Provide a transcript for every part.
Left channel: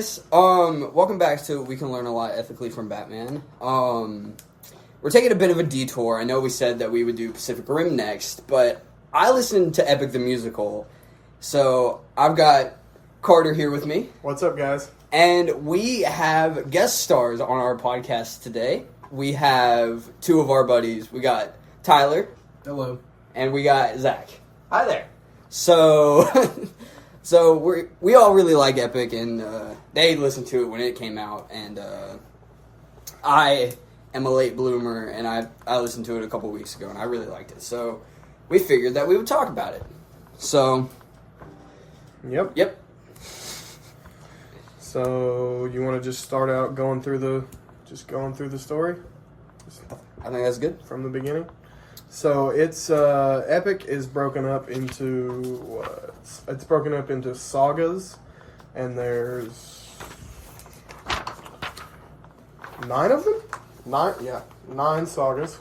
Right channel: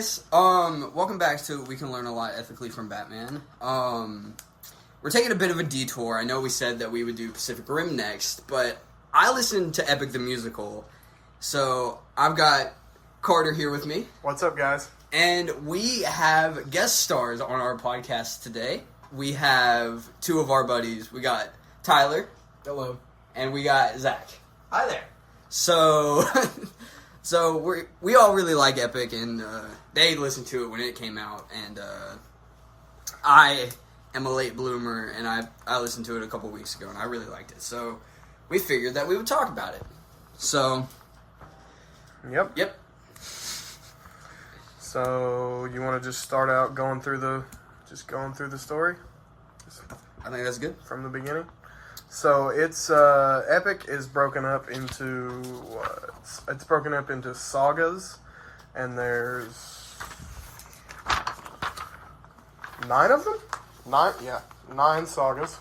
guys, welcome back to We Can Learn a Lot Ethically from Batman. We're taking a bit of a detour. I know we said that we would do Pacific Rim next, but I listened to Epic the Musical, so I've got Carter here with me. What's up, guys? And we have guest stars on our podcast today. We have two of our buddies. We got Tyler. Hello. And we got Zach. Hi there. So... So we all really like Epic, and they listened to it when it came out, and I am a late bloomer, and I listened to it a couple weeks ago, and I really liked it. So we figured that we would talk about it. So, Yep. So you want to just start out going through the story? I think that's good. From the beginning. So it's Epic is broken up into what? It's broken up into sagas, and there's 9 of them. 9 sagas,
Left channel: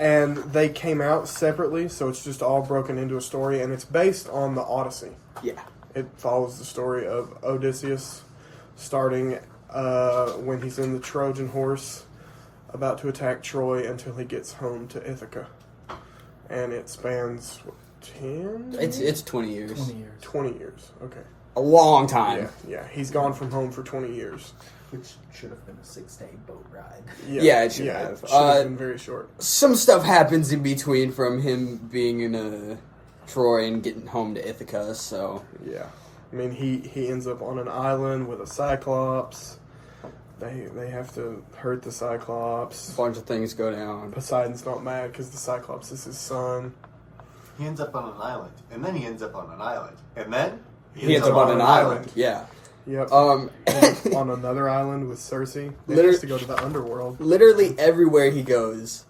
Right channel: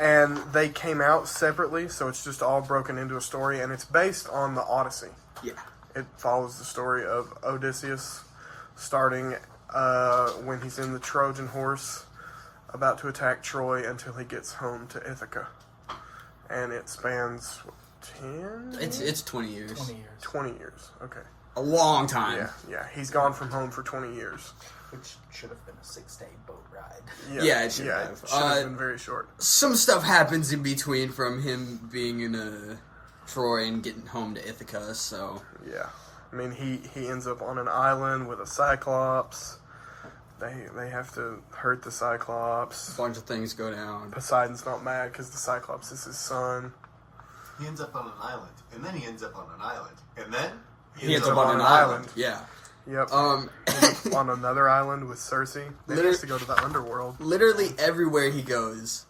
and they came out separately. So it's just all broken into a story, and it's based on the Odyssey. Yeah. It follows the story of Odysseus, starting when he's in the Trojan horse, about to attack Troy until he gets home to Ithaca. And it spans, 10? It's 20 years. 20 years. 20 years, okay. A long time. Yeah. He's gone from home for 20 years. Which should have been a 6-day boat ride. Yeah, it should have. It should have been very short. Some stuff happens in between from him being in Troy and getting home to Ithaca, so... Yeah. I mean, he ends up on an island with a Cyclops. They have to hurt the Cyclops. A bunch of things go down. Poseidon's not mad because the Cyclops is his son. He ends up on an island, and then he ends up on an island, and then He ends up on an island. Yeah. Yep. On another island with Circe. They used to go to the underworld. Literally everywhere he goes,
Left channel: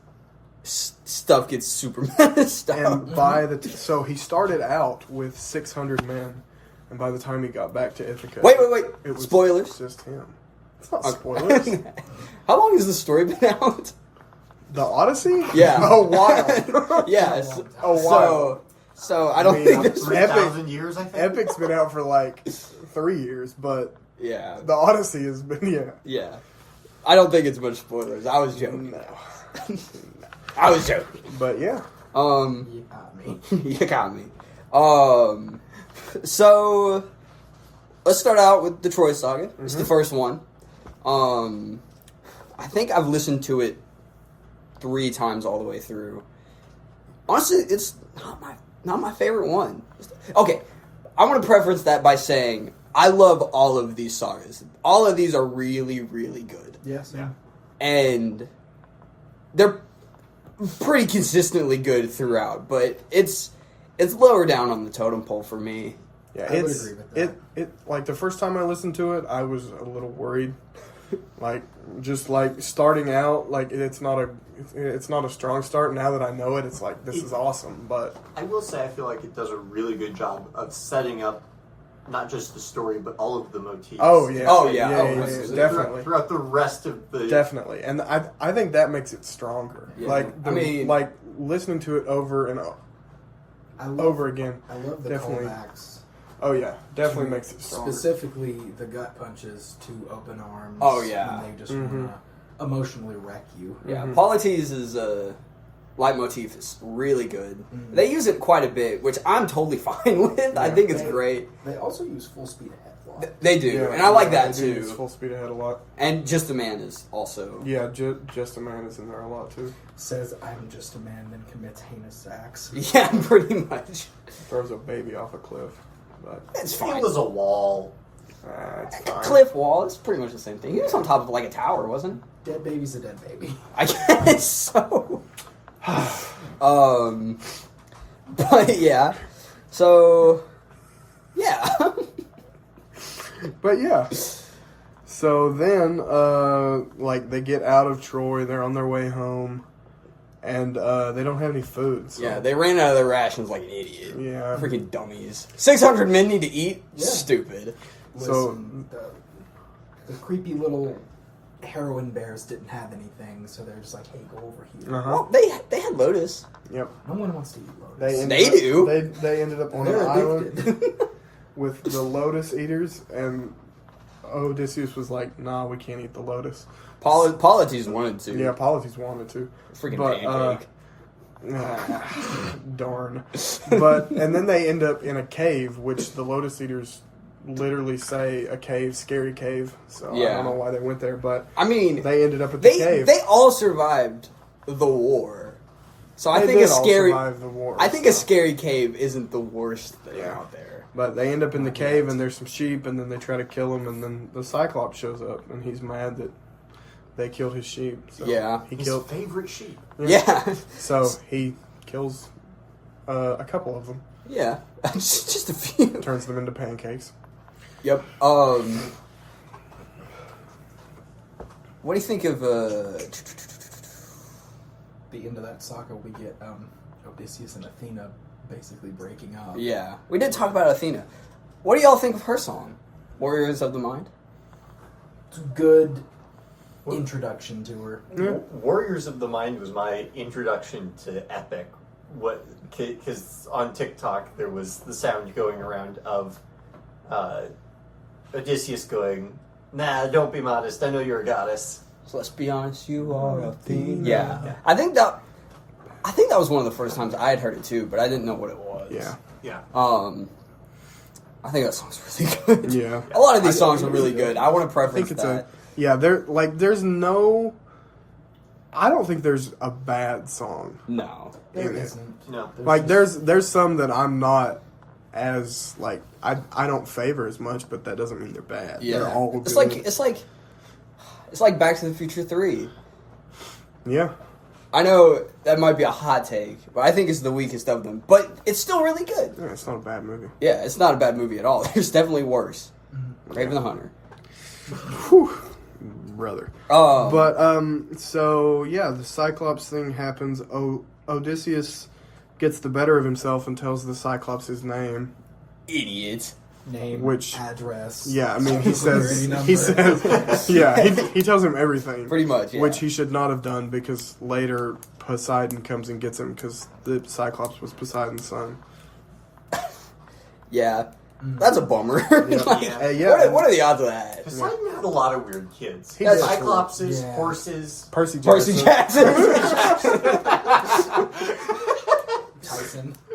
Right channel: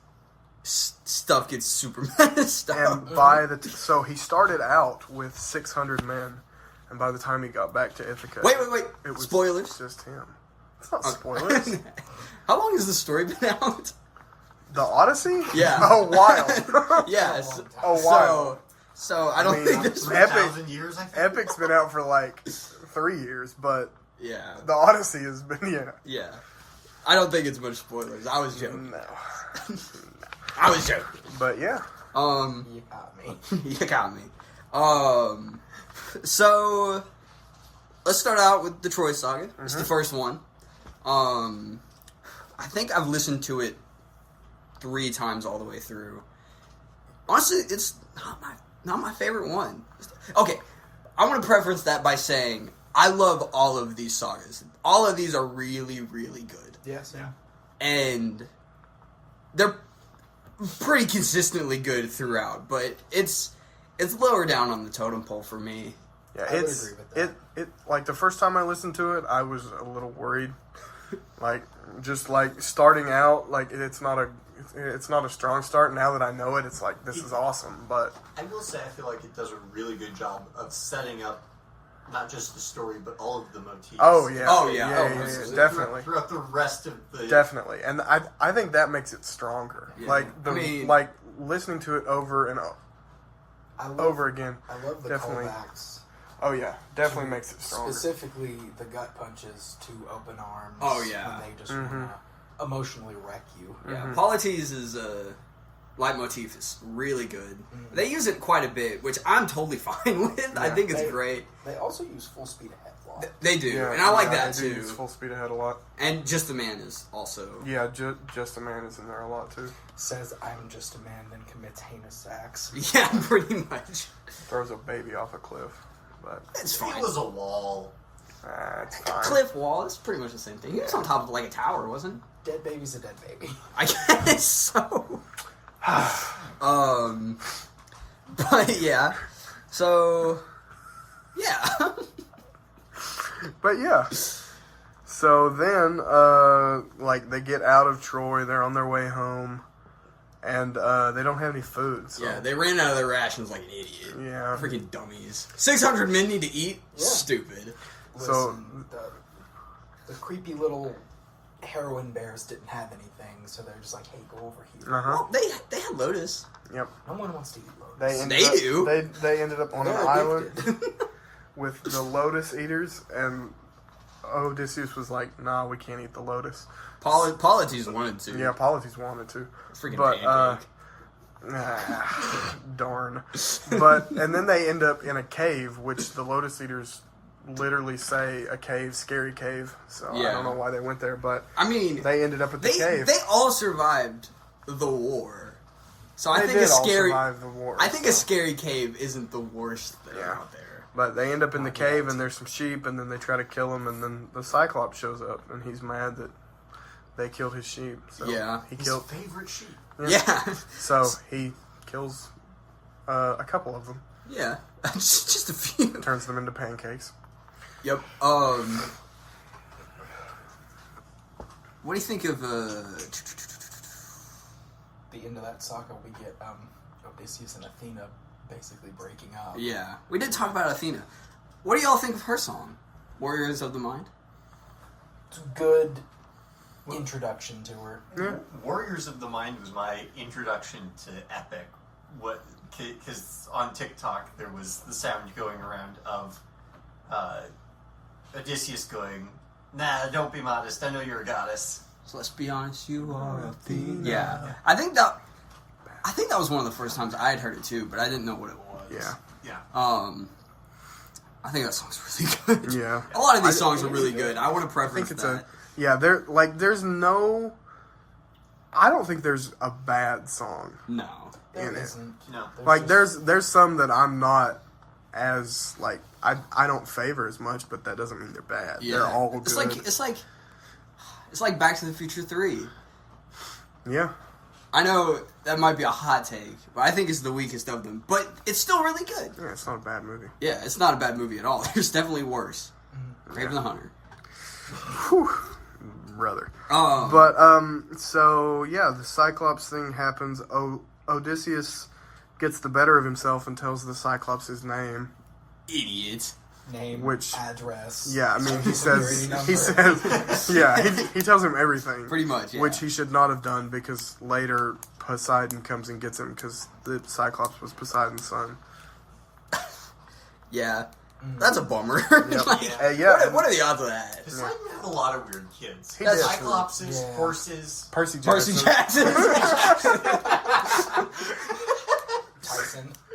stuff gets super messed up. And so he started out with 600 men, and by the time he got back to Ithaca, Wait. it was Spoilers? just him. It's not spoilers. How long has the story been out? The Odyssey? Yeah. A while. Yes. A while. So I don't think this. 3,000 years, I think. Epic's been out for like 3 years, but Yeah. the Odyssey has been, Yeah. I don't think it's much spoilers. I was joking. No. I was joking. But yeah. You got me. You got me. So let's start out with the Troy Saga. It's the first one. I think I've listened to it 3 times all the way through. Honestly, it's not my favorite one. Okay, I want to preference that by saying I love all of these sagas. All of these are really, really good. Yes, yeah. And they're pretty consistently good throughout, but it's lower down on the totem pole for me. Yeah, I would agree with that. It like the first time I listened to it, I was a little worried. Like just like starting out, like it's not a strong start. Now that I know it, it's like this is awesome. But I will say I feel like it does a really good job of setting up not just the story, but all of the motifs. Oh, yeah. Definitely. Throughout the rest of the... Definitely. And I think that makes it stronger. Yeah. Like listening to it over and over again. I love the Definitely. callbacks. Oh yeah, definitely makes it stronger. Specifically, the gut punches to open arms. Oh, yeah. When they just want to emotionally wreck you. Yeah, Polites' leitmotif is really good. Mm-hmm. They use it quite a bit, which I'm totally fine with. Yeah, I think it's great. They also use full speed ahead. They do, and I like that too. Use full speed ahead a lot. And Just a Man is also... Yeah, Just a Man is in there a lot too. Says, I'm just a man, then commits heinous acts. Yeah, pretty much. Throws a baby off a cliff. But it's fine. It was a wall. It's fine. Cliff wall, it's pretty much the same thing. He was on top of like a tower, wasn't he? Dead baby's a dead baby. I guess so. But yeah. So, yeah. But yeah. So then, like, they get out of Troy, they're on their way home, and they don't have any food. So. Yeah, they ran out of their rations like an idiot. Yeah. Freaking dummies. 600 men need to eat? Yeah. Stupid. Listen, the creepy little heroin bears didn't have anything, so they're just like, hey, go over here. Well, they had Lotus. Yep. No one wants to eat Lotus. They ended up on an island with the Lotus Eaters, and Odysseus was like, "Nah, we can't eat the lotus." Polites wanted to. Yeah, Polites wanted to. Freaking But, pancake. Darn. And then they end up in a cave, which the Lotus Eaters literally say a cave, scary cave. So I don't know why they went there, but I mean, they ended up at the cave. They all survived the war. So I think did a scary. all survive the war, I think a scary cave isn't the worst thing out there. But they end up in the cave, and there's some sheep, and then they try to kill him, and then the Cyclops shows up, and he's mad that they killed his sheep. So he his killed favorite sheep. Yeah. So he kills a couple of them. Yeah, just a few. Turns them into pancakes. Yep. What do you think of The end of that saga, we get Odysseus and Athena basically breaking up. Yeah, we did talk about Athena. What do y'all think of her song, "Warriors of the Mind"? It's a good introduction to her. Yeah. Warriors of the Mind was my introduction to Epic. Because on TikTok there was the sound going around of Odysseus going, "Nah, don't be modest. I know you're a goddess." So let's be honest, you are Athena. Yeah. I think that was one of the first times I had heard it too, but I didn't know what it was. Yeah. I think that song's really good. Yeah. A lot of these songs are really good. I want to preference that. I don't think there's a bad song No. There in it. isn't. No. Like there's some that I'm not as like I don't favor as much, but that doesn't mean they're bad. Yeah. They're all good. It's like Back to the Future 3. Yeah. I know that might be a hot take, but I think it's the weakest of them. But it's still really good. Yeah, it's not a bad movie. Yeah, it's not a bad movie at all. There's definitely worse. Raven the Hunter. Whew, brother. But So yeah, the Cyclops thing happens. Odysseus gets the better of himself and tells the Cyclops his name. idiot. Name, Which- address. Yeah, I mean he says Security number. he tells him everything. Pretty much, yeah. Which he should not have done because later Poseidon comes and gets him because the Cyclops was Poseidon's son. Yeah. That's a bummer. Like, Yeah. What are the odds of that? Poseidon had a lot of weird kids. He did. Cyclopses, Yeah. horses. Percy Jackson.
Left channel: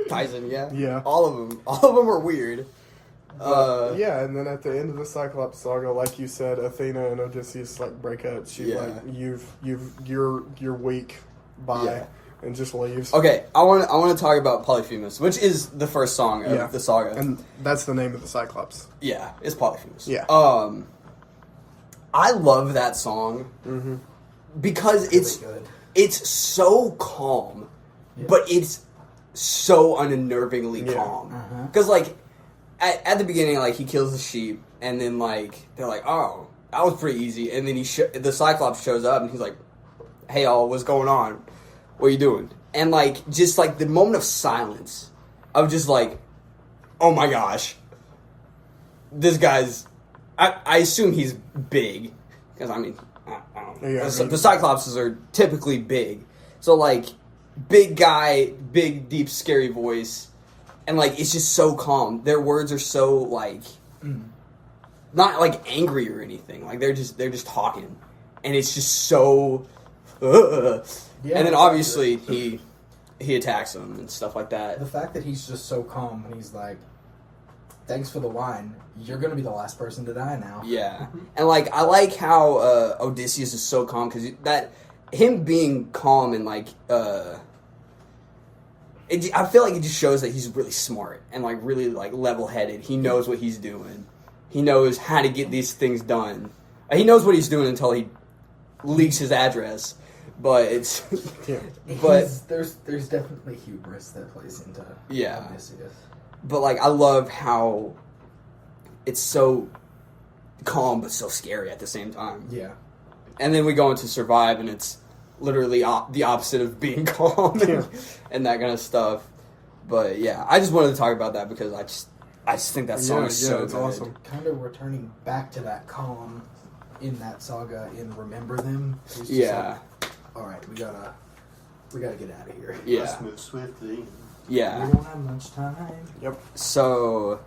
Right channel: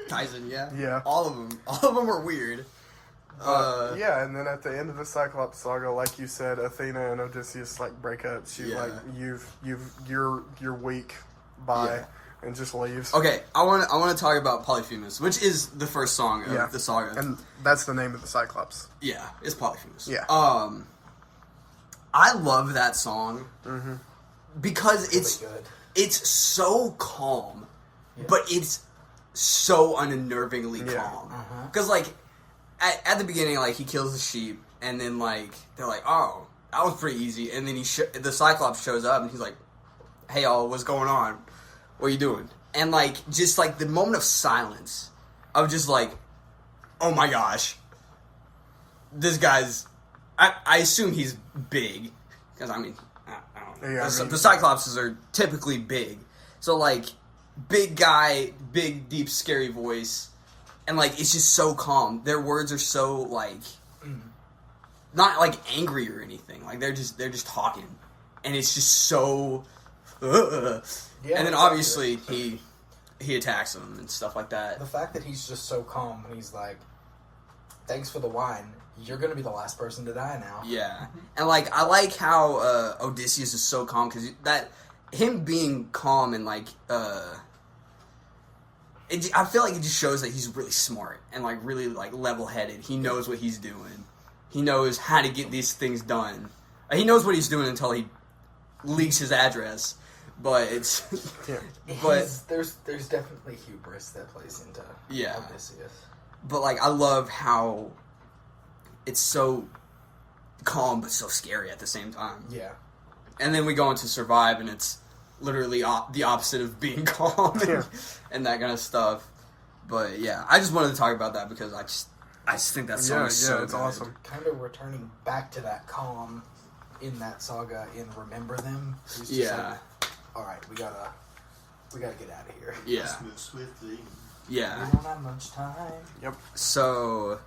Tyson, yeah. Yeah. All of them were weird. Yeah, and then at the end of the Cyclops saga, like you said, Athena and Odysseus like break up. She's Yeah. like, you're weak. Bye, Yeah. and just leaves. Okay, I want to talk about Polyphemus, which is the first song of the saga. and that's the name of the Cyclops. Yeah, it's Polyphemus. Yeah. I love that song because Really good. it's so calm, but it's so unnervingly Yeah. calm. Because like at the beginning, like he kills the sheep, and then like they're like, "Oh, that was pretty easy," and then the Cyclops shows up, and he's like, "Hey, y'all, what's going on? What are you doing?" And like just like the moment of silence of just like, "Oh my gosh, this guy's." I assume he's big because I mean, I don't know. Yeah, I mean- The Cyclopses are typically big, so like big guy, big deep scary voice, and like it's just so calm. Their words are so like not like angry or anything. Like they're just talking, and it's just so. And then obviously he attacks them and stuff like that. The fact that he's just so calm when he's like, "Thanks for the wine. You're gonna be the last person to die now." Yeah, and like I like how Odysseus is so calm because that him being calm and like I feel like it just shows that he's really smart and like really like level headed. He knows what he's doing. He knows how to get these things done. He knows what he's doing until he leaks his address. But it's but there's definitely hubris that plays into Odysseus. But like I love how it's so calm but so scary at the same time. Yeah. And then we go into Survive, and it's literally the opposite of being calm and that kind of stuff. But yeah, I just wanted to talk about that because I just think that song is so it's good. awesome. Kind of returning back to that calm in that saga in Remember Them. It's just Yeah. like, all right, we gotta get out of here. Yeah. Let's move swiftly. Yeah. We don't have much time. Yep. So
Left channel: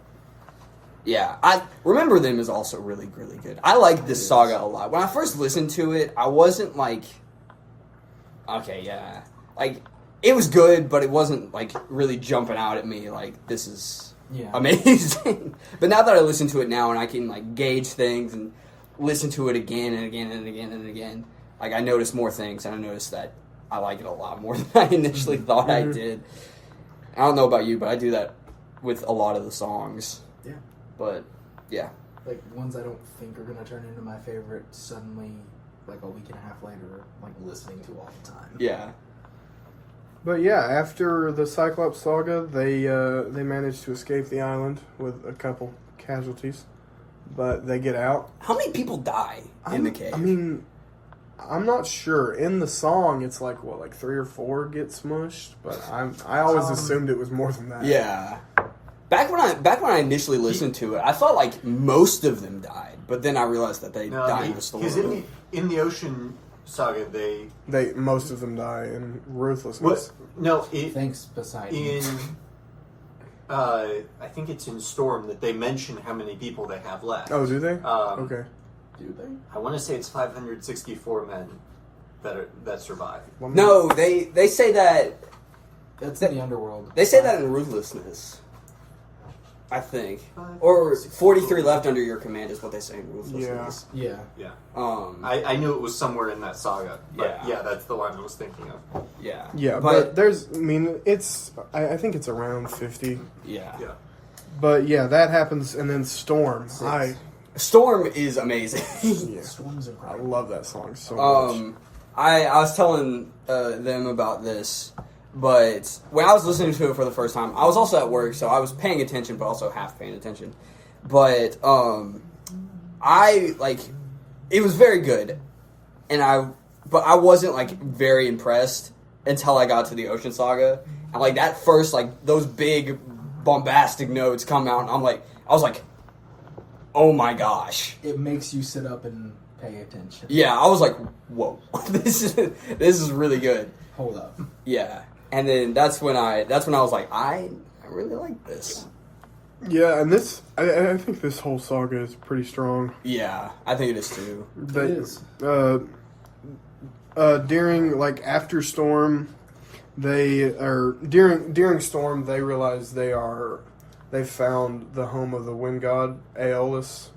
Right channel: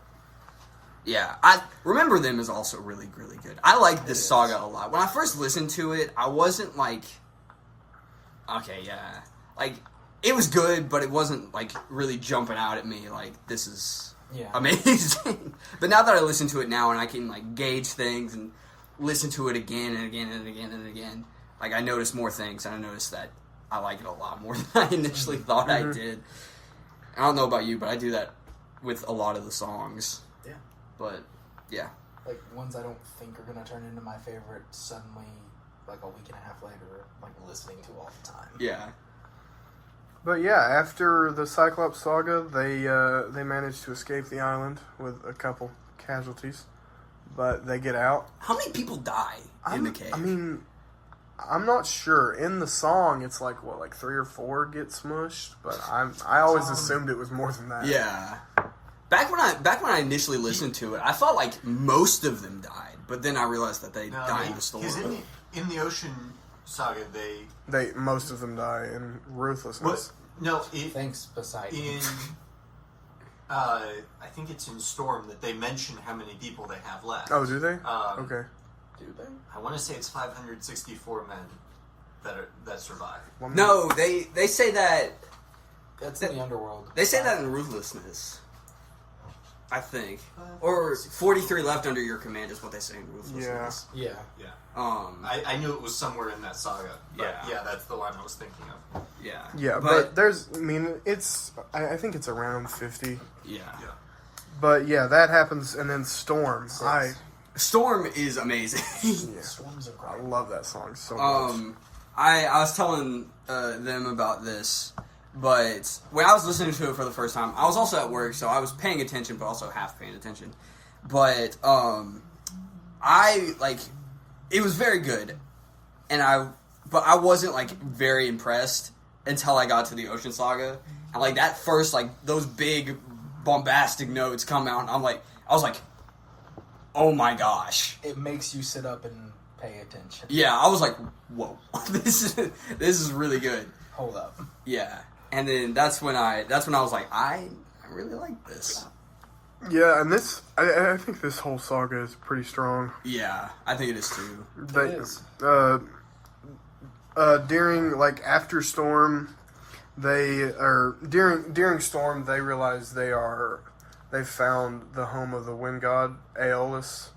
Yeah, I Remember Them is also really, really good. I like this saga a lot. When I first listened to it, I wasn't like, okay, yeah. Like, it was good, but it wasn't, like, really jumping out at me like, this is amazing. But now that I listen to it now and I can, like, gauge things and listen to it again and again and again and again, like, I notice more things, and I notice that I like it a lot more than I initially thought I did. I don't know about you, but I do that with a lot of the songs. Yeah. But, yeah. Like, ones I don't think are going to turn into my favorite, suddenly, like, a week and a half later, like, listening to all the time. Yeah. But yeah, after the Cyclops saga, they managed to escape the island with a couple casualties, but they get out. How many people die in the cave? I mean, I'm not sure. In the song, it's like 3 or 4 get smushed, but I always assumed it was more than that. Yeah. Back when I initially listened to it, I thought like most of them died, but then I realized that they died in the story. Because in the Ocean saga, Most of them die in ruthlessness. Thanks, Poseidon. I think it's in Storm that they mention how many people they have left. Oh, do they? Okay. Do they? I want to say it's 564 men that survive. No, they say that. That's in the underworld. They say that in Ruthlessness. I think. Or 43 left under your command is what they say in Ruthlessness. Yeah. I knew it was somewhere in that saga. But Yeah. that's the one I was thinking of. Yeah. Yeah, but there's, I think it's around 50. Yeah. But yeah, that happens, and then Storm. Storm is amazing. Yeah. Storm's I incredible. love that song so much. I was telling them about this, but when I was listening to it for the first time, I was also at work, so I was paying attention, but also half paying attention. But it was very good, but I wasn't like very impressed until I got to the Ocean Saga, and like that first those big bombastic notes come out, and I was like, oh my gosh! It makes you sit up and pay attention. Yeah, I was like, whoa, this is really good. Hold up. Yeah, and then that's when I was like, I really like this. Yeah, and I think this whole saga is pretty strong. Yeah, I think it is too. It is. During after Storm, during Storm they realize they've found the home of the wind god Aeolus,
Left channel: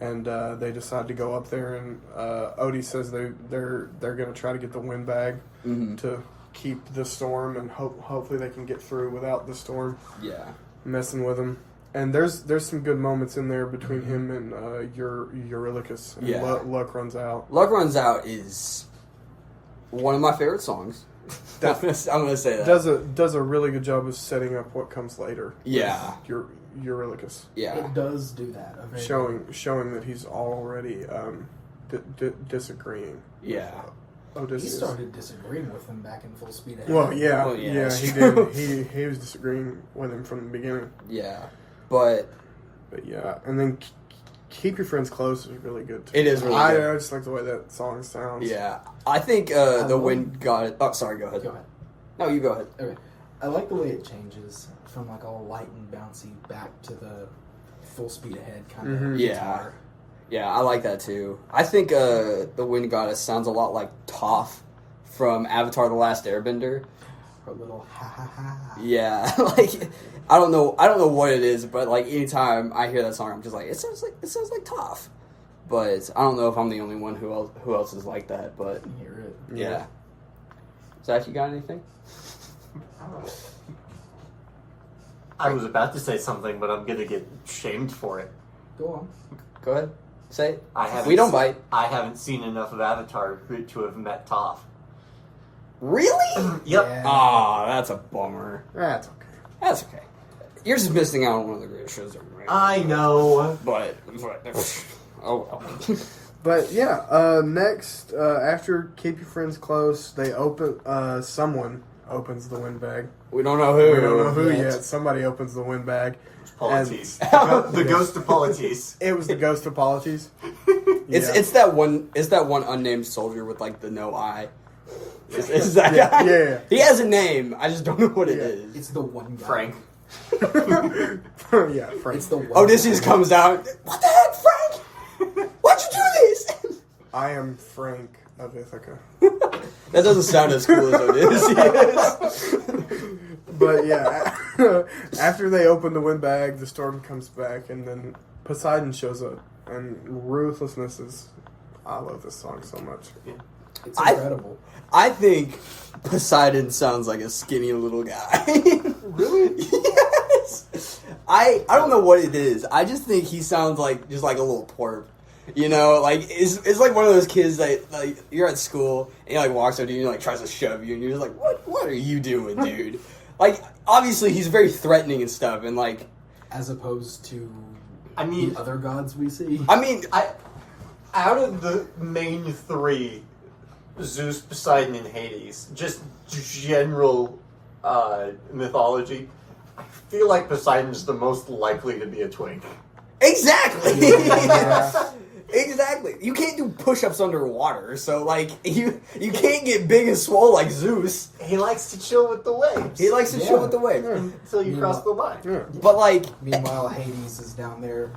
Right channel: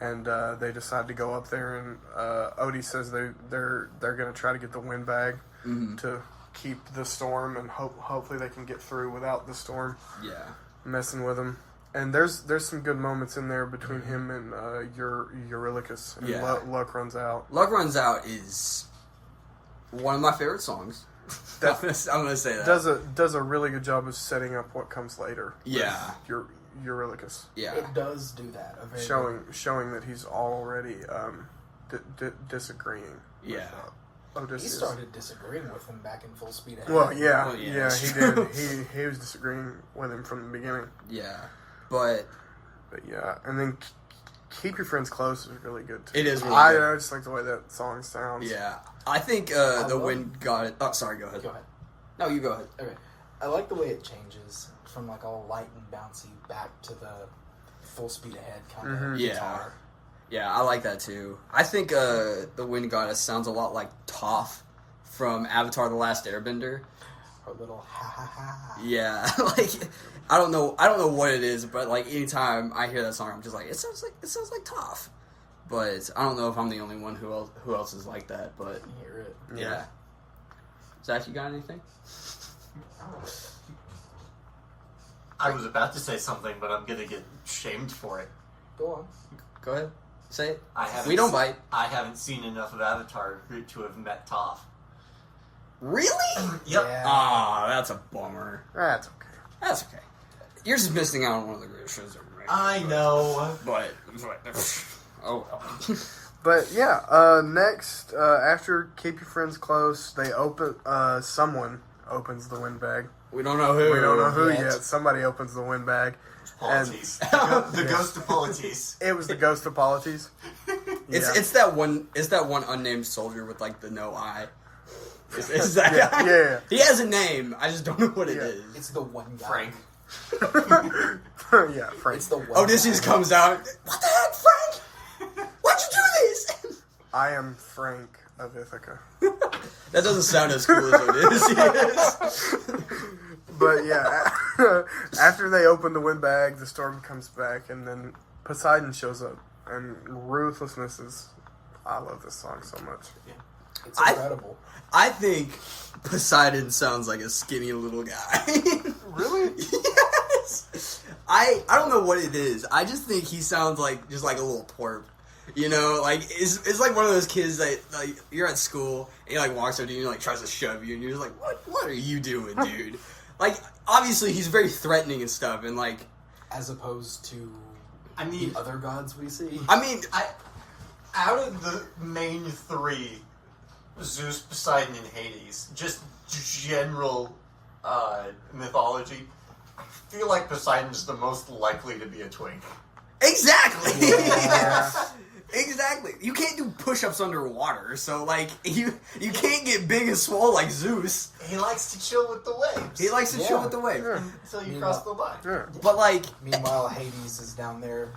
and they decide to go up there. And Odie says they're going to try to get the wind bag to keep the storm, and hopefully they can get through without the storm. Yeah, messing with him. And there's some good moments in there between him and Eurylochus. And Yeah. Luck Runs Out. Luck Runs Out is one of my favorite songs. I'm gonna say that. Does a really good job of setting up what comes later. Yeah. with Eurylochus. Yeah, It does do that. Showing that he's already disagreeing. yeah. with Odysseus. He started disagreeing with him back in Full Speed Ahead. Well, yeah, Well, yeah, yeah, that's he true. did. He was disagreeing with him from the beginning. Yeah, but yeah, and then Keep Your Friends Close is really good too. It is really I good. just like the way that song sounds. yeah, I think the wind got it. Oh, sorry. Go ahead. Go ahead. No, you go ahead. Okay. I like the way it changes from all light and bouncy back to the Full Speed Ahead kind of Yeah. guitar. Yeah, I like that too. I think the Wind Goddess sounds a lot like Toph from Avatar: The Last Airbender. Or a little ha ha ha. Yeah, I don't know what it is, but anytime I hear that song, I'm just like, it sounds like Toph. But I don't know if I'm the only one who else is like that. But You hear it. yeah. Zach, you got anything? I was about to say something, but I'm gonna get shamed for it. Go on. Go ahead. Say it. I haven't We don't bite. I haven't seen enough of Avatar to have met Toph. Really? Yep. Yeah. Oh, that's a bummer. That's okay. That's okay. You're just missing out on one of the greatest shows ever made. I know. But oh well. But yeah, next after Keep Your Friends Close, they someone opens the wind bag. We don't know who. We don't know who yet. yet. Somebody opens the wind bag. Polites. The ghost of Polites. It was the ghost of Polites. It's that one unnamed soldier with the no eye. It's that guy. Yeah. He has a name. I just don't know what it is. It's the one guy. Frank. Yeah, Frank. It's the one Odysseus guy. comes out. What the heck, Frank? Why'd you do this? I am Frank of Ithaca. That doesn't sound as cool as Odysseus. But yeah, after they open the wind bag, the storm comes back, and then Poseidon shows up. And Ruthlessness is... I love this song so much. It's incredible. I think Poseidon sounds like a skinny little guy. Really? Yes. I don't know what it is. I just think he sounds like just like a little twerp. You know, like it's like one of those kids that like you're at school and he like walks up to you and like tries to shove you and you're just like, what are you doing, dude? Like obviously he's very threatening and stuff and like As opposed to I mean, the other gods we see. I mean out of the main three, Zeus, Poseidon, and Hades, just general mythology, I feel like Poseidon's the most likely to be a twink. exactly. Yeah. Exactly. You can't do push-ups underwater, so like you can't get big and swole like Zeus. He likes to chill with the waves. He likes to chill with the wave. until you cross the line. Yeah. But like Meanwhile, Hades is down there.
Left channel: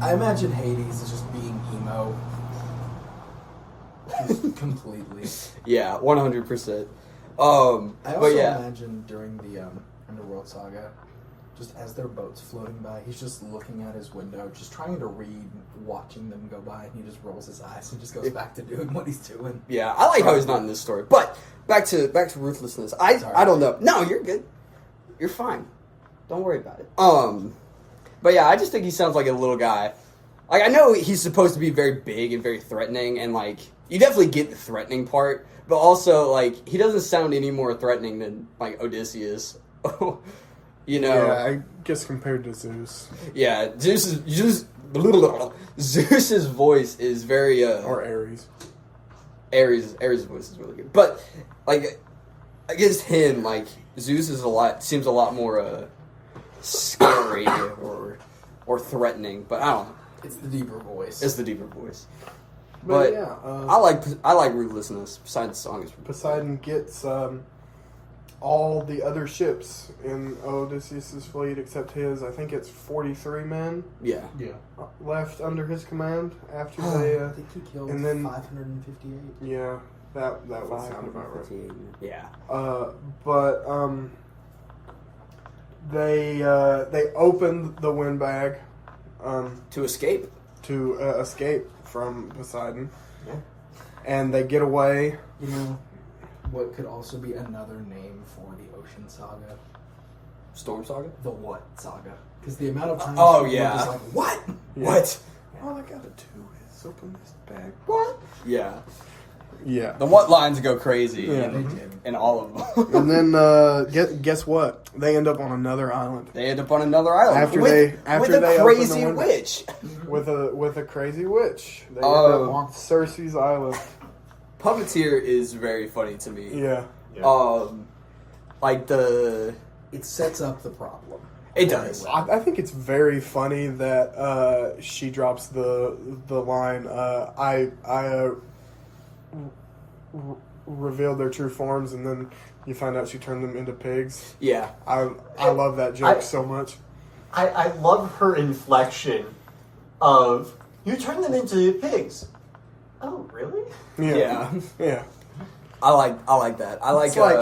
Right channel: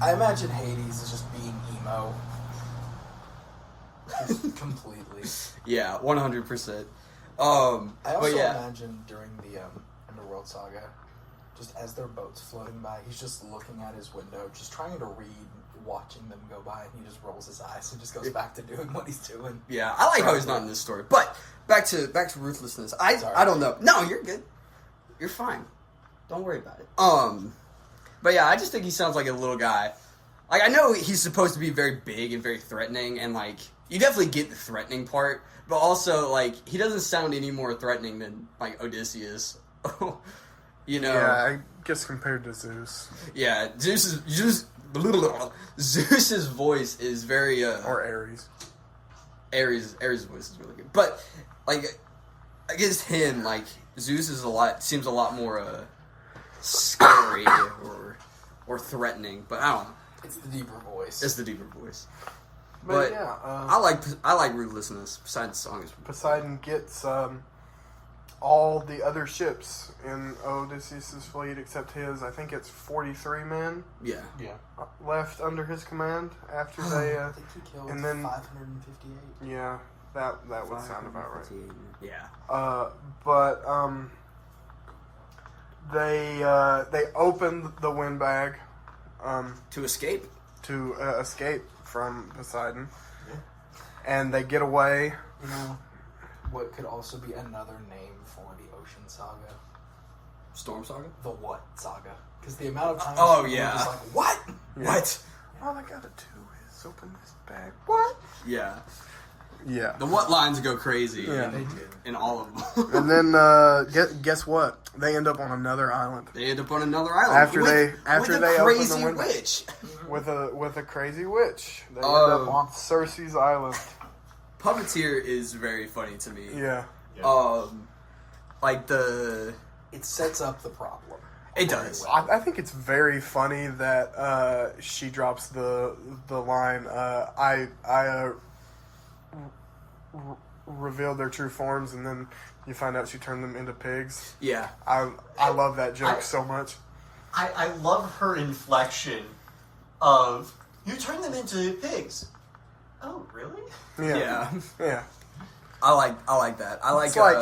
I imagine Hades is just being emo. Just completely. yeah, 100%. I also But yeah. imagine during the Underworld Saga, just as their boat's floating by, he's just looking at his window, just trying to read, watching them go by, and he just rolls his eyes and just goes back to doing what he's doing. Yeah, I like how he's not in this story. But back to Ruthlessness. I don't know. No, you're good. You're fine. Don't worry about it. But yeah, I just think he sounds like a little guy. Like I know he's supposed to be very big and very threatening, and like you definitely get the threatening part, but also like he doesn't sound any more threatening than like Odysseus. You know? Yeah, I guess compared to Zeus. Yeah, Zeus's voice is very Or Ares. Ares' voice is really good, but like against him, like Zeus seems a lot more scary or threatening. But I don't know. It's the deeper voice. It's the deeper voice. But, But yeah, I like Ruthlessness. Besides the song is Poseidon gets all the other ships in Odysseus' fleet except his. I think it's 43 men yeah. left under his command after they. I think he killed and then- 558. Yeah, that would sound about right. Yeah. But they opened the wind bag To escape. to escape from Poseidon, Yeah. and they get away. You know, what could also be another name for the Ocean Saga? Storm Saga. The What Saga? Because the amount of times Oh, people are yeah. just like, what? Yeah. What? All I gotta do is open this bag. What? Yeah. Yeah. The what lines go crazy. Yeah. They did. In all of them. And then guess what? They end up on another island They end up on another island After with, they- after with they a open the crazy window. witch. with a crazy witch. They end Oh. up on Circe's island. Puppeteer is very funny to me. Yeah. Yeah. Like the It sets up the problem. it does. I think it's very funny that she drops the line. Revealed their true forms, and then you find out she turned them into pigs. Yeah. I love that joke so much. I love her inflection of, you turn them into pigs. Oh, really? Yeah. Yeah. I like that. I like It's like,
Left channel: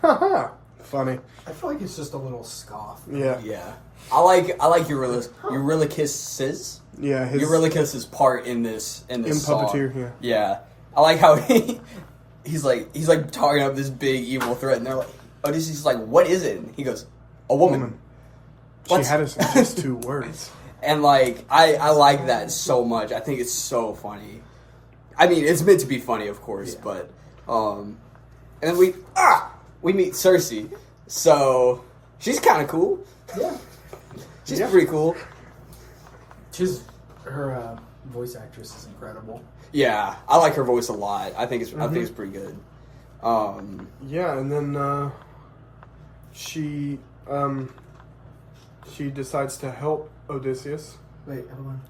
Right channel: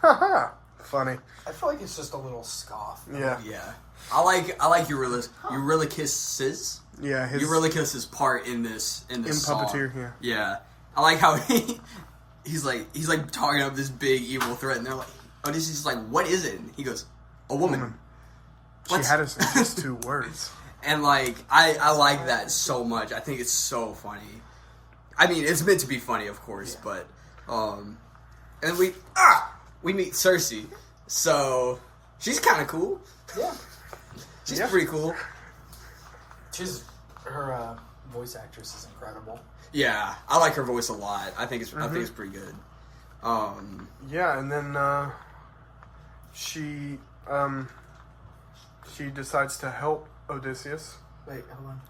haha, funny. I feel like it's just a little scoff. Yeah. yeah. I like Eurylochus's Yeah. His Eurylochus's part in this in song. Puppeteer. Yeah. Yeah. I like how he's like talking up this big evil threat, and they're like, Odysseus is like, what is it? And he goes, a woman. She What's- had us in just 2 words. And like I like that so much. I think it's so funny. I mean, it's meant to be funny, of course, but and then we meet Circe. So she's kind of cool. Yeah. She's Yeah. pretty cool. Her voice actress is incredible. Yeah, I like her voice a lot. I think it's pretty good. Yeah, and then she decides to help Odysseus. Wait, hold on.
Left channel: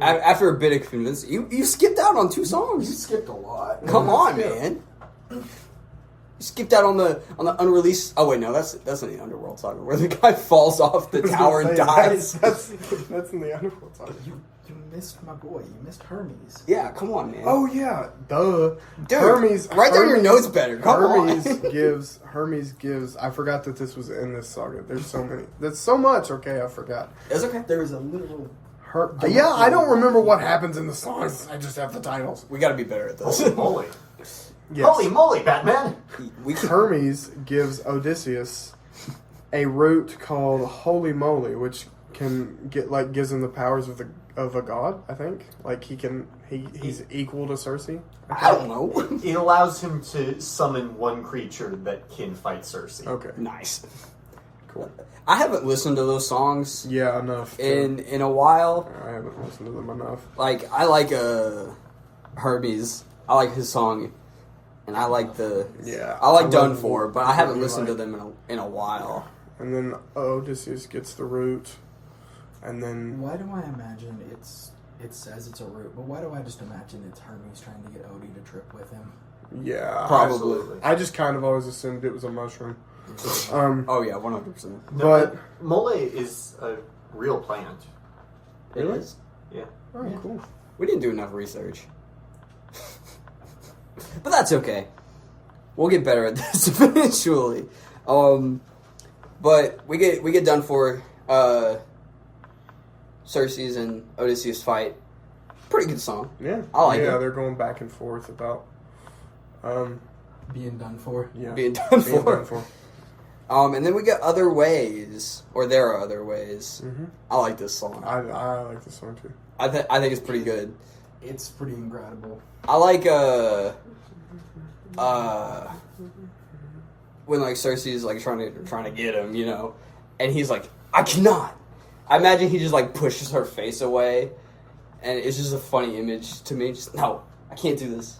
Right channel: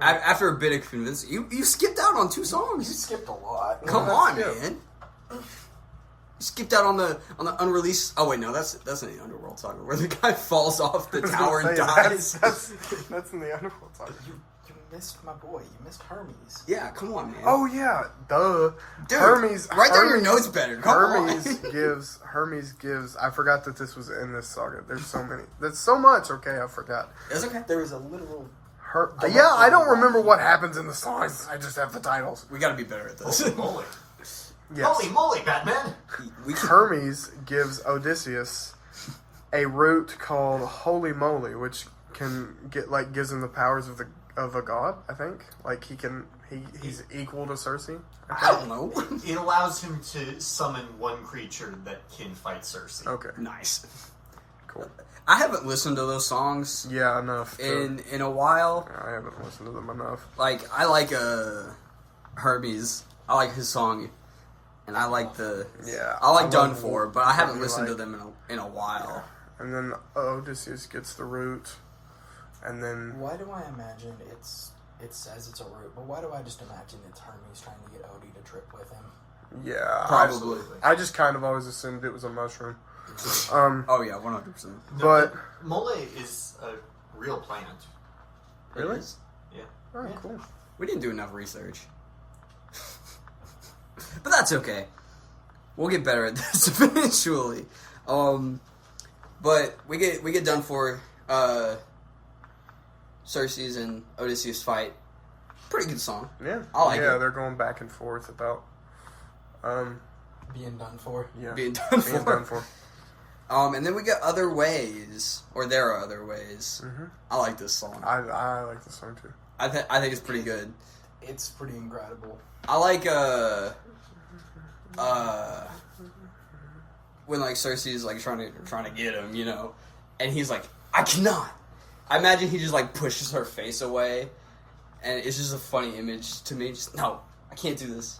After a bit of convincing, you skipped out on 2 You songs. skipped a lot. Come on, Yeah. man. skipped out on the unreleased. Oh wait, no, that's in the Underworld saga where the guy falls off the tower and dies. That's in the Underworld saga. You missed my boy. You missed Hermes. Yeah, come on, man. Oh yeah, duh. Dude, Hermes. write down your notes better. Come Hermes gives. I forgot that this was in this saga. There's so many. That's so much. Okay, I forgot. It's okay. There is a literal. Yeah, I don't remember what happens in the songs. I just have the titles. We got to be better at this. Holy moly. Yes. Holy moly, Batman! Hermes gives Odysseus a root called Holy Moly, which gives him the powers of a god. I think he's equal to Circe. I don't know. It allows him to summon one creature that can fight Circe. Okay, Nice. cool. I haven't listened to those songs Yeah, enough. in a while. I haven't listened to them enough. Like I like Hermes. I like his song, and I like I like Done For, but I haven't listened to them in a while. And then Odysseus gets the root, and then Why do I imagine it says it's a root, but why do I just imagine it's Hermes trying to get Odie to trip with him? yeah, Probably. Absolutely. I just kind of always assumed it was a mushroom. Oh yeah, 100%. No, But- Mole is a real plant. Really? It is. Yeah. Oh, cool. We didn't do enough research, but that's okay. We'll get better at this eventually. But we get Done For. Circe's and Odysseus fight. Pretty good song. Yeah, I like it. they're going back and forth about Being done for. Being done being for. done for. And then we get Other Ways, or There Are Other Ways. Mm-hmm. I like this song. I like this song too. I think it's pretty good. It's pretty incredible. I like when like Cersei's like trying to get him, you know, and he's like, I cannot. I imagine he just like pushes her face away, and it's just a funny image to me. Just no, I can't do this.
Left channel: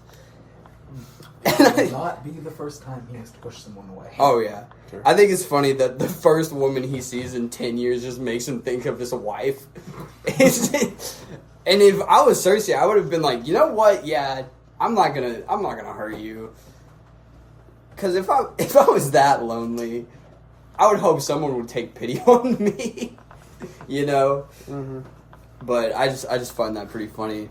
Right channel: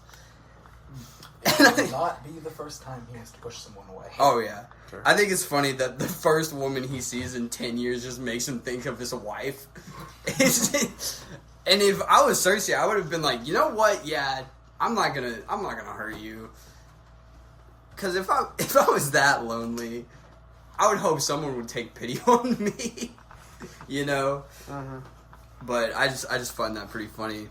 It will not be the first time he has to push someone away. Oh yeah, Sure. I think it's funny that the first woman he sees in 10 years just makes him think of his wife. And if I was Cersei, I would have been like, you know what? Yeah, I'm not gonna hurt you. Because if I was that lonely, I would hope someone would take pity on me. You know. Mm-hmm. But I just find that pretty funny.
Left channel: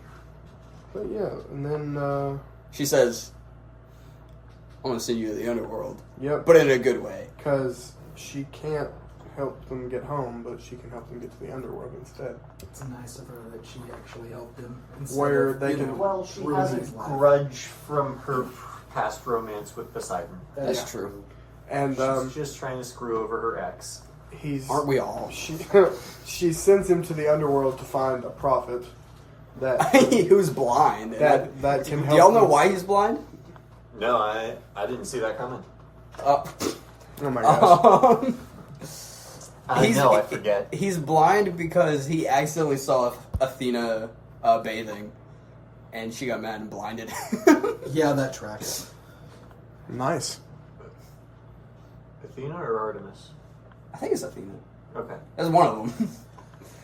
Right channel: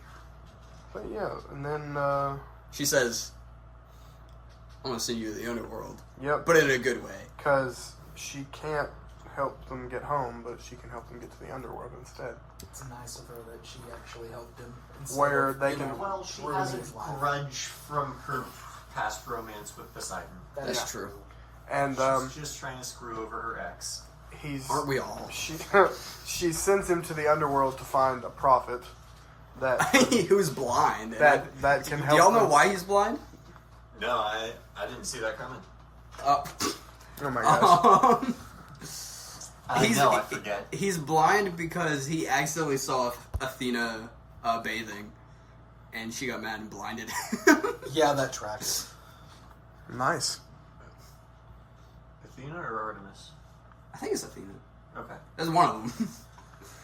But yeah, and then She says, "I'm gonna send you to the underworld, yep, but in a good way." because she can't help them get home, but she can help them get to the underworld instead. It's nice of her that she actually helped him. instead Where of, they you can- know, Well, she ruining has a his life. grudge from her past romance with Poseidon. That's Yeah. true. And She's just trying to screw over her ex. he's Aren't we all? she sends him to the underworld to find a prophet that Who's blind? that can Do help. y'all know them. why he's blind? No, I didn't see that coming. Oh my gosh! Um, I He's- know, I forget. He's blind because he accidentally saw Athena bathing, and she got mad and blinded. Yeah, that tracks. Nice. Athena or Artemis? I think it's Athena. Okay. That's one of them.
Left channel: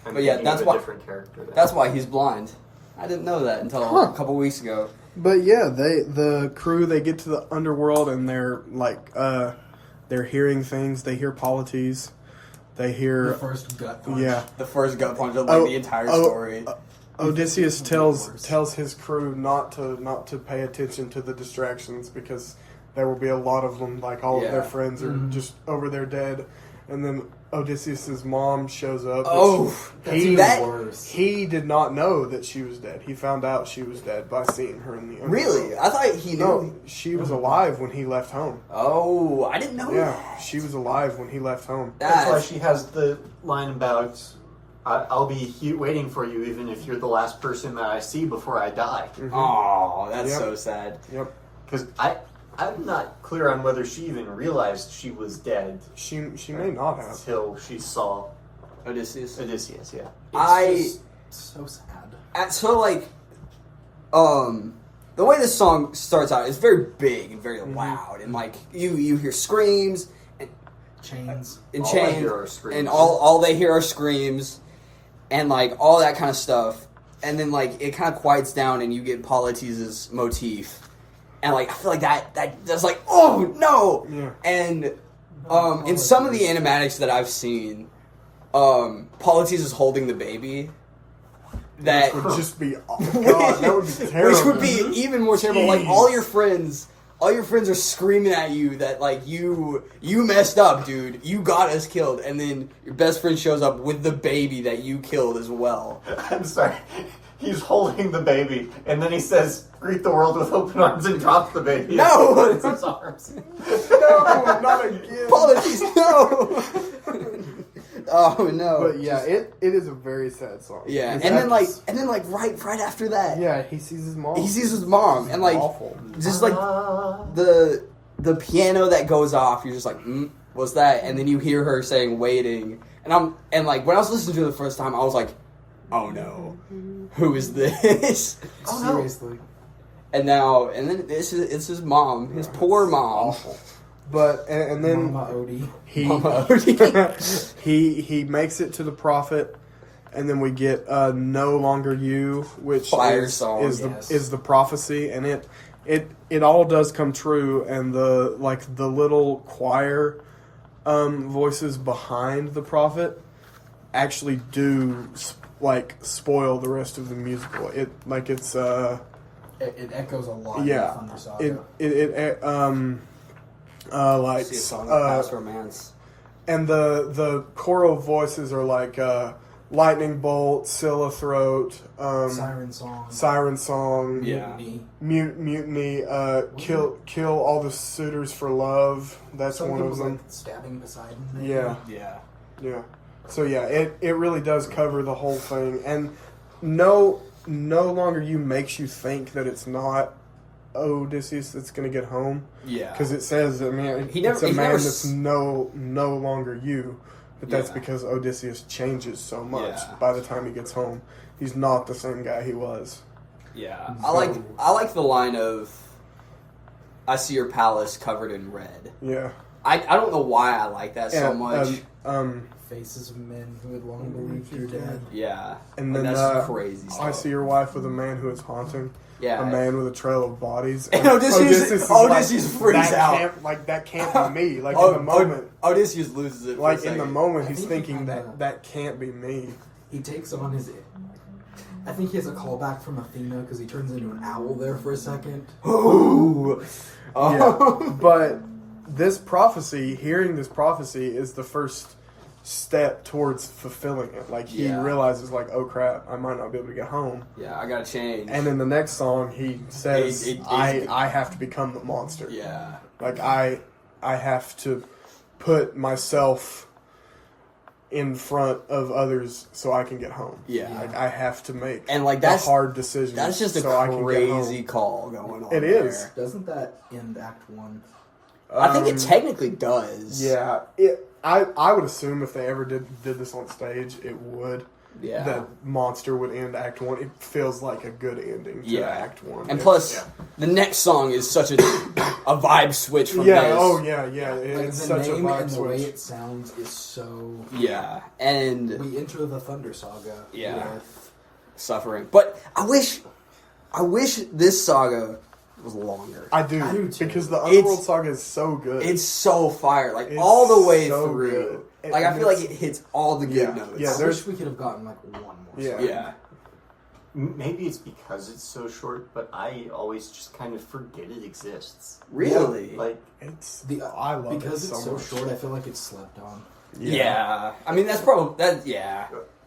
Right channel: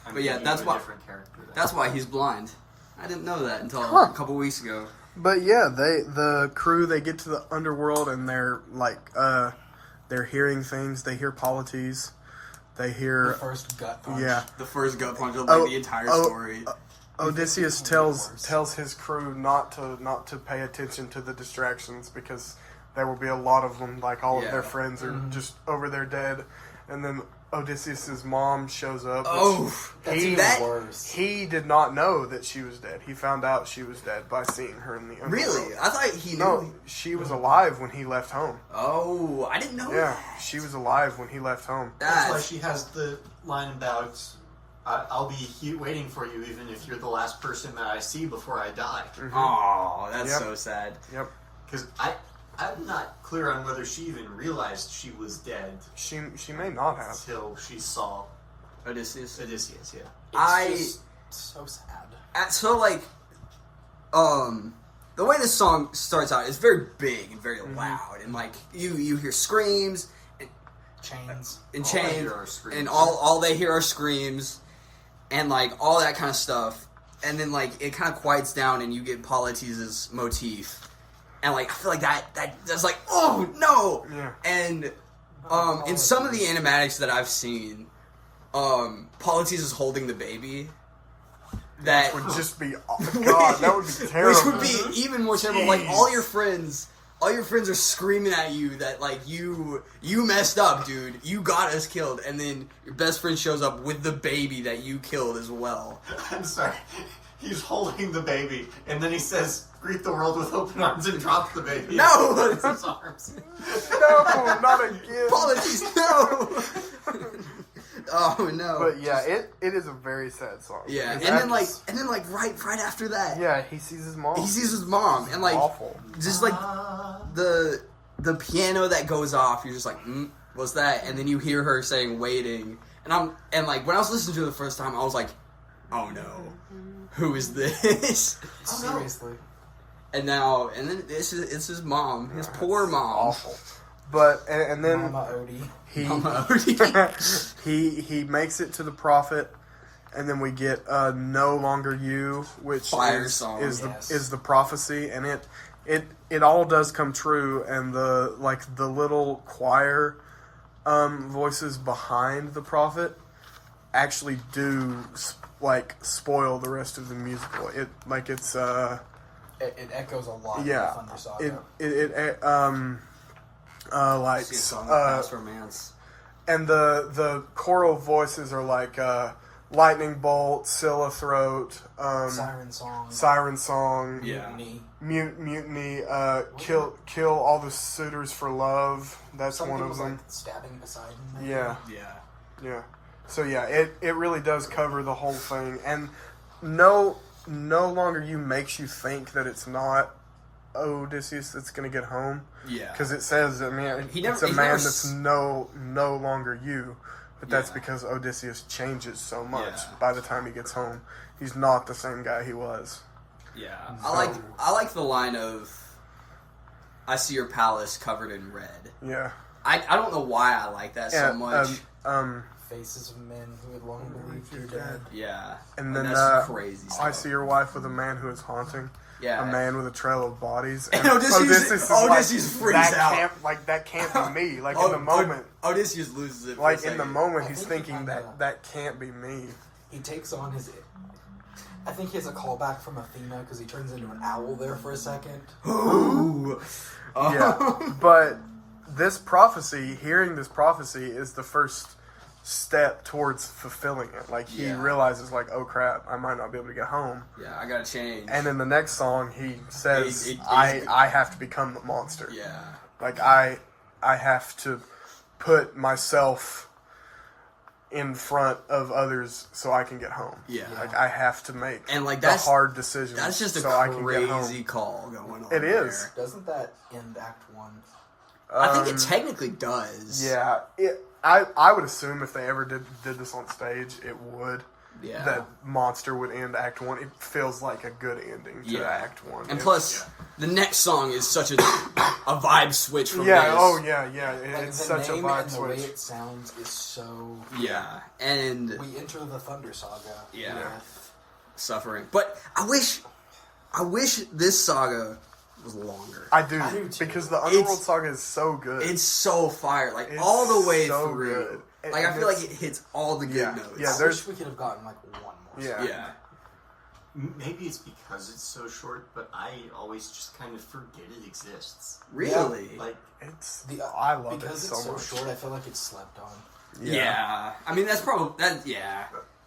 I'm But yeah, thinking that's of a why- different character. Then. That's why he's blind. I didn't know that until Huh. a couple weeks ago. But yeah, the crew they get to the underworld and they're like they're hearing things. They hear polities. They The hear first gut punch. yeah. The first gut punch of like the entire story. Odysseus It's tells worse. tells his crew not to pay attention to the distractions because there will be a lot of them. Like all of their Yeah. friends are just over there dead, and then Odysseus's mom shows up. Oh, That's he even that- worse. he did not know that she was dead. He found out she was dead by seeing her in the underworld. Really? I thought he knew. No, she was alive when he left home. Oh, I didn't know Yeah, that. she was alive when he left home. That's why That's she has the line about, I'll be waiting for you even if you're the last person that I see before I die. oh, that's Yep. so sad. Yep, Because I'm not clear on whether she even realized she was dead she may not have. until she saw Odysseus. Odysseus, yeah. It's just so sad. So like, the way this song starts out is very big and very loud, and like you hear screams Chains. and All I chains, hear are screams. and all they hear are screams, and like all that kind of stuff, and then like it kind of quiets down, and you get Polites' motif, and like I feel like that's like, oh no. Yeah. And in some of the animatics that I've seen, Polites is holding the baby. That would just be, oh God, that would be terrible. Which would be even more terrible. Like all your friends are screaming at you that like you messed up, dude. You got us killed, and then your best friend shows up with the baby that you killed as well. I'm sorry. He's holding the baby, and then he says, "Greet the world with open arms," and drops the baby. No, in his arms. No, not again. Apologies, no. Oh no. But yeah, it is a very sad song. Yeah, and Because then like right after that, yeah, he sees his mom. he sees his mom, and like Awful. just like the piano that goes off, you're just like, what's that? And then you hear her saying "waiting," and like when I was listening to it the first time, I was like, oh no, who is this? Seriously. And then it's his mom, his poor mom. Awful. But and then Mama Odie. Mama Odie. he makes it to the prophet, and then we get "No Longer You," which Fire song, is the prophecy, and it all does come true, and the little choir voices behind the prophet actually do spoil the rest of the musical. It echoes a lot. Yeah. In the Thunder Saga. See a song of past romance. And the choral voices are like lightning bolt, Scylla throat, siren song, Yeah. mutiny, kill all the suitors for love. That's Some one of people's, them. like, stabbing Poseidon. Yeah, Yeah. So yeah, it really does cover the whole thing, and no longer you makes you think that it's not Odysseus that's going to get home. Yeah. Because it says, I mean, He's that's never no longer you. But that's Yeah. because Odysseus changes so much Yeah. by the time he gets home. He's not the same guy he was. Yeah. I like the line of, "I see your palace covered in red." Yeah. I don't know why I like that so much. Faces of men who had long believed you're dead. Yeah. And then that's crazy stuff. I see your wife with a man who is haunting. Yeah. A man with a trail of bodies. And Odysseus is freaks that out. That can't be me. Like in the moment. Odysseus loses it. For Like a in the second. moment, I he's think he thinking kinda- that can't be me. He takes on his. I think he has a callback from Athena because he turns into an owl there for a second. Ooh. Yeah, but hearing this prophecy is the first step towards fulfilling it. Like he Yeah. realizes, like, oh crap, I might not be able to get home. Yeah, I gotta change. And in the next song, he says, I have to become the monster. Yeah. Like I have to put myself in front of others so I can get home. Yeah. Like I have to make And like the that's hard decisions. That's just a so I can get home. crazy call going on. It is. there. Doesn't that end Act 1? I think it technically does. Yeah, I would assume if they ever did this on stage, it would. Yeah. That Monster would end Act 1. It feels like a good ending to Act 1. And plus, the next song is such a vibe switch from yeah, this. oh yeah. Like, It's the such a name vibe and the way switch. it sounds is so. Yeah, and We enter the Thunder Saga. Yeah. With, suffering. But I wish this saga was longer. I do too. because the Underworld Saga is so good. It's so fire, like It's all the way so through. good. Like I And feel like it's- it hits all the good Yeah, notes. yeah. I there's- wish we could have gotten like one more. Yeah. Yeah. Maybe it's because it's so short, but I always just kind of forget it exists. Really? Like, It's The, I love because it so it's so much. short. I feel like it's slept on. Yeah. I mean, that's probably that. Yeah.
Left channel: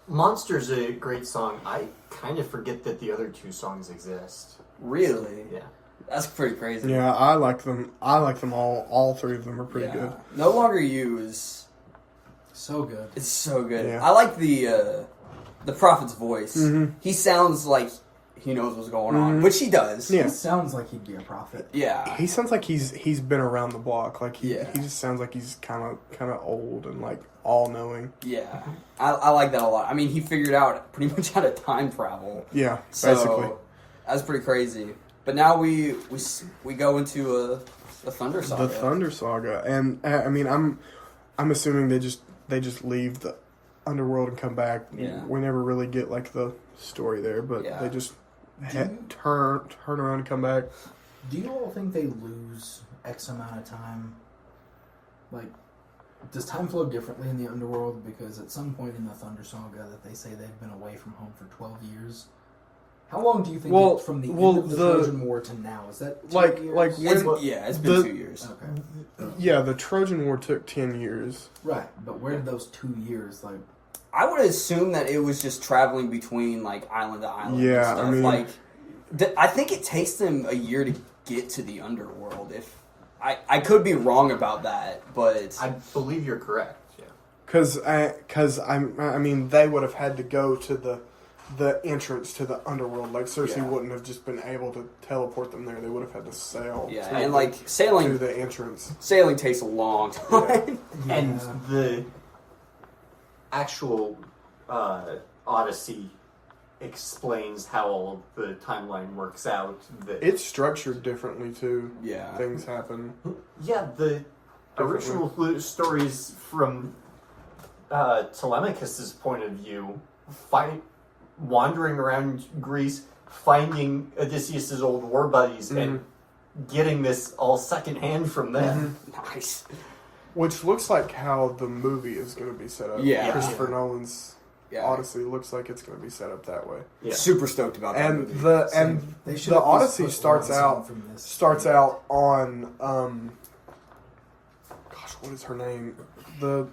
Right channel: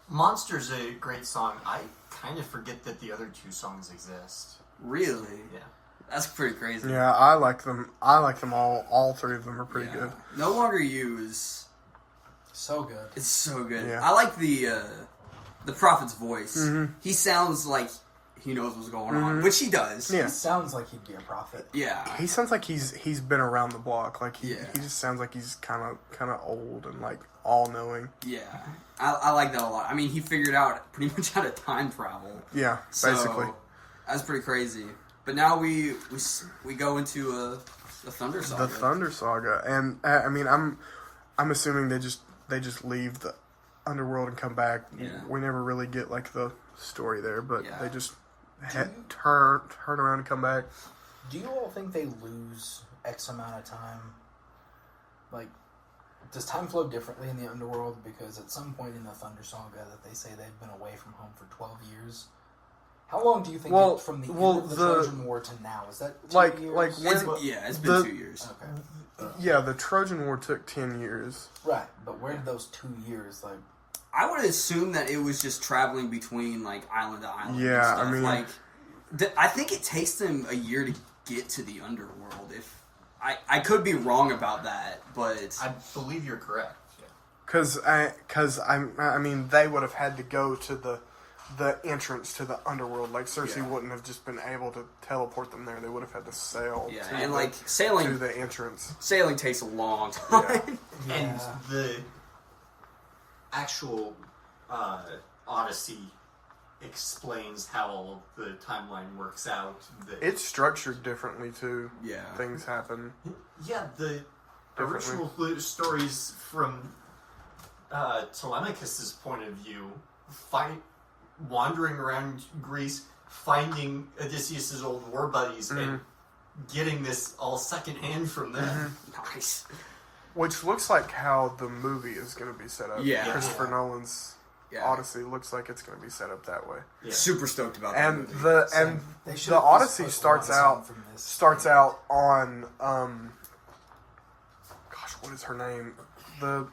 Monster's a great song. I kind of forget that the other two songs exist. Really. Yeah. That's pretty crazy. Yeah, I like them. I like them all. All three of them are pretty Yeah. good. No Longer You is. So good. It's so good. Yeah. I like the prophet's voice. Mhm. He sounds like he knows what's going on, which he does. Yeah. He sounds like he'd be a prophet. Yeah. He sounds like he's been around the block. Like he Yeah. just sounds like he's kind of old and like all knowing. Yeah. I like that a lot. I mean, he figured out pretty much how to time travel. Yeah, So, basically. that's pretty crazy. But now we go into the Thunder Saga. The Thunder Saga, and I mean, I'm assuming they just leave the underworld and come back. Yeah. We never really get like the story there, but Yeah. they just turn around and come back. Do you all think they lose X amount of time? Like, does time flow differently in the underworld? Because at some point in the Thunder Saga that they say they've been away from home for 12 years. How long do you think from the end of the Trojan War to now? Is that 2 years? It's been 2 years. Okay. Yeah, the Trojan War took 10 years. Right, but where did those 2 years, like... I would assume that it was just traveling between, like, island to island and Yeah, stuff. I mean... Like, I think it takes them a year to get to the underworld. If I could be wrong about that, but... I believe you're correct, yeah. Because I mean, they would have had to go to the entrance to the underworld. Like, Cersei wouldn't have just been able to teleport them there. They would have had to sail. Yeah, to and, like, sailing... to the entrance. Sailing takes a long time. Yeah. And the actual Odyssey explains how all of the timeline works out. It's structured differently, too. Yeah. Things happen. Yeah, the original stories from Telemachus's point of view, wandering around Greece, finding Odysseus's old war buddies, and getting this all secondhand from them. Nice. Which looks like how the movie is going to be set up. Yeah. Christopher Nolan's Yeah. Odyssey looks like it's going to be set up that way. Yeah. Super stoked about that And movie. They should the have Odyssey just put starts one song out from this. on gosh, what is her name? The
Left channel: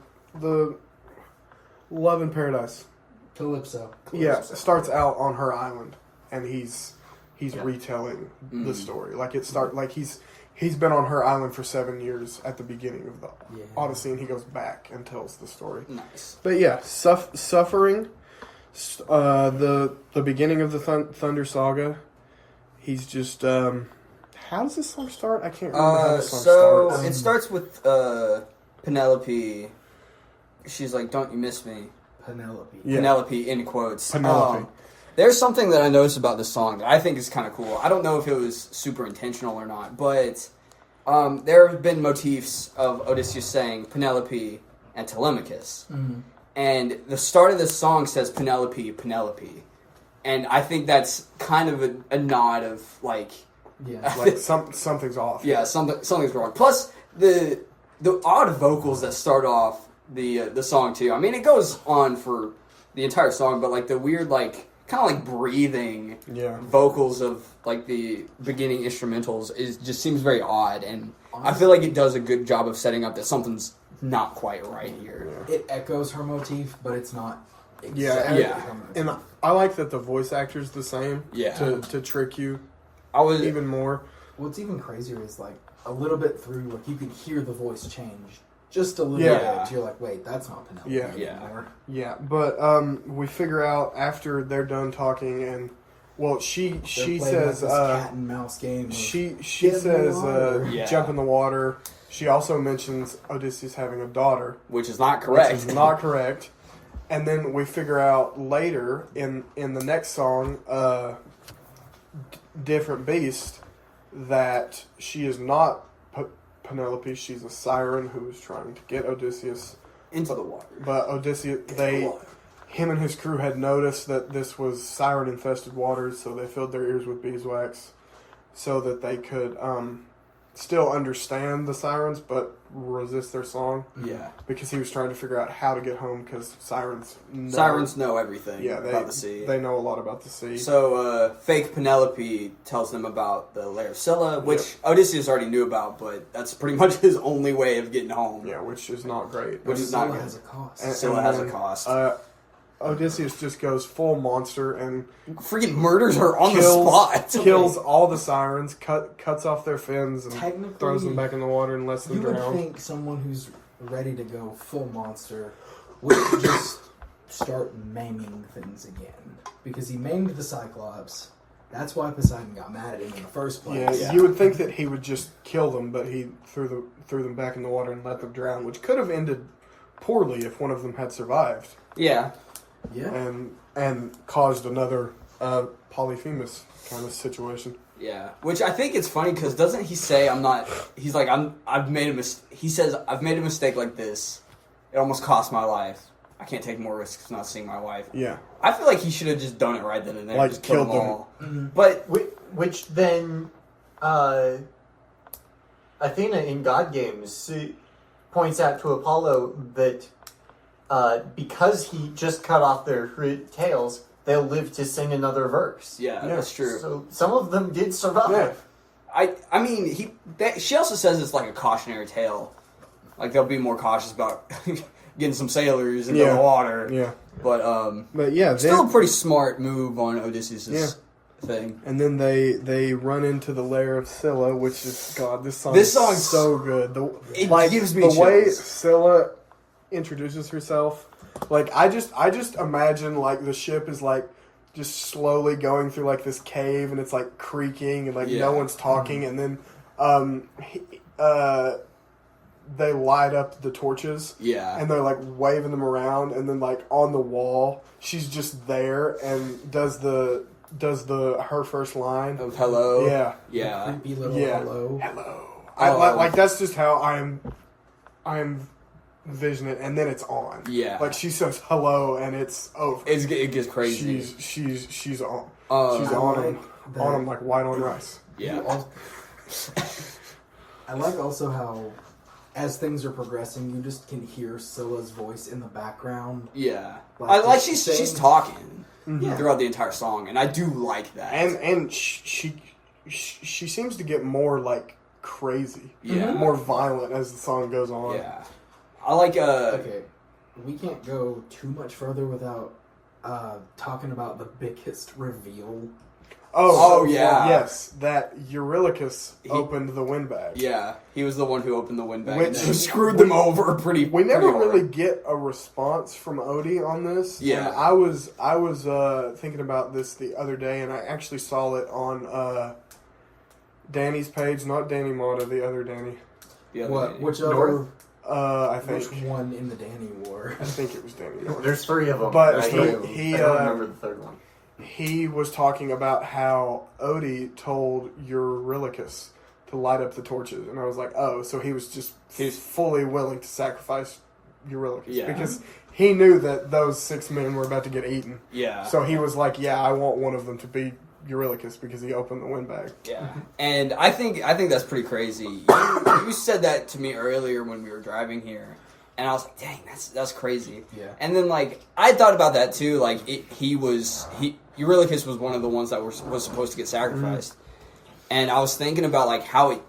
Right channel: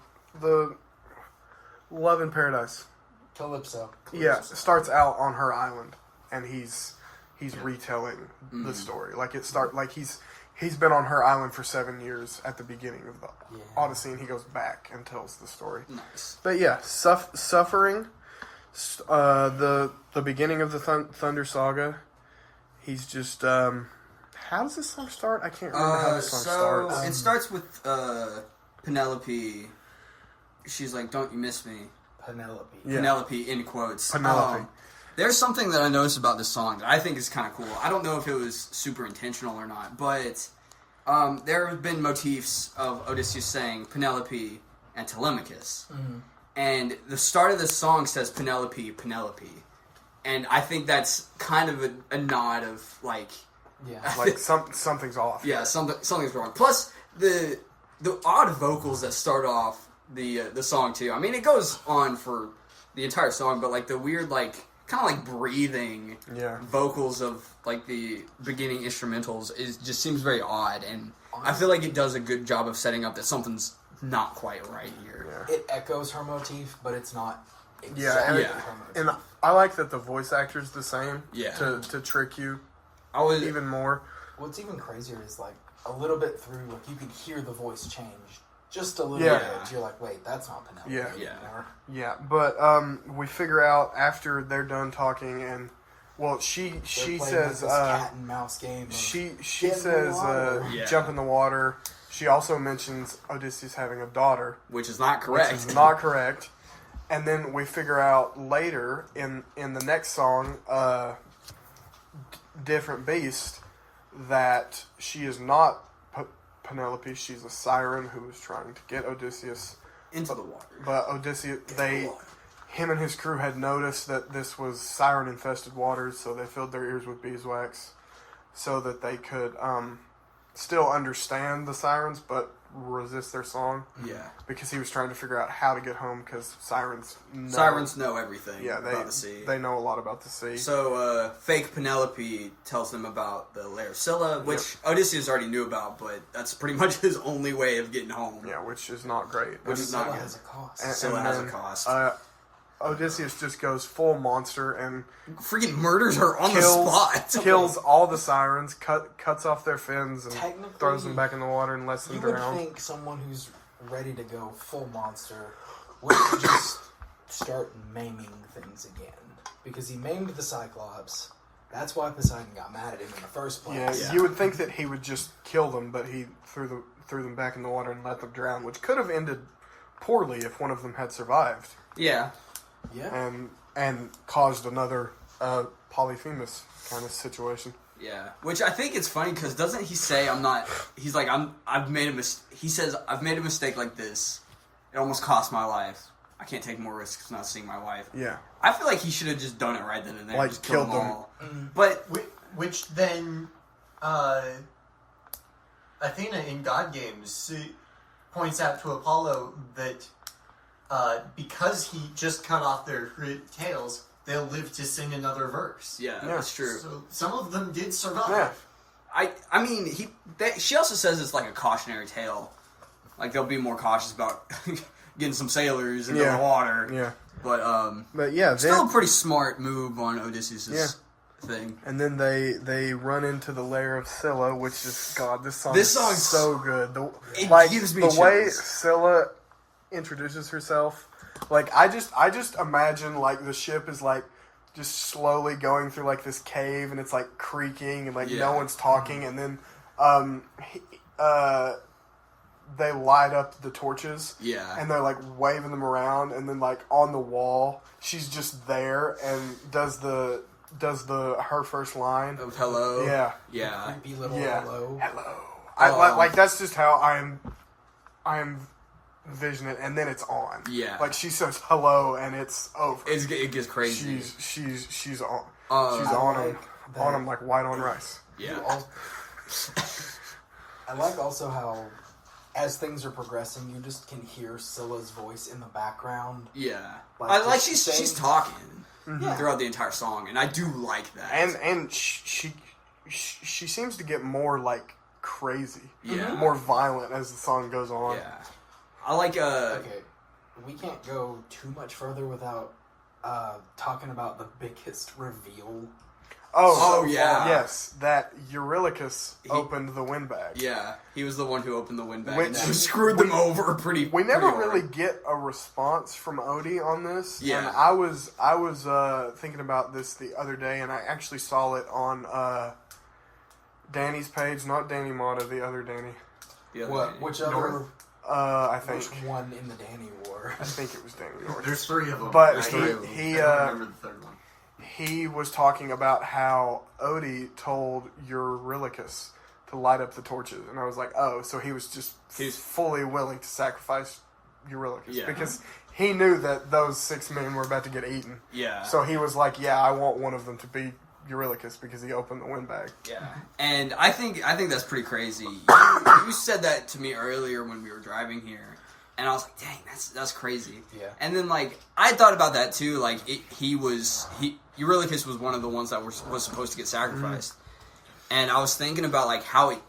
Love in Paradise. Calypso. Yeah, starts out on her island, and he's retelling the story. Like he's been on her island for 7 years at the beginning of the Odyssey, and he goes back and tells the story. Nice. But yeah, suffering. The beginning of the Thunder Saga. He's just. How does this song start? I can't remember how this song starts. It starts with Penelope. She's like, "Don't you miss me?" Penelope. Yeah. Penelope in quotes. Penelope. There's something that I noticed about this song that I think is kind of cool. I don't know if it was super intentional or not, but there have been motifs of Odysseus saying Penelope and Telemachus. Mm-hmm. And the start of this song says Penelope, Penelope. And I think that's kind of a nod of, like... Yeah. Like something's off. Yeah, something's wrong. Plus, the odd vocals that start off the song, too. I mean, it goes on for the entire song, but, like, the weird, like... kind of like breathing vocals of like the beginning instrumentals just seems very odd, and I feel like it does a good job of setting up that something's not quite right here. It echoes her motif, but it's not Yeah, exactly and- her motif. And I like that the voice actor's the same. Yeah. To trick you I was even more. What's even crazier is like a little bit through, like you can hear the voice change just a little Yeah. bit. You're like, wait, that's not Penelope Yeah. anymore. Yeah, but we figure out after they're done talking, and well, she They're playing says like this cat and mouse game. Of, she Get in the says water. Yeah. jump in the water. She also mentions Odysseus having a daughter, which is not correct. which is not correct. And then we figure out later in the next song, Different Beast, that she is not Penelope. She's a siren who is trying to get Odysseus into the water. But Odysseus, him and his crew had noticed that this was siren-infested waters, so they filled their ears with beeswax so that they could still understand the sirens, but resist their song. Yeah, Because he was trying to figure out how to get home, because sirens know everything about the sea. They know a lot about the sea. So, fake Penelope tells them about the Lair of Scylla, which Odysseus already knew about, but that's pretty much his only way of getting home. Yeah, which is not great. Which is not Scylla good. has a cost. Scylla has a cost. Odysseus just goes full monster and Freaking murders her on the spot. kills all the sirens, cuts off their fins, and Technically, throws them back in the water and lets them You would drown. think someone who's ready to go full monster would just start maiming things again. Because he maimed the Cyclops. That's why Poseidon got mad at him in the first place. Yeah, you would think that he would just kill them, but he threw them back in the water and let them drown, which could have ended poorly if one of them had survived. Yeah. Yeah. And caused another Polyphemus kind of situation. Yeah, which I think it's funny because doesn't he say he's like I've made a mistake. He says I've made a mistake like this. It almost cost my life. I can't take more risks not seeing my wife. Yeah. I feel like he should have just done it right then and there. Like, just killed killed them them. all. But Which then Athena in God Games points out to Apollo that because he just cut off their tails, they'll live to sing another verse. Yeah, that's true. So some of them did survive. Yeah. I mean, she also says it's like a cautionary tale. Like, they'll be more cautious about getting some sailors into the water. Yeah. But yeah, still a pretty smart move on Odysseus' thing. And then they run into the lair of Scylla, which is, God, this song's so good. It gives me the chills. way Scylla introduces herself. Like, I just imagine, like, the ship is like just slowly going through like this cave, and it's like creaking, and like no one's talking, and then they light up the torches, and they're like waving them around, and then like on the wall, she's just there and does her first line of hello, The creepy little hello. I like that's just how I am envisioning it, and then it's on. Yeah, like she says hello, and it's over. It gets crazy. She's on. She's on him like white on rice. Yeah. I like also how, as things are progressing, you just can hear Scylla's voice in the background. Yeah, like she's talking throughout the entire song, and I do like that. And she seems to get more like crazy, more violent as the song goes on. Yeah, I like. Okay, we can't go too much further without talking about the biggest reveal. Yes, that Eurylochus opened the windbag. Yeah, he was the one who opened the windbag, which screwed them over pretty. We never pretty really get a response from Odie on this. Yeah, and I was thinking about this the other day, and I actually saw it on Danny's page, not Danny Mata, the other Danny. Which other? I think which one in the Danny War? I think it was Danny North. There's three of them, but he I don't remember the third one. He was talking about how Odie told Eurylochus to light up the torches, and I was like, oh, so he was fully willing to sacrifice Eurylochus because he knew that those 6 men were about to get eaten. Yeah. So he was like, yeah, I want one of them to be Eurylochus because he opened the windbag. Yeah, and I think that's pretty crazy. You said that to me earlier when we were driving here, and I was like, dang, that's crazy. Yeah. And then like I thought about that too. Like Eurylochus was one of the ones that was supposed to get sacrificed, and I was thinking about like how it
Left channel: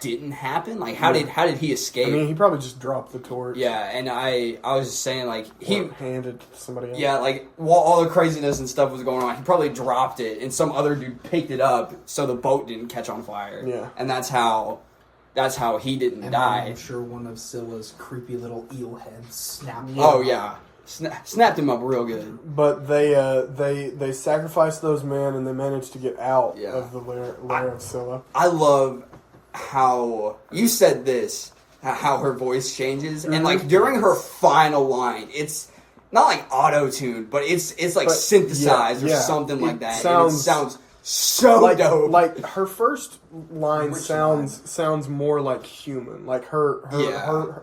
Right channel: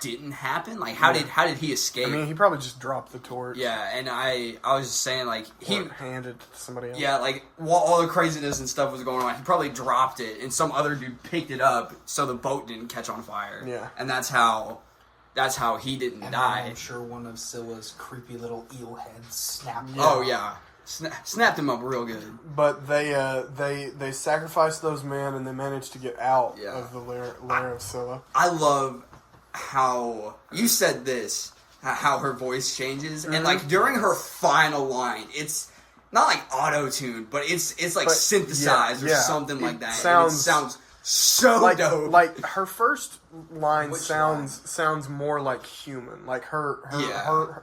didn't happen. Like how did he escape? I mean, he probably just dropped the torch. Yeah, and I was just saying like he handed it to somebody else. Yeah, like while all the craziness and stuff was going on, he probably dropped it, and some other dude picked it up so the boat didn't catch on fire. Yeah, and that's how he didn't die. I'm sure one of Scylla's creepy little eel heads snapped him. Oh yeah, snapped him up real good. But they sacrificed those men, and they managed to get out of the lair of Scylla. I love how you said this, how her voice changes, and like during her final line, it's not like auto-tuned, but it's like synthesized or something like that. It sounds so dope. Like her first line sounds more like human, like her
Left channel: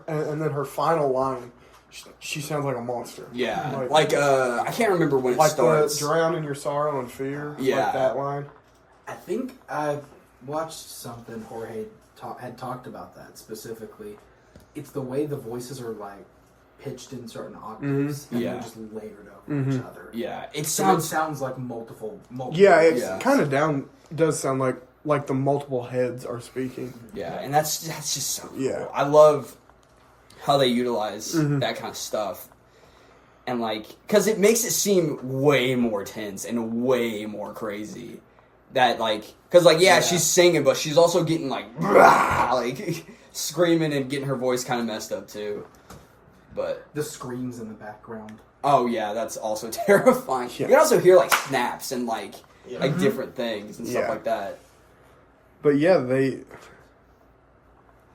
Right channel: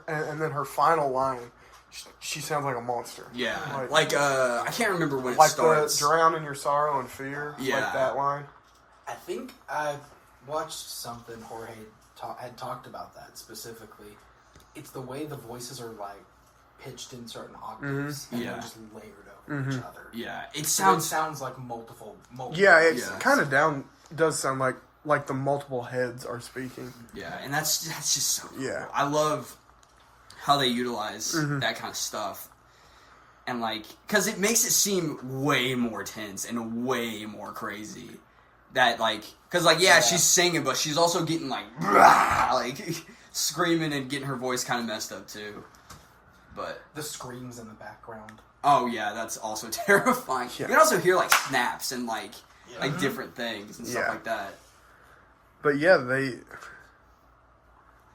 and then her final line, she sounds like a monster. Yeah, like I can't remember when it starts. Like drown in your sorrow and fear. Yeah, like that line. I think I watched something Jorge had talked about that specifically. It's the way the voices are like pitched in certain octaves and they're just layered over each other. Yeah, it sounds like multiple. Yeah, it's kind of does sound like the multiple heads are speaking. Yeah, and that's just so cool. I love how they utilize that kind of stuff. And like, because it makes it seem way more tense and way more crazy. That like, because like she's singing, but she's also getting like screaming and getting her voice kind of messed up too. But the screams in the background. Oh yeah, that's also terrifying. Yeah. You can also hear like snaps and like different things and stuff like that. But yeah,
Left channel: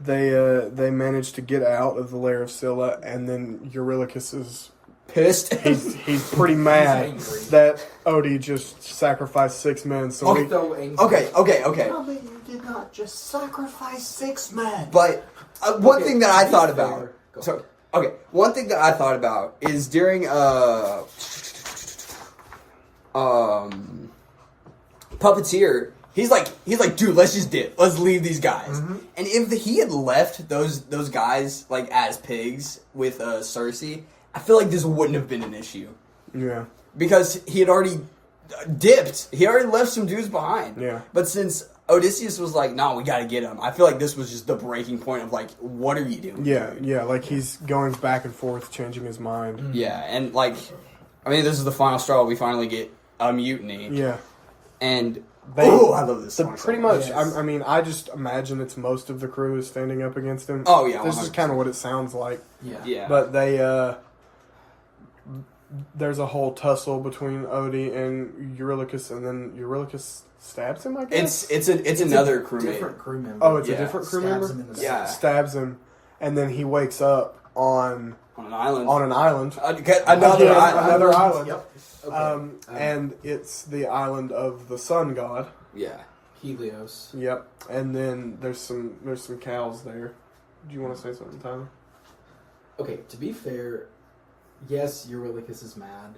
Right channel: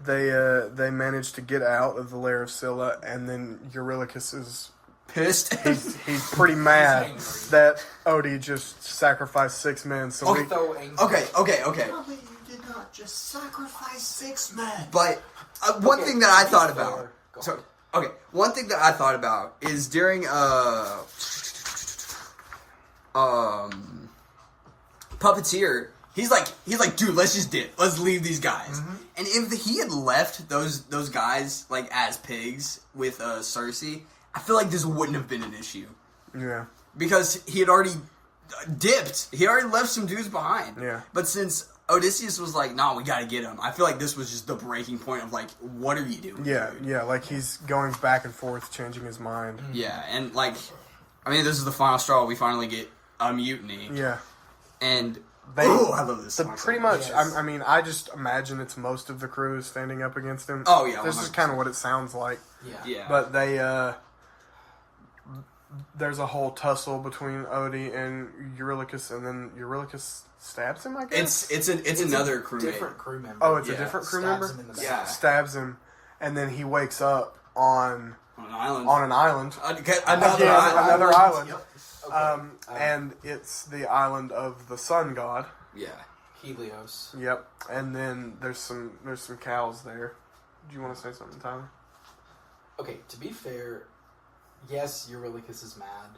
they managed to get out of the lair of Scylla, and then Eurylochus is pissed. He's pretty mad that Odie just sacrificed 6 men. So okay. Probably you did not just sacrifice 6 men. But one thing that I thought about. One thing that I thought about is during Puppeteer, He's like, dude, let's just dip. Let's leave these guys. And if he had left those guys like as pigs with Cersei, I feel like this wouldn't have been an issue. Yeah. Because he had already dipped. He already left some dudes behind. Yeah. But since Odysseus was like, no, we gotta get him, I feel like this was just the breaking point of like, what are you doing? Yeah, dude? yeah, like he's going back and forth, changing his mind. Yeah, and like, I mean, this is the final straw. We finally get a mutiny. Yeah. And, They- I love this song. Pretty so much, Yes. I mean, I just imagine it's most of the crew is standing up against him. Oh, yeah, This is 100%. kind of what it sounds like. Yeah. Yeah. But they, there's a whole tussle between Odie and Eurylochus, and then Eurylochus stabs him, I guess? It's another crewmate. Different crew member. Oh, it's a Yeah. different crew Stabs member? him in the Yeah. side. Stabs him, and then he wakes up on On an island. an island. Another Yeah, island. another island. Yep. Okay. And it's the island of the sun god. Yeah. Helios. Yep. And then there's some cows there. Do you want to say something, Tyler? Okay, to be fair, yes, Eurylochus is mad.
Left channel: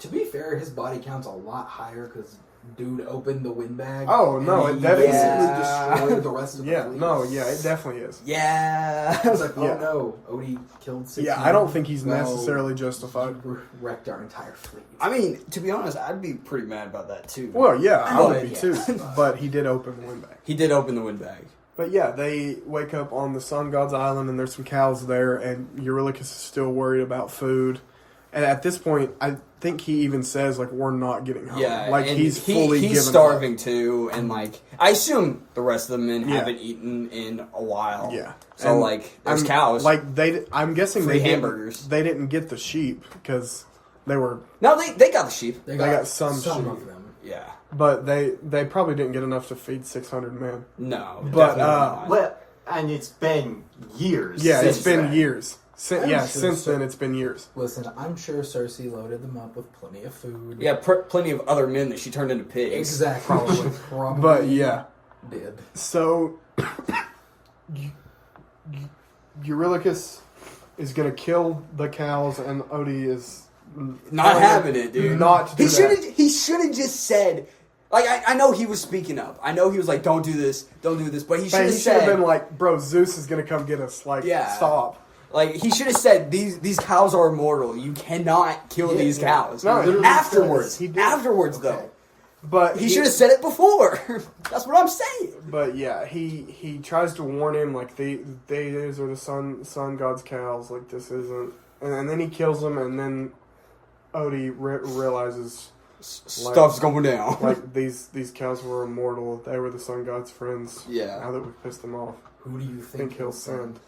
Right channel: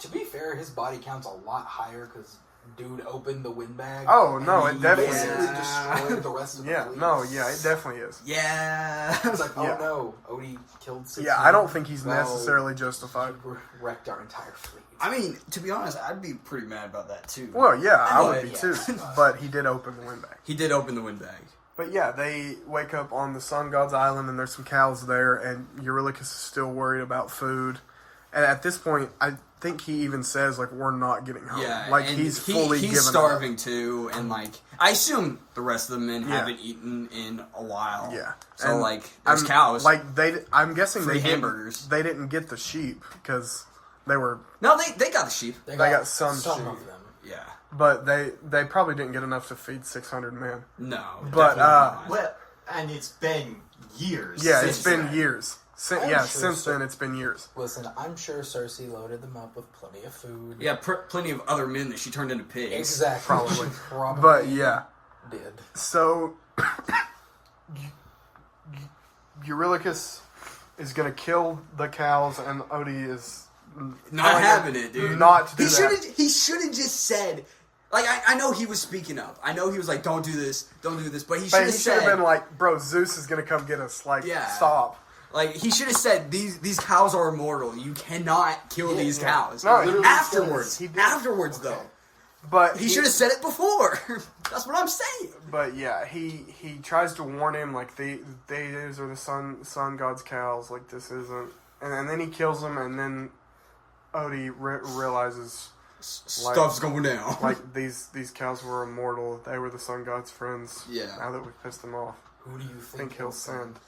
To be fair, his body count's a lot higher because dude opened the windbag. Oh, no, and it he definitely basically is. destroyed the rest of the Yeah. fleet. No. Yeah. It definitely is. Yeah. I was like, oh Yeah. no, Odie killed 6 Yeah. I don't think he's Well, necessarily justified. he wrecked our entire fleet. I mean, to be honest, I'd be pretty mad about that too. Well, yeah, I would be Yeah. too. But he did open the windbag. He did open the windbag. But yeah, they wake up on the sun god's island, and there's some cows there, and Eurylochus is still worried about food. And at this point, I think he even says like, "We're not getting home." Yeah, like and he's fully he's given starving too, and like I assume the rest of the men Yeah. haven't eaten in a while. Yeah. So And like there's I'm- cows. Like I'm guessing Free they hamburgers. They didn't get the sheep because they were, no, they got the sheep. They got some sheep. of them. Yeah. but they probably didn't get enough to feed 600 men. No. But, definitely not. Well, and it's been years. Yeah, Since it's been then. years. I'm sure Since so. then it's been years. Listen, I'm sure Cersei loaded them up with plenty of food. Yeah, plenty of other men that she turned into pigs. Exactly. Probably. Probably But yeah, did. so Eurylochus is gonna kill the cows, and Odie is Not telling him having it, dude. Not to do He should that. have. He should have just said. Like I know he was speaking up. I know he was like, "Don't do this, don't do this." But he should But have he should have said, been like, "Bro, Zeus is gonna come get us." Like, Yeah. stop. like he should have said, "These cows are immortal. You cannot kill these cows." No, he literally afterwards, says he did. afterwards Okay. though, But he should have said it before. That's what I'm saying. But yeah, he tries to warn him like these are the sun god's cows. Like this isn't, and then he kills them, and then Odie realizes Stuff's going down. like these cows were immortal. They were the sun god's friends. Yeah. Now that we've pissed them off, Who do you I think think he'll send.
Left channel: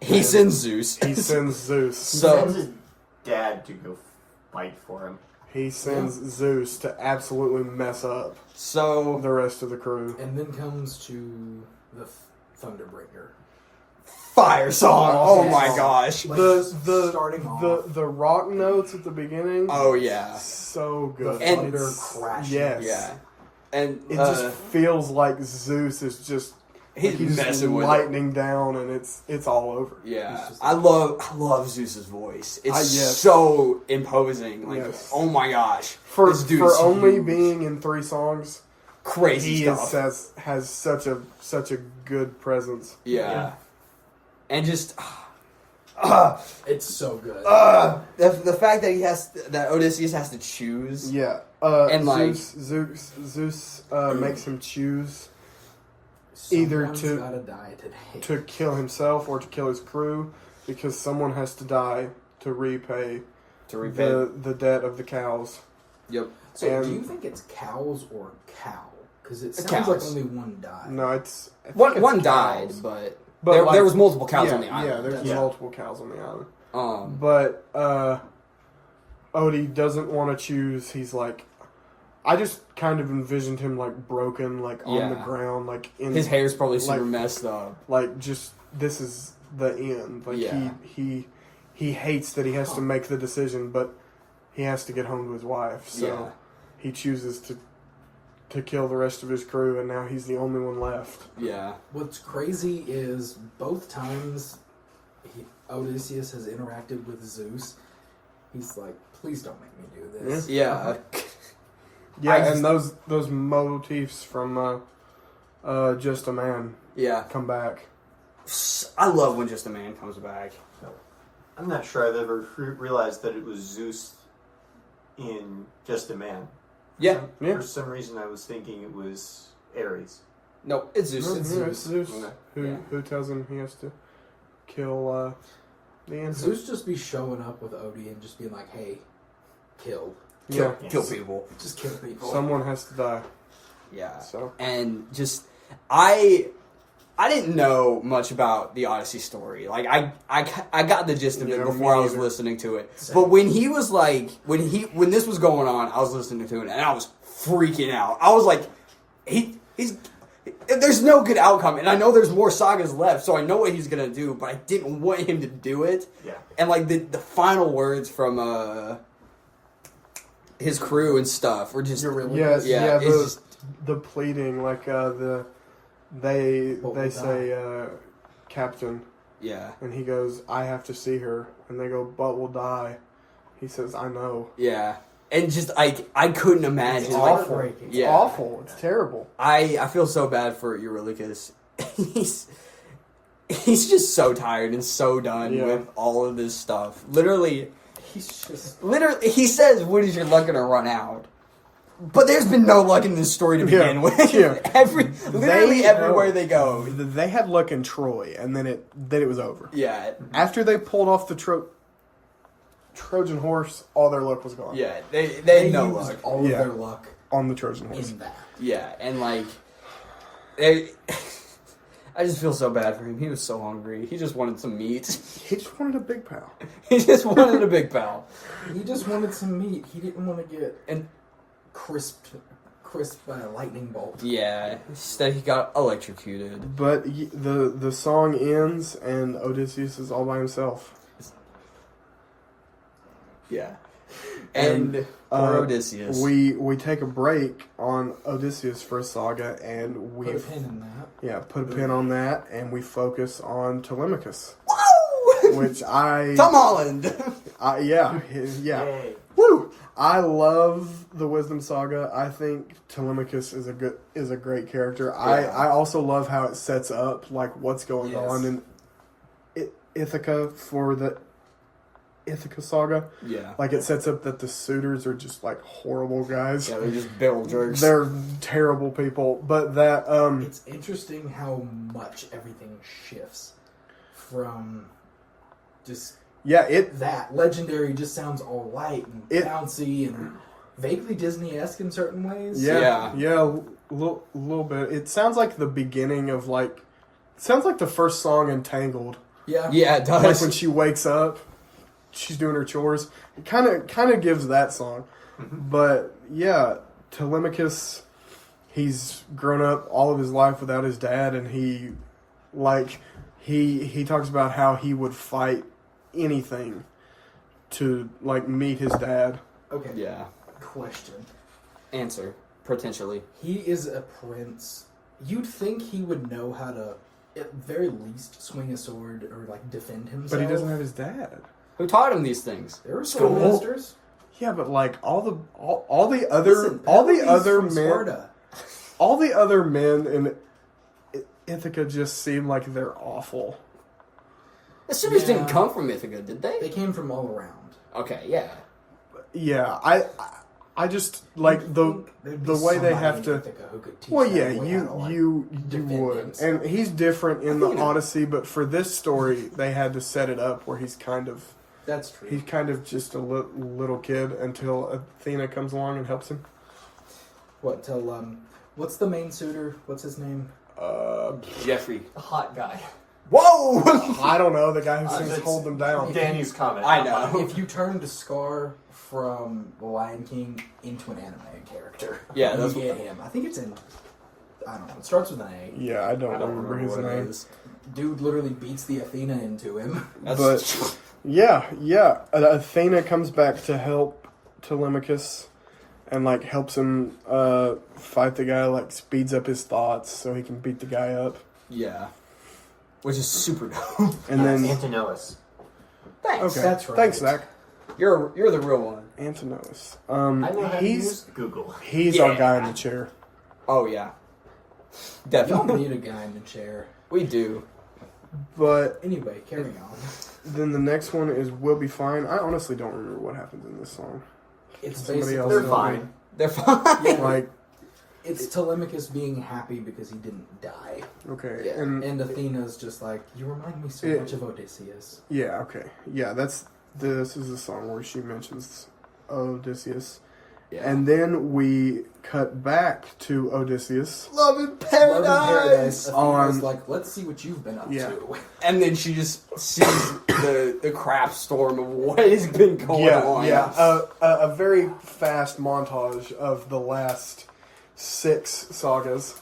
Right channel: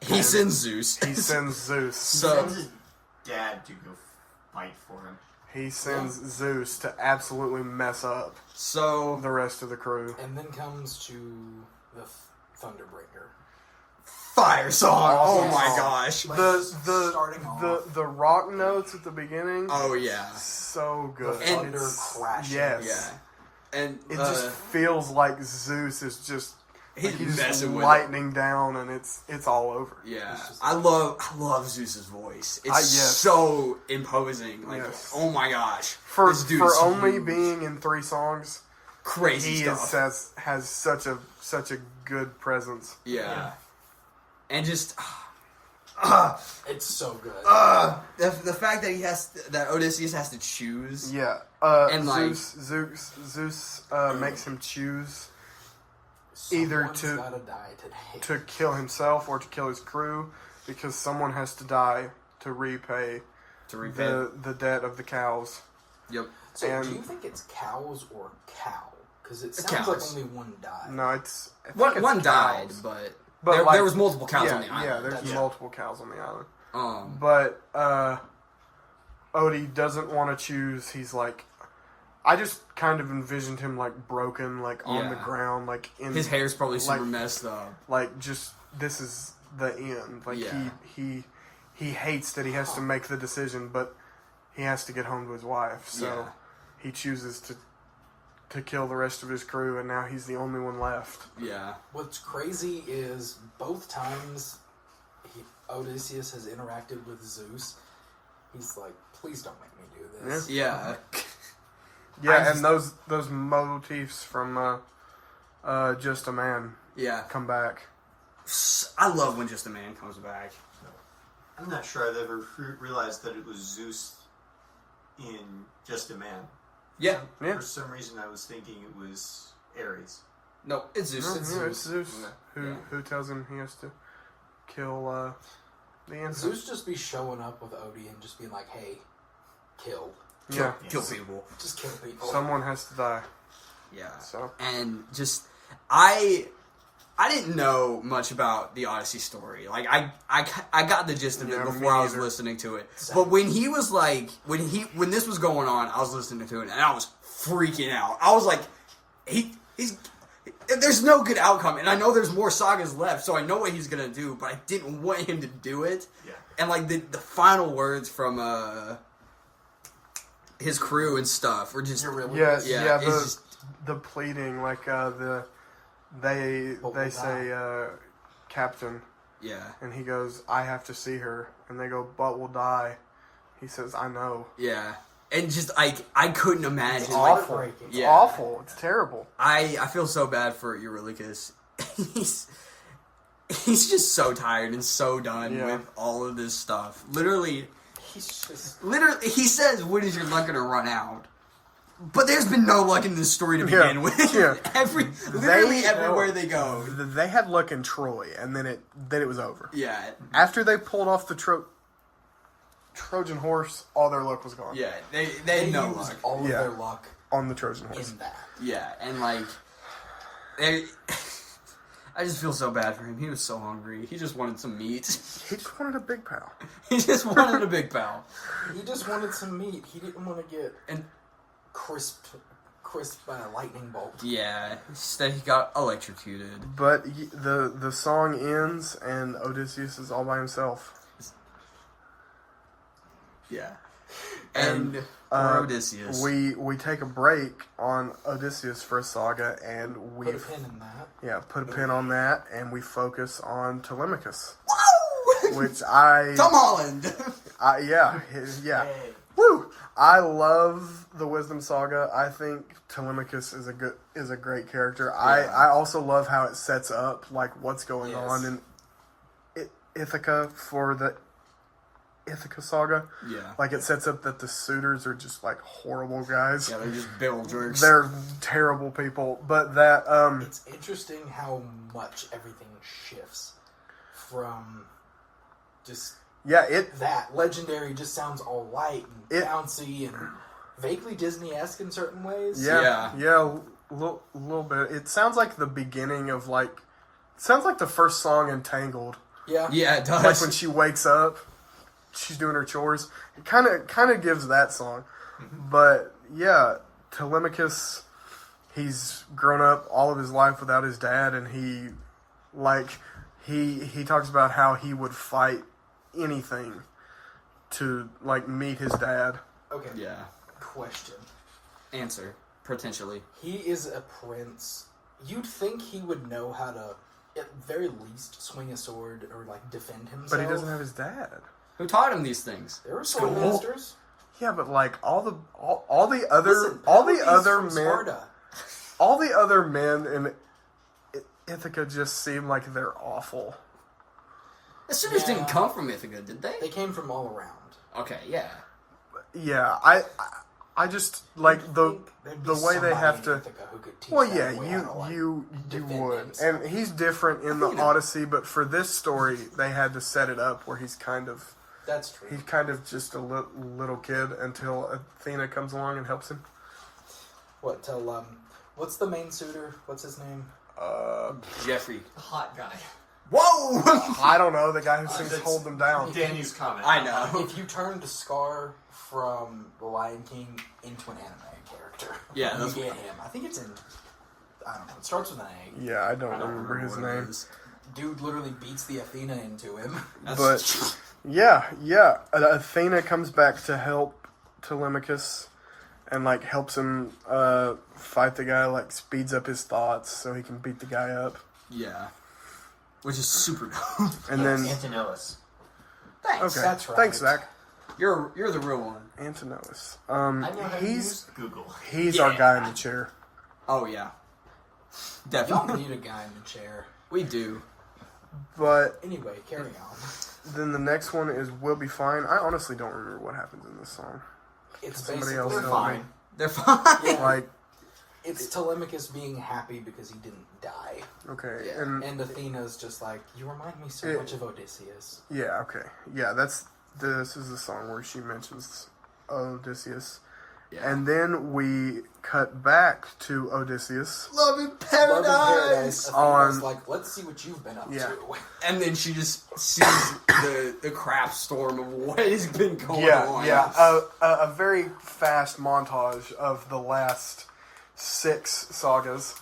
He sends Zeus. He sends Zeus. So Sends his dad to go fight for him. He sends Zeus to absolutely mess up so the rest of the crew. And then comes to the Thunderbringer. fire song. Oh Awesome my song. gosh. The starting off. the rock notes at the beginning. Oh yeah. So The good. And- thunder It's- crashing. Yes. Yeah. And It just feels like Zeus is just he's like messing with it. lightning down, and it's all over. Yeah, He's just- I love Zeus's voice. It's Yes. so imposing. Like, Yes. oh my gosh, For this dude for is only huge. being in 3 songs, crazy he stuff. has such a good presence. Yeah, and just It's so good. the fact that that Odysseus has to choose. Yeah, And, like- Zeus makes him choose either Someone's to- gotta die today. to kill himself or to kill his crew, because someone has to die to repay To repay. the debt of the cows. Yep. So and- do you think it's cows or cow? Because it sounds Cows. like only one died. No, I think One it's died, cows. but, But, there, like- there was multiple cows yeah, on the island. Yeah, there's Yeah. multiple cows on the island. Um, But Odie doesn't want to choose. He's like, I just kind of envisioned him like broken, like on the Yeah. ground, like in his hair's probably super like- messed up. like just this is the end. Like Yeah. he hates that he has to make the decision, but he has to get home to his wife. So Yeah. he chooses to kill the rest of his crew, and now he's the only one left. Yeah. What's crazy is both times Odysseus has interacted with Zeus, he's like, please don't make me do this. Yeah. Yeah, and those motifs from Just a Man Yeah. come back. I love when Just a Man comes back. I'm not sure I've ever realized that it was Zeus in Just a Man. Yeah. Yeah. For some reason, I was thinking it was Ares. No, it's Zeus. No, It's yeah, Zeus. it's Zeus. Okay. Who tells him he has to kill the infant. Zeus just be showing up with Odie and just being like, "Hey, kill, Yeah. Kill people. just kill people." Someone has to die. Yeah. So And just I didn't know much about the Odyssey story. Like I got the gist of it Yeah, before me I was neither. listening to it. Same. But when he was like when this was going on, I was listening to it and I was freaking out. I was like, there's no good outcome, and I know there's more sagas left, so I know what he's gonna do, but I didn't want him to do it. Yeah. And like the final words from his crew and stuff were just yes, yeah, it's just the pleading, like But they we'll say Captain, yeah. and he goes, I have to see her, and they go, but we'll die. He says, I know. Yeah, and just I couldn't imagine. It's Like, heartbreaking. It's Yeah. awful. It's terrible. I feel so bad for Eurylochus. He's just so tired and so done Yeah. with all of this stuff. Literally, He's just he says, "When is your luck gonna run out?" But there's been no luck in this story to begin Yeah. with. Yeah. Literally They- everywhere they go. They had luck in Troy, and then it was over. Yeah, After they pulled off the Trojan horse, all their luck was gone. yeah. They they had no used luck. all Yeah. of their luck On the Trojan horse. in that. Yeah, and like, they. I just feel so bad for him. He was so hungry. He just wanted some meat. He just wanted a big pal. He just wanted a big pal. He just wanted some meat. He didn't want to get And crisp lightning bolt. yeah, instead he got electrocuted. But the song ends, and Odysseus is all by himself. Yeah. And poor Odysseus. We take a break on Odysseus for a saga, and we Put a pin in that. put a pin on that, and we focus on Telemachus, Woo! which Tom Holland. yeah. Yay. Woo! I love the Wisdom Saga. I think Telemachus is a great character. Yeah. I also love how it sets up like what's going Yes. on in Ithaca for the Ithaca Saga. Yeah. Like it sets up that the suitors are just like horrible guys. Yeah, they're just barrel jerks. They're terrible people. But that It's interesting how much everything shifts from just that legendary just sounds all light and bouncy and vaguely Disney-esque in certain ways. Yeah, a little bit. It sounds like the beginning of it sounds like the first song in Tangled. Yeah. Yeah, it does. Like when she wakes up, she's doing her chores. It kind of gives that song. But yeah, Telemachus, he's grown up all of his life without his dad, and he talks about how he would fight anything to meet his dad. Okay. Yeah. Question. Answer. Potentially. He is a prince. You'd think he would know how to, at very least, swing a sword or defend himself. But he doesn't have his dad. Who taught him these things? There were School. schoolmasters. Yeah, but all the Listen, men, all the other men in Ithaca just seem like they're awful. The suitors Yeah. didn't come from Ithaca, did they? They came from all around. Okay, yeah. Yeah, I just like the way they have to. Well, yeah, you would, himself. and he's different in the You know. Odyssey, but for this story, they had to set it up where he's kind of just a little kid until Athena comes along and helps him. What's the main suitor? What's his name? Jeffrey. The hot guy. Whoa! I don't know, the guy who sings That's- "Hold Them Down." Danny's comment. I know. If you turned Scar from The Lion King into an anime character, Yeah, you that's get him. I think it's in. I don't know. It starts with an A. Yeah, I don't I don't remember his what it name. is. Dude literally beats the Athena into him. But yeah, Athena comes back to help Telemachus and helps him fight the guy, speeds up his thoughts so he can beat the guy up. Yeah. Which is super dope. And then Antonellis. Thanks. okay, That's right. thanks, Zach. You're the real one. Antinous. I know how to He's use Google. he's our guy in the chair. Oh yeah, Y'all definitely. need a guy in the chair. We do. But Anyway, carry on. then the next one is "We'll Be Fine." I honestly don't remember what happens in this song. It's Somebody basically else They're know fine. They're fine. Yeah. Like, It's Telemachus being happy because he didn't die, okay, Yeah. and Athena's just like, you remind me so It- much of Odysseus. yeah, okay, yeah. This is the song where she mentions Odysseus, Yeah. and then we cut back to Odysseus. Love in Love in paradise. Athena's On- like, let's see what you've been up Yeah. to. And then she just sees the crap storm of what has been going on. A very fast montage of the last 6 sagas,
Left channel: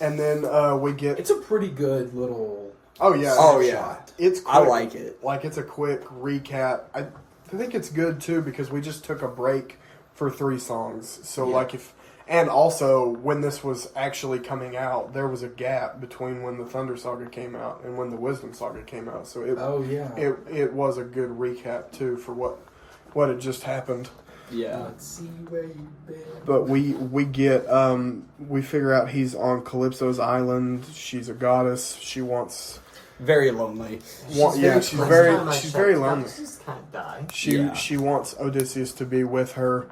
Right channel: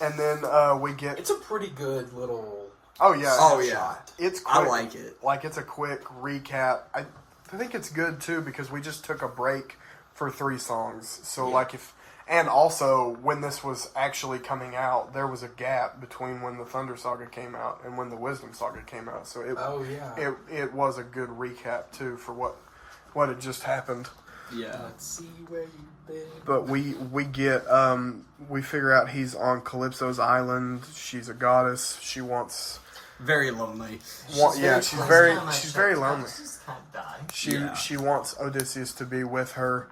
and then we get. It's a pretty good little. Oh yeah, Oh, yeah. shot. It's I quick. like it. Like, it's a quick recap. I think it's good too because we just took a break for 3 songs. So Yeah. like and also when this was actually coming out, there was a gap between when the Thunder Saga came out and when the Wisdom Saga came out. So Oh yeah. it was a good recap too for what had just happened. Yeah. Let's see where you've been. But we get we figure out he's on Calypso's island. She's a goddess. She wants Very lonely. she's very lonely. Just kind of die. Yeah. She wants Odysseus to be with her.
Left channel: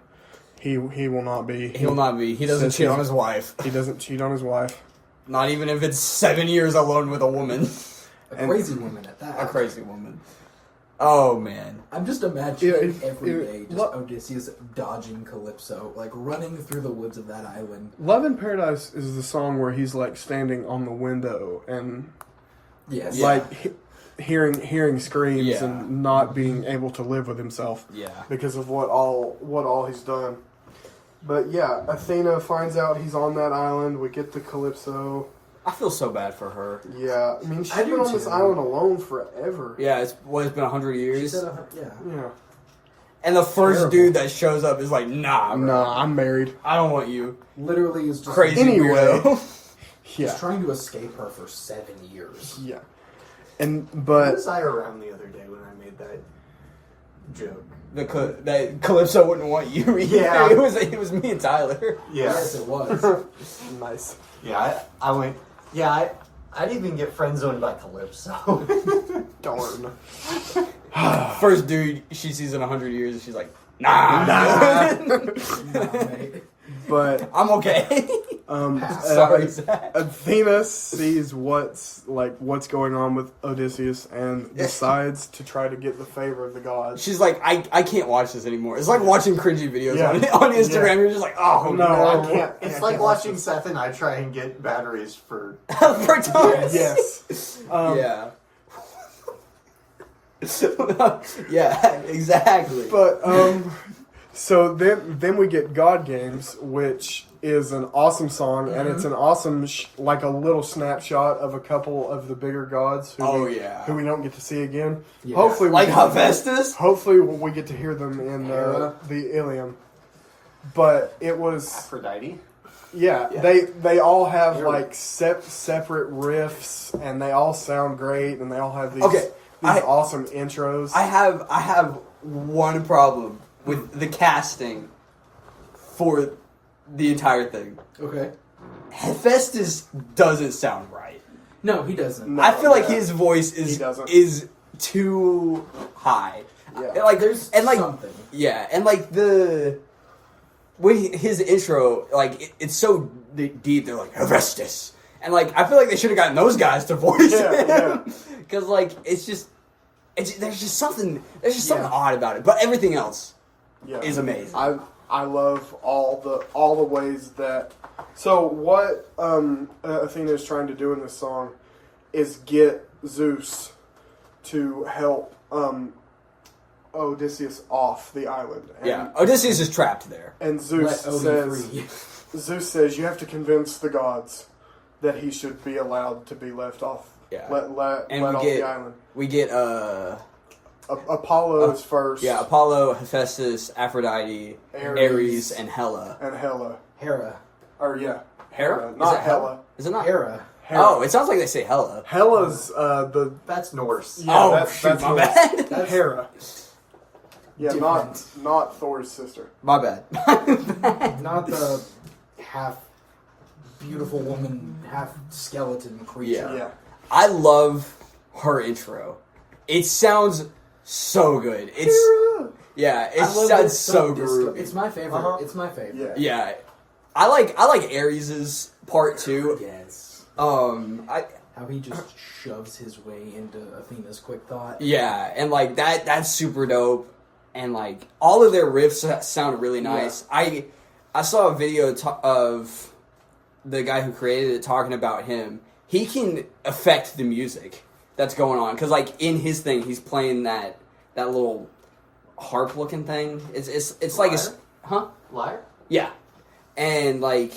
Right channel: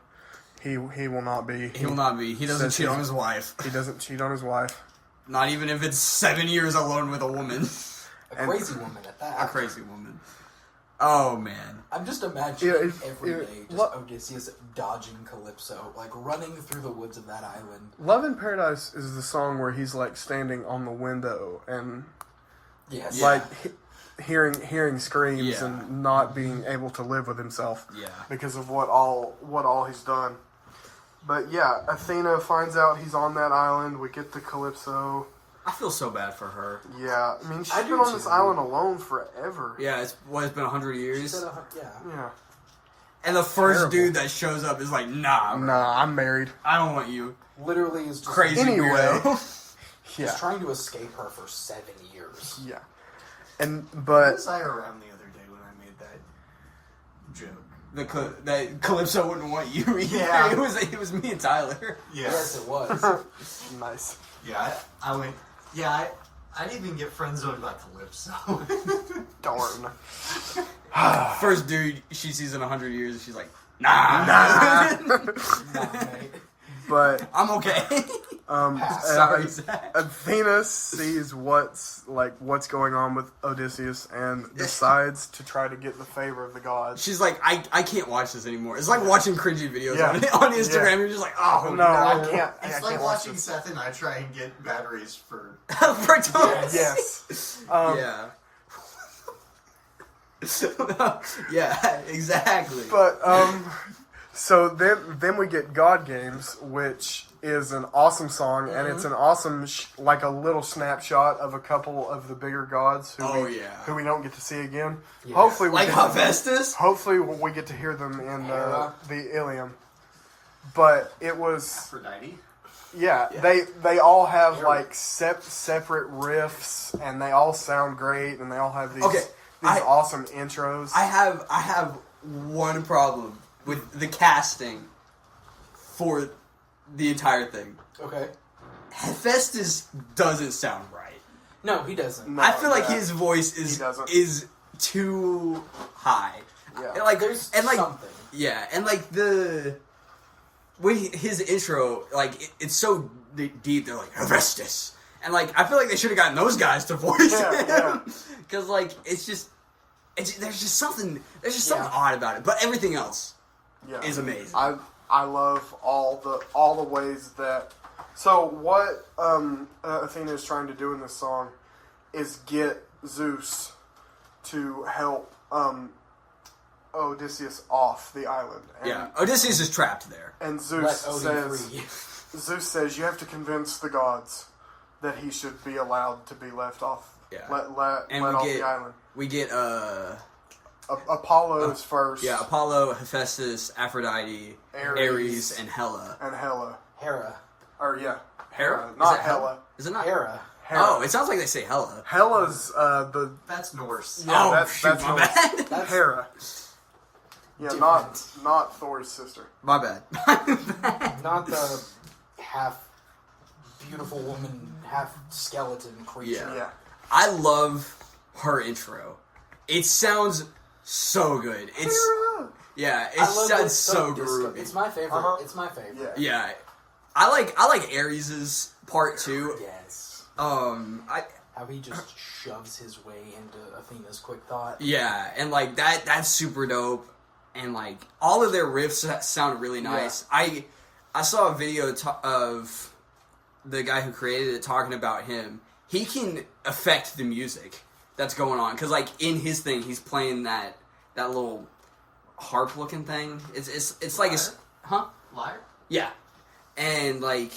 He will not be. He will not be. He doesn't Says cheat he's- on his wife. He doesn't cheat on his wife. Not even if it's 7 years alone with a woman. A crazy woman at that. A crazy woman. Oh man. I'm just imagining Yeah, every it- day just what- Odysseus dodging Calypso, like running through the woods of that island. Love in Paradise is the song where he's like standing on the window and Yes. like hearing screams Yeah. and not being able to live with himself Yeah. because of what all he's done. But yeah, Athena finds out he's on that island. We get to Calypso. I feel so bad for her. Yeah, I mean, she's I been do on this too. island alone forever. Yeah, it's been 100 She years. said, yeah. Yeah. And the first Terrible. dude that shows up is like, nah, bro. Nah, I'm married. I don't want you. Literally is just Crazy Anyway. weirdo. He's Yeah. trying to escape her for 7 years. Yeah. And Why but was I around the other day when I made that joke? That Calypso wouldn't want you. Yeah. it was me and Tyler. Yeah. Yes, it was. nice. Yeah, I went. Yeah, I didn't even get friend zoned by Calypso. Darn. First dude she sees in 100 years, and she's like, nah. Nah, mate. But I'm okay. Sorry, uh, Zach. Athena sees what's going on with Odysseus and decides to try to get the favor of the gods. She's like, I can't watch this anymore. It's like watching cringy videos Yeah. on Instagram. Yeah. You're just like, oh No, I no. can't. It's I like can't watch watching this. Seth and I try and get batteries for. For Thomas. Yes. Yeah. Yeah, exactly. But so then we get God Games, which is an awesome song, and it's an awesome like a little snapshot of a couple of the bigger gods who who we don't get to see again. Yeah. Hopefully, Like we Hephaestus? Hopefully, we get to hear them in the Ilium. But it was Aphrodite. yeah. They all have like separate riffs, and they all sound great, and they all have these Okay, awesome intros. I have one problem with the casting for the entire thing. Okay. Hephaestus doesn't sound right. No, he doesn't. No. I feel like yeah. his voice He doesn't. is too high. Yeah. And like There's and like something. yeah, and like his intro, like it's so deep. They're like Hephaestus, and like I feel like they should have gotten those guys to voice Yeah, him because like there's just something Yeah. odd about it. But everything else Yeah. is amazing. I love all the ways that. So what Athena is trying to do in this song is get Zeus to help Odysseus off the island. And, Yeah, Odysseus is trapped there. And Let Zeus Odin says, free. Zeus says you have to convince the gods that he should be allowed to be left off. Yeah. Let And off we get the island. we get Apollo is first. yeah, Apollo, Hephaestus, Aphrodite, Ares, and Hela. And Hela. Hera. Or yeah. Hera? Not Is it Hela. Is it not? Hera. Hera. Oh, it sounds like they say Hela. Hela's the That's Norse. yeah, Oh, that's shoot, my Norse. bad. That's- Hera. Yeah, not Thor's sister. My bad. Not the half beautiful woman, half skeleton creature. Yeah. I love her intro. It sounds so good. It sounds so groovy. It's my favorite. Uh-huh. It's my favorite. Yeah. I like Ares's part too. Yes. How he just shoves his way into Athena's quick thought. Yeah, and like that's super dope. And like all of their riffs sound really nice. Yeah. I saw a video of the guy who created it talking about him. He can affect the music that's going on because like in his thing he's playing that little harp looking thing. It's like Lyre? Yeah. And like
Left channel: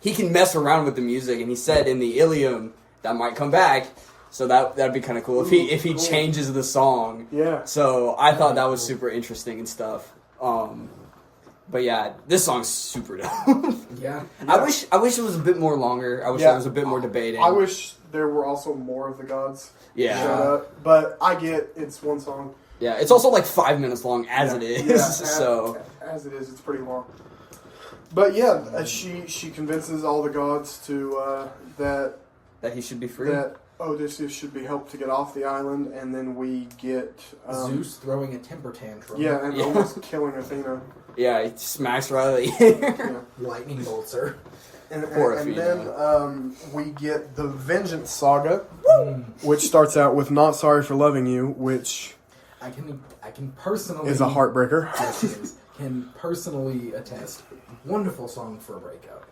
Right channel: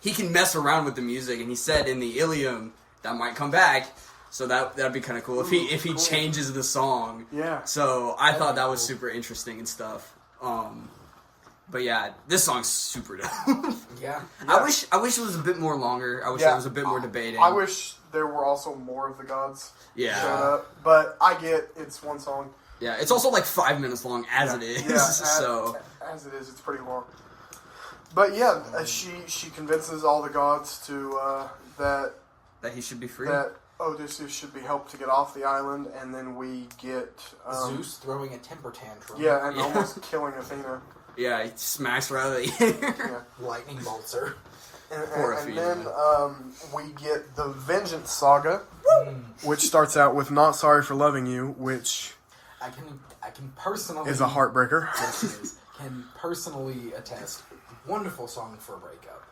he can mess around with the music, and he said in the Ilium that might come back, so that'd be kind of cool if he changes the song. Yeah. So I thought that was super interesting and stuff. But yeah, this song's super dope. Yeah. I wish it was a bit more longer. I wish there was a bit more debating. I wish there were also more of the gods. Yeah. Showed up, but I get it's one song. Yeah, it's also like 5 minutes long as it is. Yeah, so as it is, it's pretty long. But yeah, she convinces all the gods to that he should be free. That Odysseus should be helped to get off the island, and then we get Zeus throwing a temper tantrum. Yeah, and almost killing Athena. Yeah, he smacks her out of the air. Lightning bolts her. And Athena. Then we get the Vengeance Saga, which starts out with "Not Sorry for Loving You," which I can personally is a heartbreaker. Yes, it is. Can personally attest. Wonderful song for a breakup.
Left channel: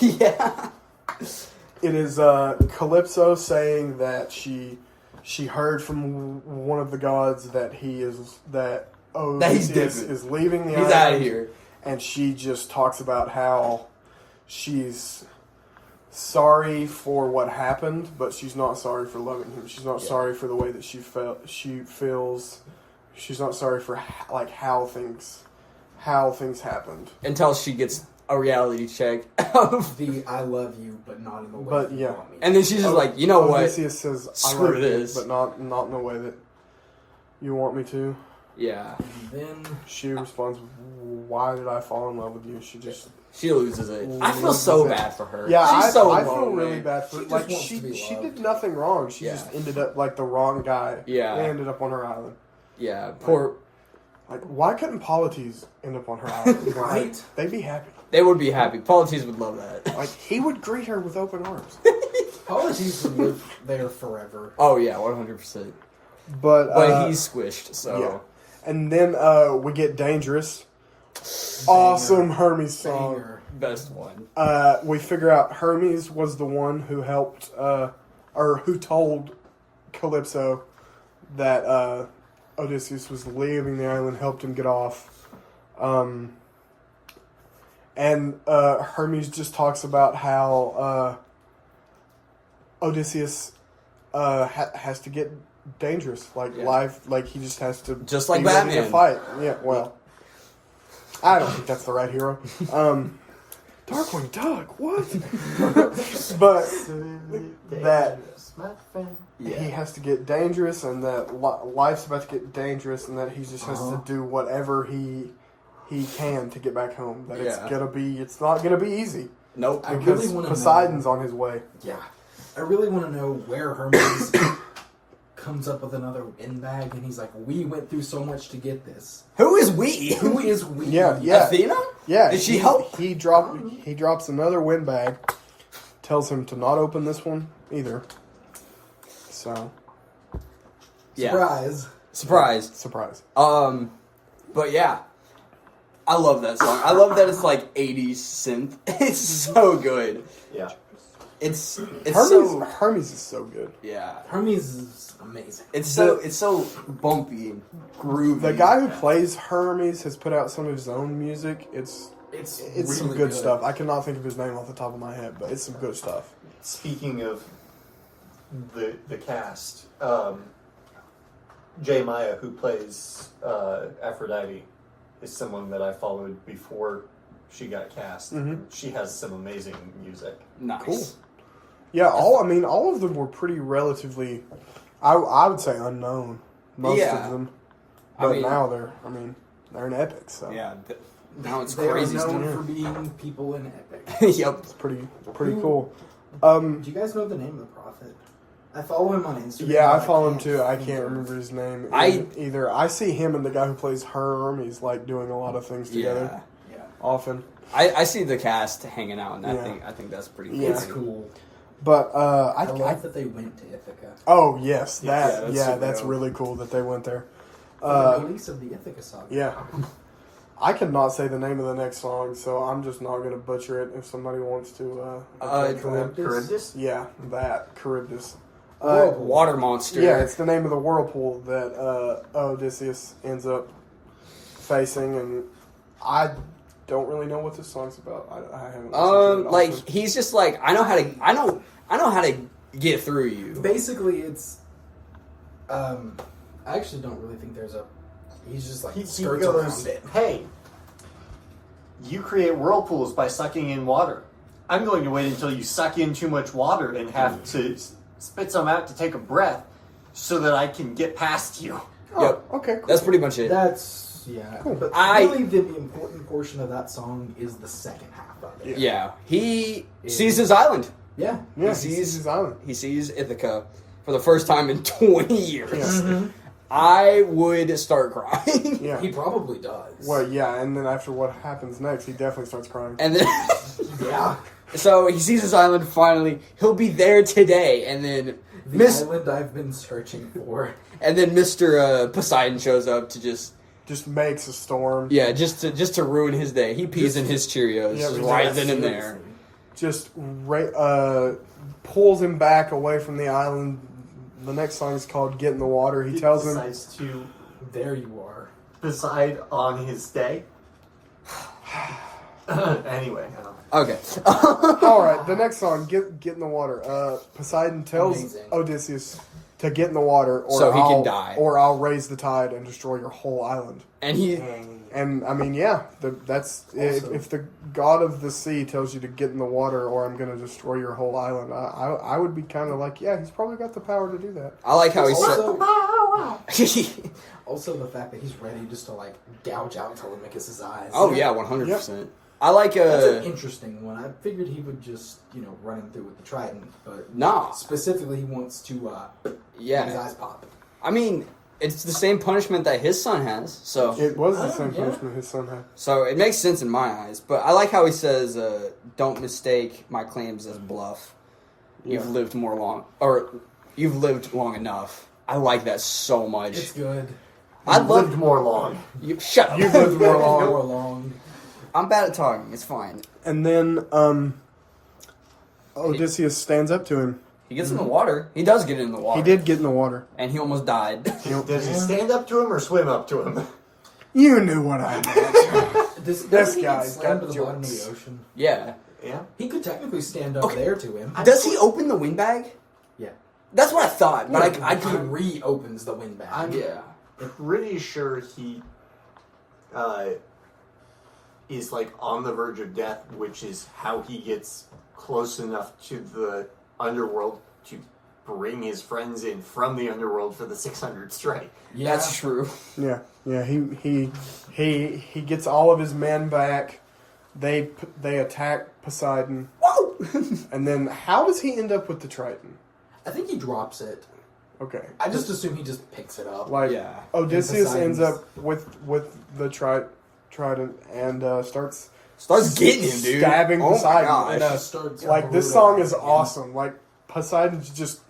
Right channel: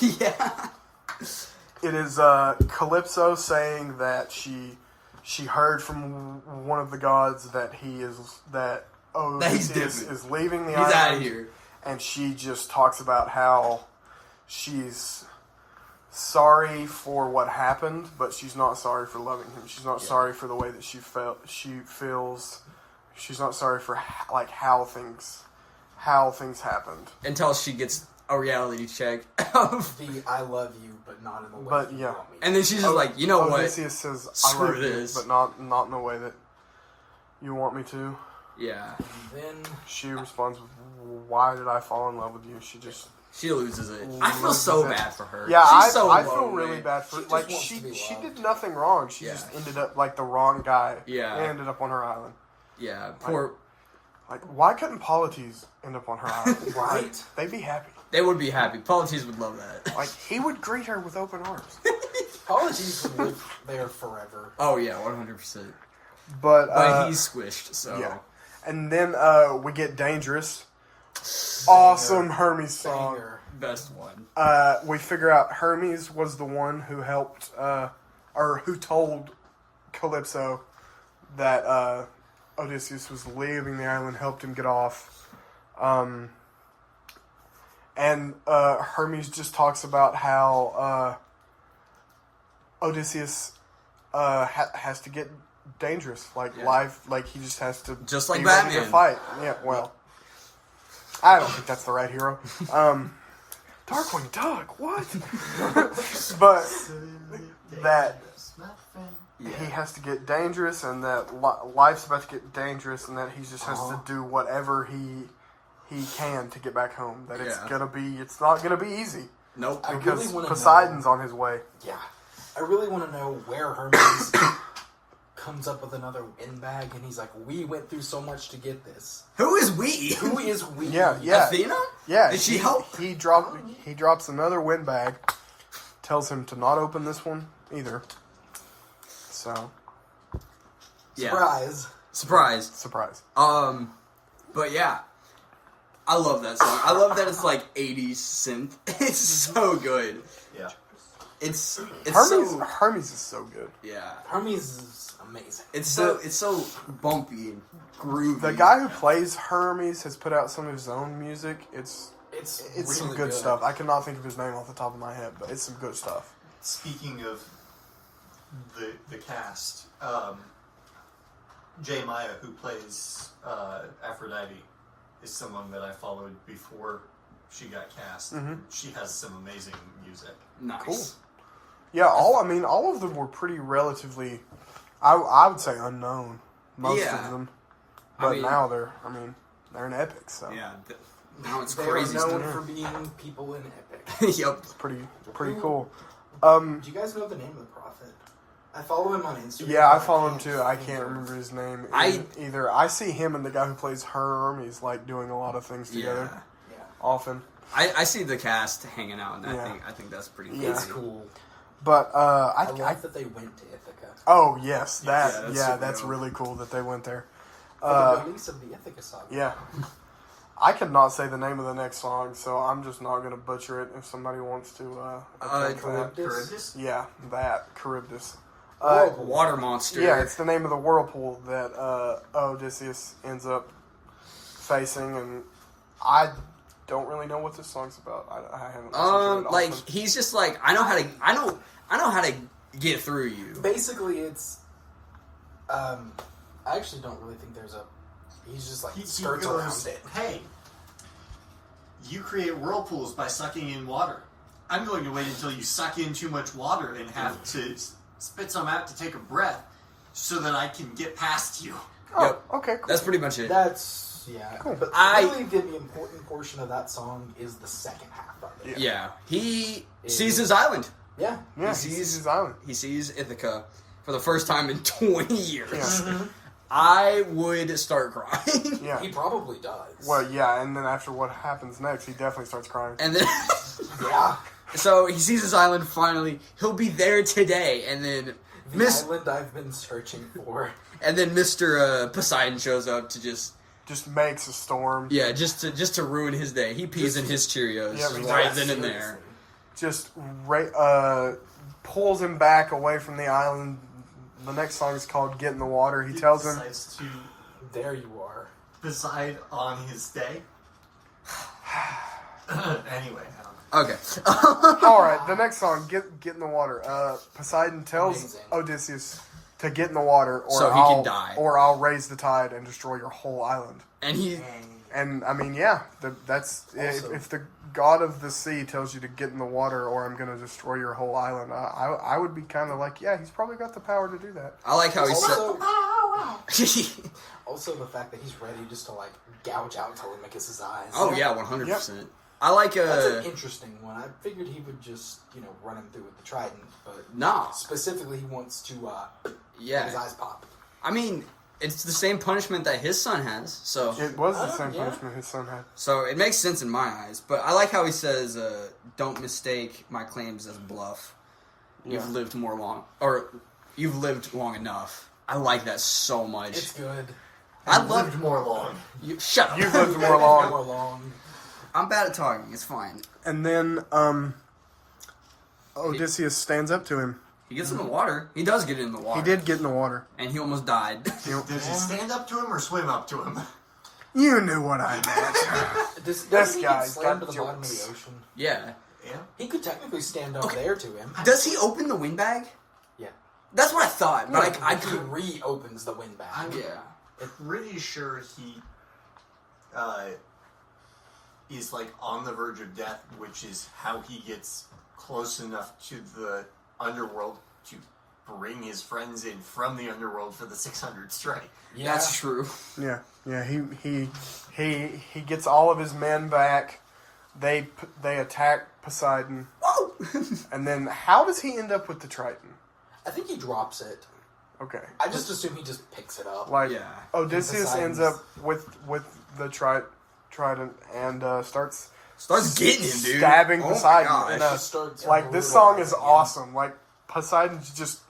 Yeah. It is Calypso saying that she heard from one of the gods that Odysseus is leaving the island. He's out of here. And she just talks about how she's sorry for what happened, but she's not sorry for loving him. She's not sorry for the way that she feels. She's not sorry for like how things happened. Until she gets a reality check. The I love you, but not in the way you want me. And then she's just like, you know what? Odysseus says, Screw I love this. you, but not in a way that you want me to. Yeah. And then she responds, why did I fall in love with you? She loses it. I feel so bad for her. Yeah, I feel really bad for her. Like, she did nothing wrong. She just ended up like the wrong guy. Yeah. And ended up on her island. Yeah, poor... Like, why couldn't Polites end up on her island? Right? They'd be happy. They would be happy. Polites would love that. Like, he would greet her with open arms. Polites would live there forever. Oh, yeah, 100%. But he's squished, so... Yeah. And then we get Dangerous. Awesome Hermes song. Banger. Best one. We figure out Hermes was the one who helped, or who told Calypso that Odysseus was leaving the island, helped him get off. And Hermes just talks about how Odysseus has to get dangerous, life, like he just has to just like be ready Batman to fight. Yeah, well, I don't think that's the right hero. Darkwing Duck, what? But that he has to get dangerous, and that life's about to get dangerous, and that he just has to do whatever he can to get back home. That it's not gonna be easy. Nope. Because Poseidon's on his way. Yeah, I really want to know where Hermes comes up with another windbag, and he's like, "We went through so much to get this." Who is we? Who is we? Yeah. Athena? Yeah. Did she help? He drops another windbag, tells him to not open this one either. So. Yeah. Surprise. But yeah. I love that song. I love that it's like 80s synth. It's so good. Yeah. It's Hermes is so good. Yeah. Hermes is amazing. It's so bumpy and groovy. The guy who plays Hermes has put out some of his own music. It's really some good stuff. I cannot think of his name off the top of my head, but it's some good stuff. Speaking of the cast, Jay Maya, who plays Aphrodite, is someone that I followed before she got cast. Mm-hmm. She has some amazing music. Nice. Cool. Yeah, all of them were pretty relatively, I would say, unknown. Most of them. But mean- now they're an epic. So Yeah. Now it's They crazy are stuff. known for being people in Epic. Yep. it's pretty cool. Do you guys know the name of the prophet? I follow him on Instagram. Yeah, I but follow him can't too. I think can't of- remember his name I- either. I see him and the guy who plays Herm. He's like doing a lot of things together Yeah. Yeah, often. I see the cast hanging out, and Yeah. I think that's pretty cool. Yeah. it's cool. But I I love that they went to Ithaca. oh yes, Yeah, that that's super that's dope. really cool that they went there. For the release of the Ithaca saga. Yeah. I could not say the name of the next song, so I'm just not going to butcher it if somebody wants to. attempt that. Charybdis? Yeah, that Charybdis. Water monster. Yeah, it's the name of the whirlpool that Odysseus ends up facing, and I don't really know what this song's about. I haven't. listened to it like often. he's just like I know how to get through you. Basically, it's. I actually don't really think there's a. He's just like He skirts goes, around it. hey, you create whirlpools by sucking in water. I'm going to wait until you suck in too much water and have to spit some out to take a breath so that I can get past you. Oh, Yep. okay, cool. That's pretty much it. That's But really, the important portion of that song is the second half of it. Yeah, he sees his island. Yeah. Yeah, he sees his island. He sees Ithaca for the first time in 20 years. Yeah. I would start crying. Yeah. He probably does. Well, yeah, and then after what happens next, he definitely starts crying. And then, Yeah. so he sees his island finally. He'll be there today. And then, The island I've been searching for. and then Mr. Poseidon shows up to just makes a storm. just to ruin his day. He pees in his Cheerios Yeah, right yeah, then and there. Just pulls him back away from the island. The next song is called "Get in the Water." He tells him, decides to There you are. decide on his day. Anyway, Okay. "All right." The next song, "Get in the Water." Poseidon tells Amazing. Odysseus to get in the water, or So he can I'll- die. or I'll raise the tide and destroy your whole island. And he And I mean, yeah, that's if the god of the sea tells you to get in the water, or I'm going to destroy your whole island. I would be kind of like, yeah, he's probably got the power to do that. I like how he Also, said. also the fact that he's ready just to like gouge out Telemachus' eyes. Oh yeah, 100%. I like That's an interesting one. I figured he would just, run him through with the trident, but nah. specifically he wants to make his Yeah. eyes pop. I mean, it's the same punishment that his son has. So It was the same yeah. punishment his son had. so it makes sense in my eyes. But I like how he says, "Don't mistake my claims as bluff. You've Yeah. lived you've lived long enough." I like that so much. It's good. I lived love more long. you. Shut up. You've lived more long. More long. I'm bad at talking. It's fine. And then Odysseus stands up to him. He gets in the water. He does get in the water. He did get in the water. and he almost died. Does he stand up to him or swim up to him? You knew what I meant. Does he get guy's slammed got to the bottom of jokes. the ocean? Yeah. Yeah. He could technically stand up Okay. there to him. Does he open the windbag? Yeah. That's what I thought, but I he could. reopens the windbag. Yeah. Pretty sure he is like on the verge of death, which is how he gets close enough to the underworld to bring his friends in from the underworld for the 600 strike. Yeah. That's true. Yeah. He gets all of his men back. They attack Poseidon, Whoa! and then how does he end up with the Triton? I think he drops it. Okay, I just assume he just picks it up. like Yeah. Odysseus ends Poseidon's- up with the Trident and starts getting him, dude. stabbing Oh my Poseidon. gosh. And, He starts like this song is awesome. Like Poseidon's just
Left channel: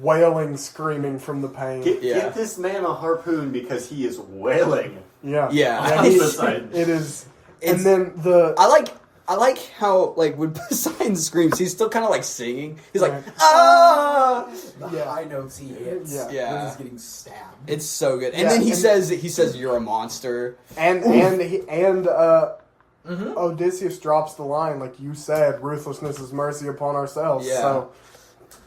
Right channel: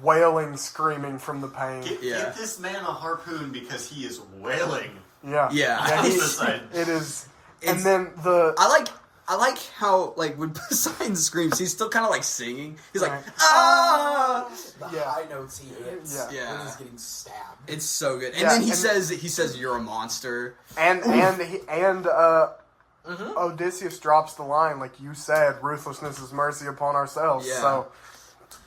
wailing, screaming from the pain. Yeah. Get this man a harpoon because he is wailing. Yeah, Yeah. he- Poseidon. it is. It's- And then the I like how like when Poseidon screams, he's still kind of like singing. He's like, Right. ah! The Yeah. high notes he hits Yeah. when he's getting stabbed. It's so good. And Yeah, then he and- says you're a monster. and Odysseus drops the line like you said, ruthlessness is mercy upon ourselves. Yeah. So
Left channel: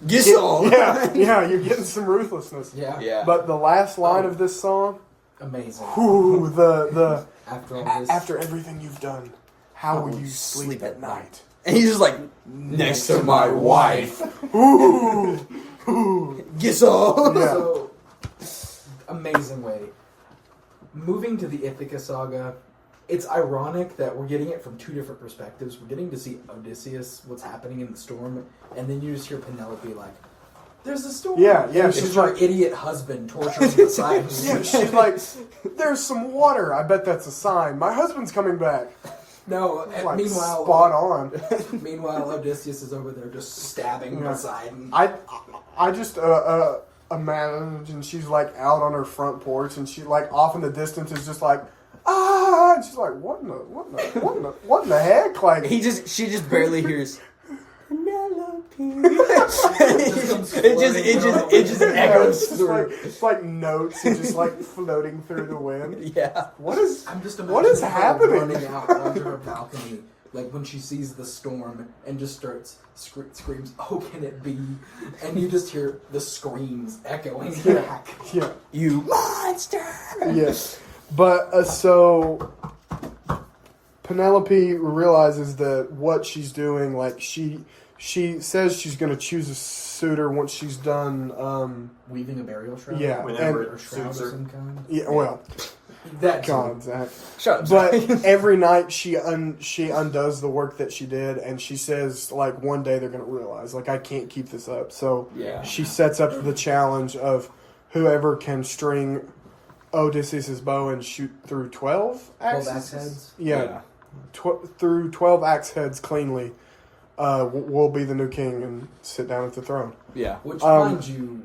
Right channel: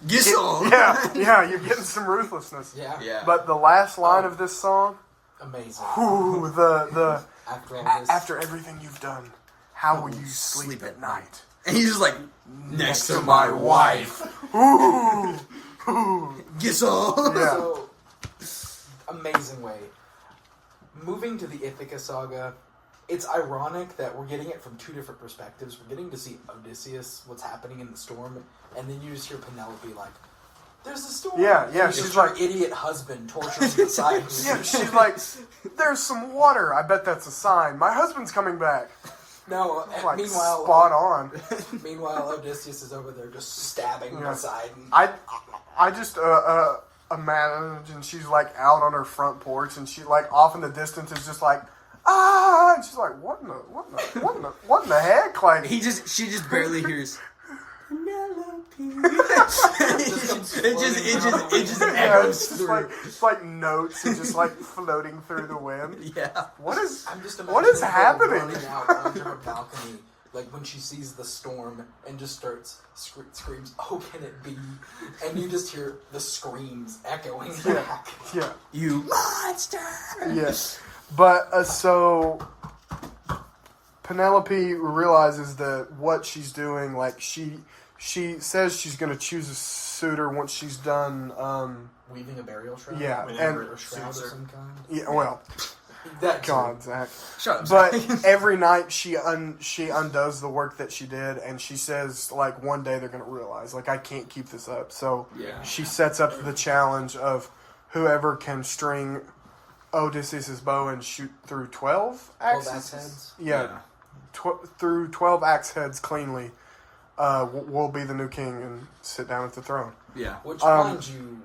Get on. yeah, you're getting some ruthlessness. Yeah. Yeah. But the last line of this song, Amazing. ooh, the After all this. after everything you've done, how will you sleep at night? And he's just like next to my wife. Ooh, ooh. Get on. Yeah. So, amazing way. moving to the Ithaca saga, it's ironic that we're getting it from two different perspectives. We're getting to see Odysseus, what's happening in the storm, and then you just hear Penelope like, "There's a storm." Yeah. And She's her like, idiot husband torturing Poseidon. yeah. She's like, "There's some water. I bet that's a sign. My husband's coming back." No, Like, meanwhile, spot on. Meanwhile, Odysseus is over there just stabbing Poseidon. I just imagine she's like out on her front porch, and she like off in the distance is just like, ah, and she's like, what in the heck? Like she just barely hears Penelope. it just echoes through. It's like notes and just like floating through the wind. Yeah. What is her happening? running out onto her balcony, like when she sees the storm and just starts screams, "Oh, can it be?" And you just hear the screams echoing back. Yeah. You monster. Yes. But so Penelope realizes that what she's doing, like she says she's going to choose a suitor once she's done. Weaving a burial shroud. Yeah, Whenever or shroud of some kind. Yeah, well, That God, Zach. Shut up. But every night she undoes the work that she did, and she says like one day they're going to realize like I can't keep this up. So Yeah. she sets up the challenge of whoever can string Odysseus' bow and shoot through 12 axes. 12 axe heads? Yeah. Through 12 axe heads cleanly, will be the new king and sit down at the throne. Yeah. Which, mind you,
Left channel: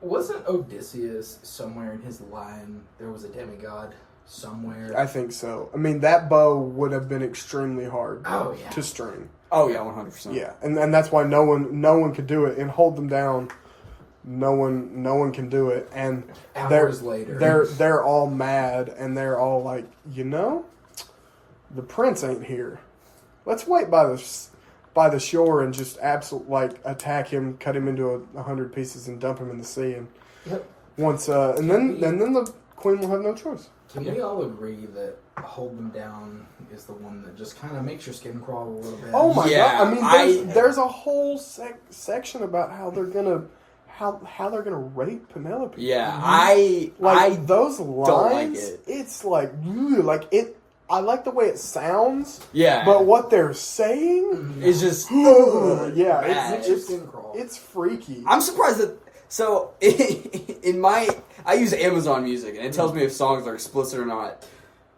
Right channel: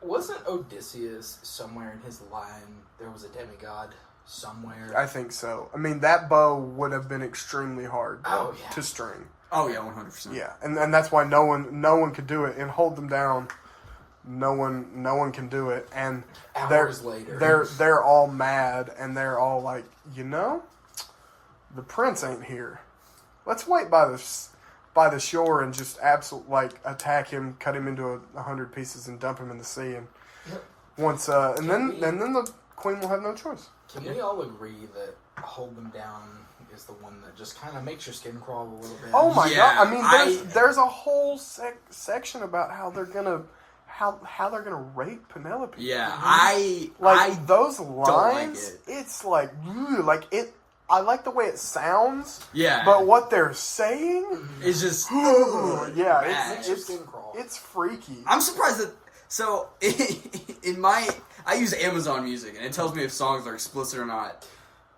wasn't Odysseus somewhere in his line? There was a demigod somewhere. I think so. I mean, that bow would have been extremely hard to string. Oh yeah, 100%. Yeah, and that's why no one could do it and hold them down. No one can do it, and Hours later, they're all mad and they're all like, the prince ain't here. Let's wait by the shore and just attack him, cut him into 100 pieces, and dump him in the sea. And once and then the queen will have no choice. Can we all agree that hold them down is the one that just kind of makes your skin crawl a little bit? Oh my Yeah, god! I mean, there's a whole section about how they're gonna rape Penelope. Yeah, those lines. don't like it. It's like it. I like the way it sounds. Yeah. But what they're saying It's just yeah, bad. Makes your skin crawl. it's freaky. I'm surprised that. So, I use Amazon Music, and it tells me if songs are explicit or not.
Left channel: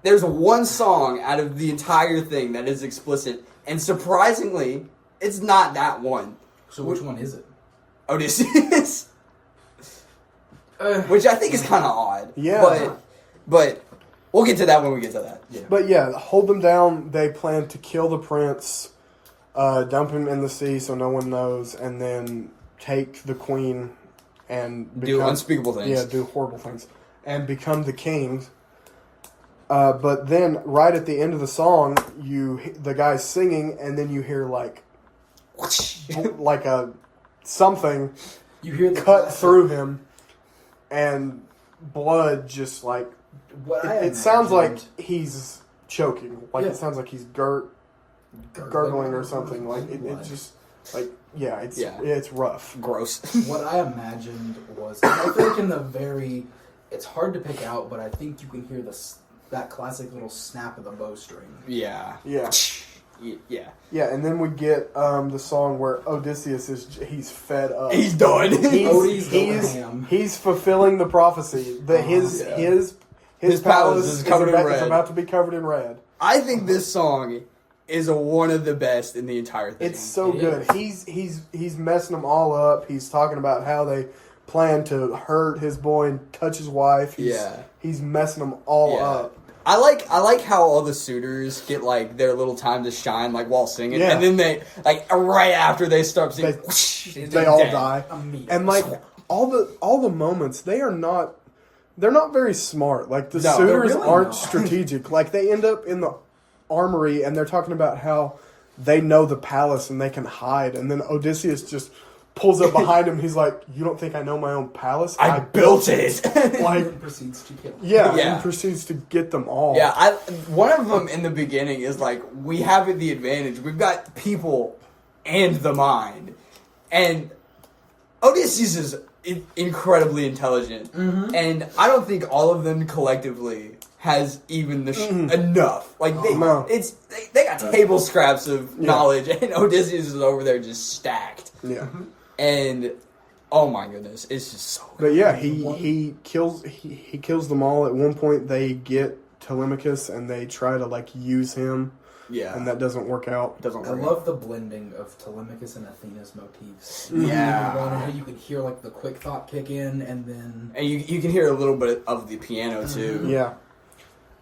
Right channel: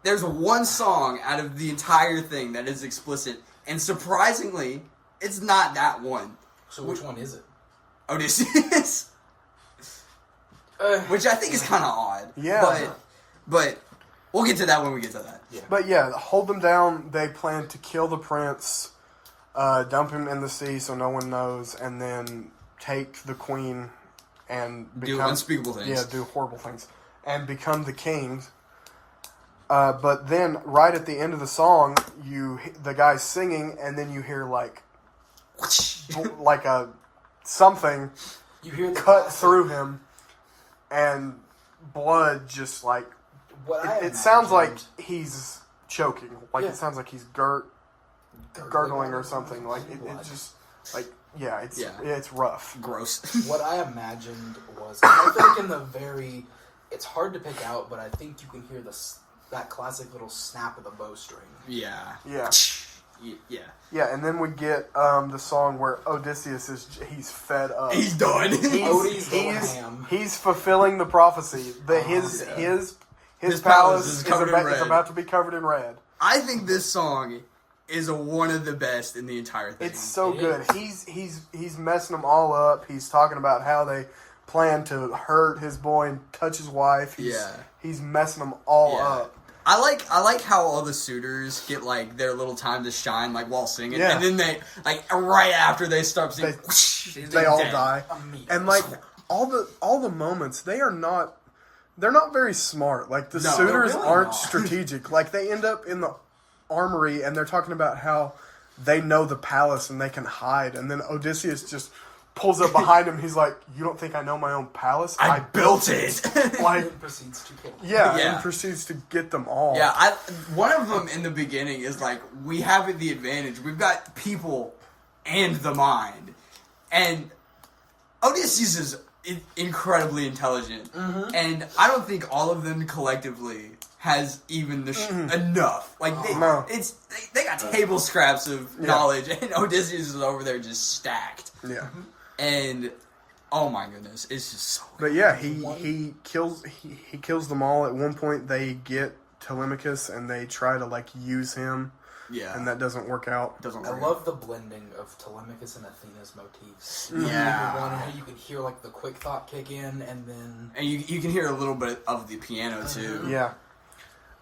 There's one song out of the entire thing that is explicit, and surprisingly, it's not that one. So which one is it? Odysseus. Which I think is kind of odd. Yeah. But we'll get to that when we get to that. Yeah. But yeah, hold them down. They plan to kill the prince, dump him in the sea so no one knows, and then take the queen and Do unspeakable things. Yeah, do horrible things and become the king. But then, right at the end of the song, the guy's singing, and then you hear like a something You hear the cut classic- through him, and blood just like What I it sounds like imagined- he's choking. Like Yeah. it sounds like he's gurgling or something. Like it just like it's rough. Gross. What I imagined was, I think in the very, it's hard to pick out, but I think you can hear that classic little snap of the bowstring. Yeah. Yeah. Yeah. Yeah, and then we get the song where Odysseus he's fed up. He's done. Odie's going ham. He's fulfilling the prophecy that his palace is covered in red. is about to be covered in red. I think this song is one of the best in the entire thing. It's so It good. is. He's messing them all up. He's talking about how they plan to hurt his boy and touch his wife. He's messing them all up. I like how all the suitors get like their little time to shine like while singing, Yeah. and then they like right after they start singing, They all die. Immediately. And like all the moments, they're not very smart. Like the No, they're suitors really aren't not. strategic. Like they end up in the armory and they're talking about how they know the palace and they can hide. And then Odysseus just pulls up behind him. He's like, "You don't think I know my own palace? I built it." Like, And proceeds to kill. yeah, Yeah. and proceeds to get them all. Yeah, one of them in the beginning is like, we have the advantage. We've got people and the mind. And Odysseus is incredibly intelligent. And I don't think all of them collectively has even enough. Like they got table scraps of knowledge, and Odysseus is over there just stacked. Yeah. And oh my goodness, it's just so good. But yeah, he kills them all. At one point, they get Telemachus and they try to like use him. Yeah, and that doesn't work out. I love the blending of Telemachus and Athena's motifs. Yeah, you can hear like the quick thought kick in, and you can hear a little bit of the piano too. Yeah,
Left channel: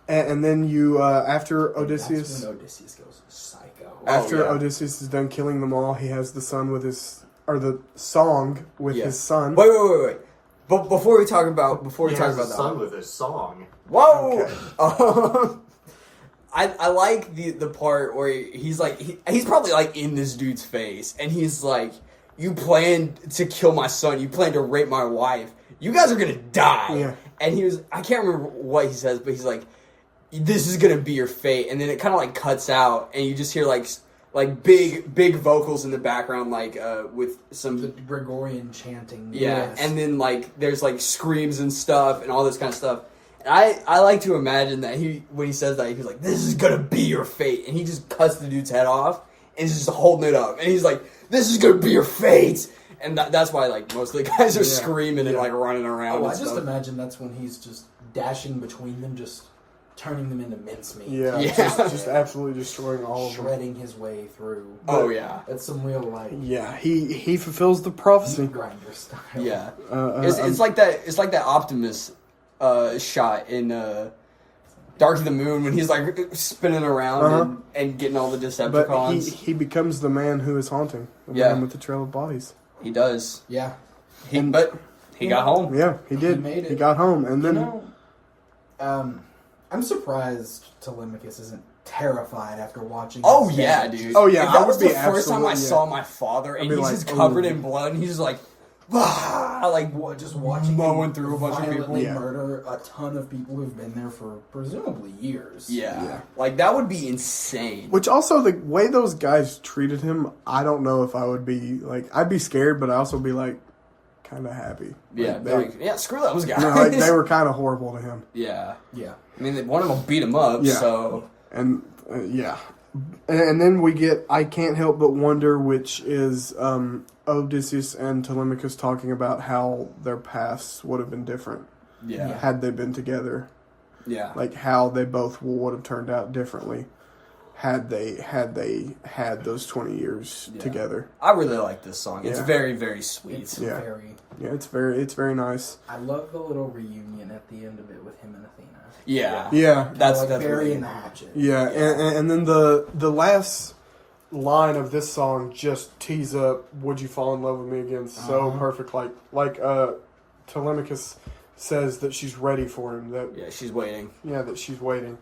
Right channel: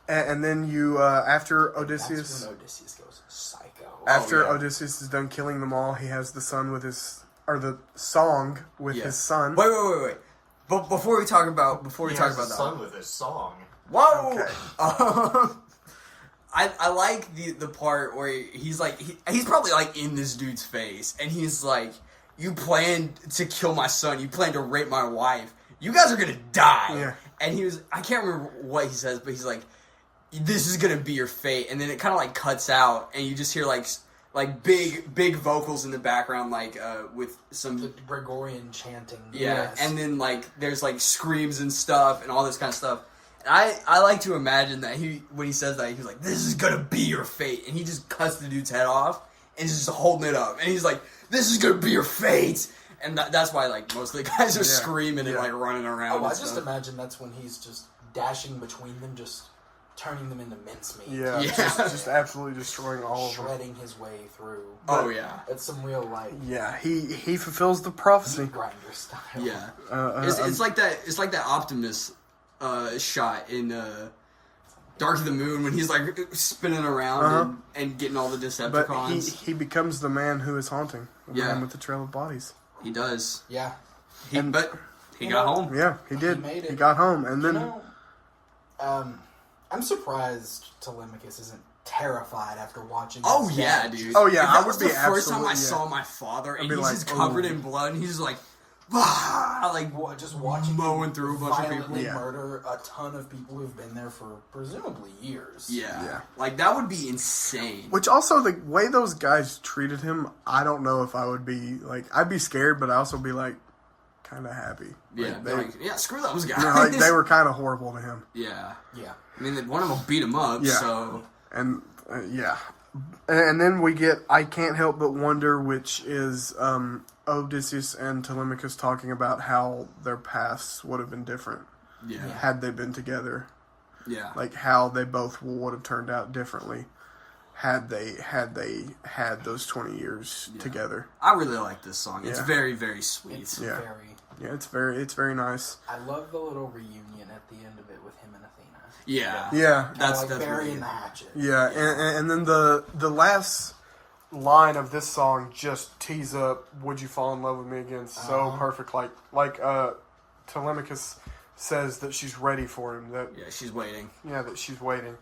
and then you after Odysseus. That's when Odysseus goes psycho. After Odysseus is done killing them all, he has the song with his son. Wait. But before we talk about that, son with his song. Whoa. Okay. I like the part where he's like he's probably like in this dude's face, and he's like, "You plan to kill my son. You plan to rape my wife. You guys are gonna die." Yeah. And I can't remember what he says, but he's like, "This is gonna be your fate." And then it kind of like cuts out, and you just hear like big vocals in the background, like with some the Gregorian chanting. Yeah, Yes. and then like there's like screams and stuff and all this kind of stuff. And I like to imagine that when he says that, he's like, "This is gonna be your fate," and he just cuts the dude's head off and he's just holding it up, and he's like, "This is gonna be your fate," and that's why like most of the guys are screaming and like running around. Oh, and I just stuff. imagine that's when he's just dashing between them, just turning them into mincemeat. Yeah. Just absolutely destroying all of them. Shredding his way through. Oh yeah, That's some real like he fulfills the prophecy. meat grinder style. yeah. It's like that. It's like that Optimus shot in Dark of the Moon when he's like spinning around and getting all the But Decepticons. he becomes the man who is haunting. The man with the trail of bodies. He does. Yeah. But he got home. Yeah, he did. He made it. He got home, and then I'm surprised Telemachus isn't terrified after watching. Oh this yeah, match. dude. Oh, yeah, If I that would was be the first time I absolutely, saw my father, and be he's like, just covered "Ooh." in blood, and he's just like, Just watching mowing him through a bunch of people. violently Yeah. murder a ton of people who've been there for presumably years. yeah, like that would be insane. which also the way those guys treated him, I don't know if I would be like I'd be scared, but I also be like kind of happy. Yeah, screw those guys. You know, like they were kind of horrible to him. Yeah, Yeah. I mean, one of them beat him up. Yeah. So And and then we get I Can't Help But Wonder, which is Odysseus and Telemachus talking about how their paths would have been different yeah, had they been together. yeah, Like how they both would have turned out differently had they had those 20 years together. I really like this song. It's Yeah. very, very sweet. It's Yeah. very. Yeah, it's very nice. I love the little reunion at the end of it with him and Athena. Yeah, Yeah. that's like burying really the hatchet. Yeah, and then the last line of this song just tees up "Would You Fall in Love with Me Again" so perfect. Like Telemachus says that she's ready for him. That she's waiting. that she's waiting,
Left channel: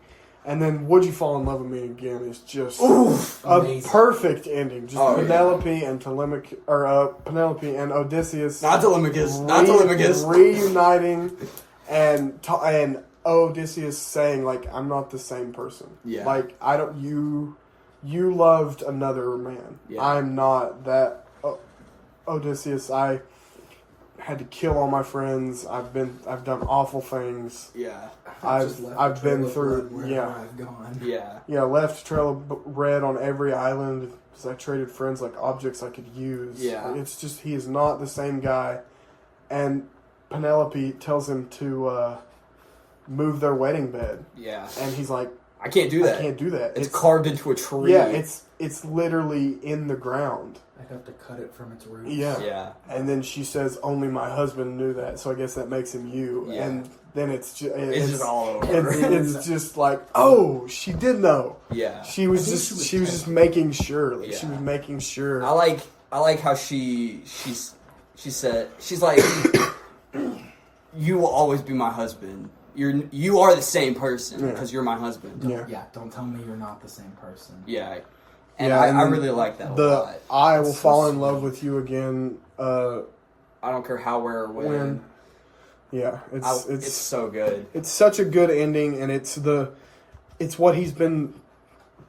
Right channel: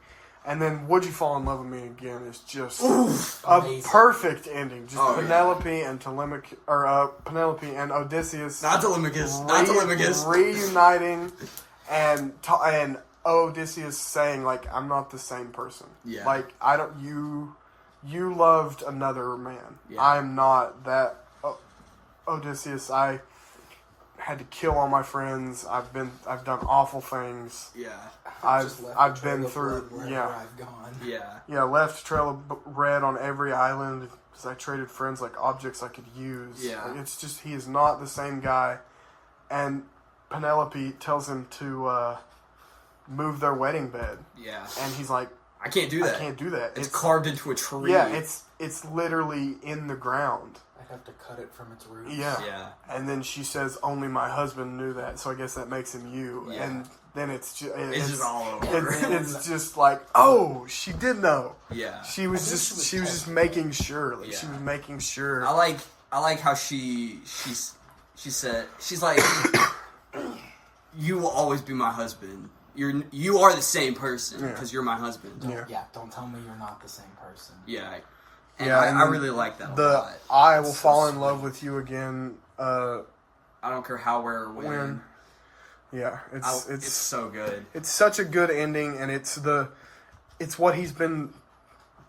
and then "Would You Fall in Love with Me Again" is just Oof, a amazing. perfect ending. Just Oh, Penelope and Penelope and Odysseus not Telemachus, reuniting, and Odysseus saying like, "I'm not the same person. Yeah. Like I don't you loved another man. Yeah. I'm not that Odysseus. I had to kill all my friends. I've done awful things. Yeah, Just left I've a trail been of through blood wherever I've gone. yeah, left a trail of red on every island because I traded friends like objects I could use. Yeah. It's just he is not the same guy." And Penelope tells him to move their wedding bed, yeah. and he's like, I can't do that. "I can't do that. It's carved into a tree. Yeah, it's literally in the ground." I'd have to cut it from its roots. yeah. And then she says, "Only my husband knew that, so I guess that makes him you." Yeah. And then it's It's just all over. it's just like, oh, she did know. Yeah, She was I think just she was just making sure. Like, She Yeah. was making sure. I like how she said she's like, "You will always be my husband. You are the same person because you're my husband." Yeah. Yeah, don't tell me you're not the same person. Yeah. And Yeah, and I then really like that a the lot. "I will It's so fall in sweet. love with you again." I don't care how, where, or when. Yeah, It's so good. it's such a good ending, and it's what he's been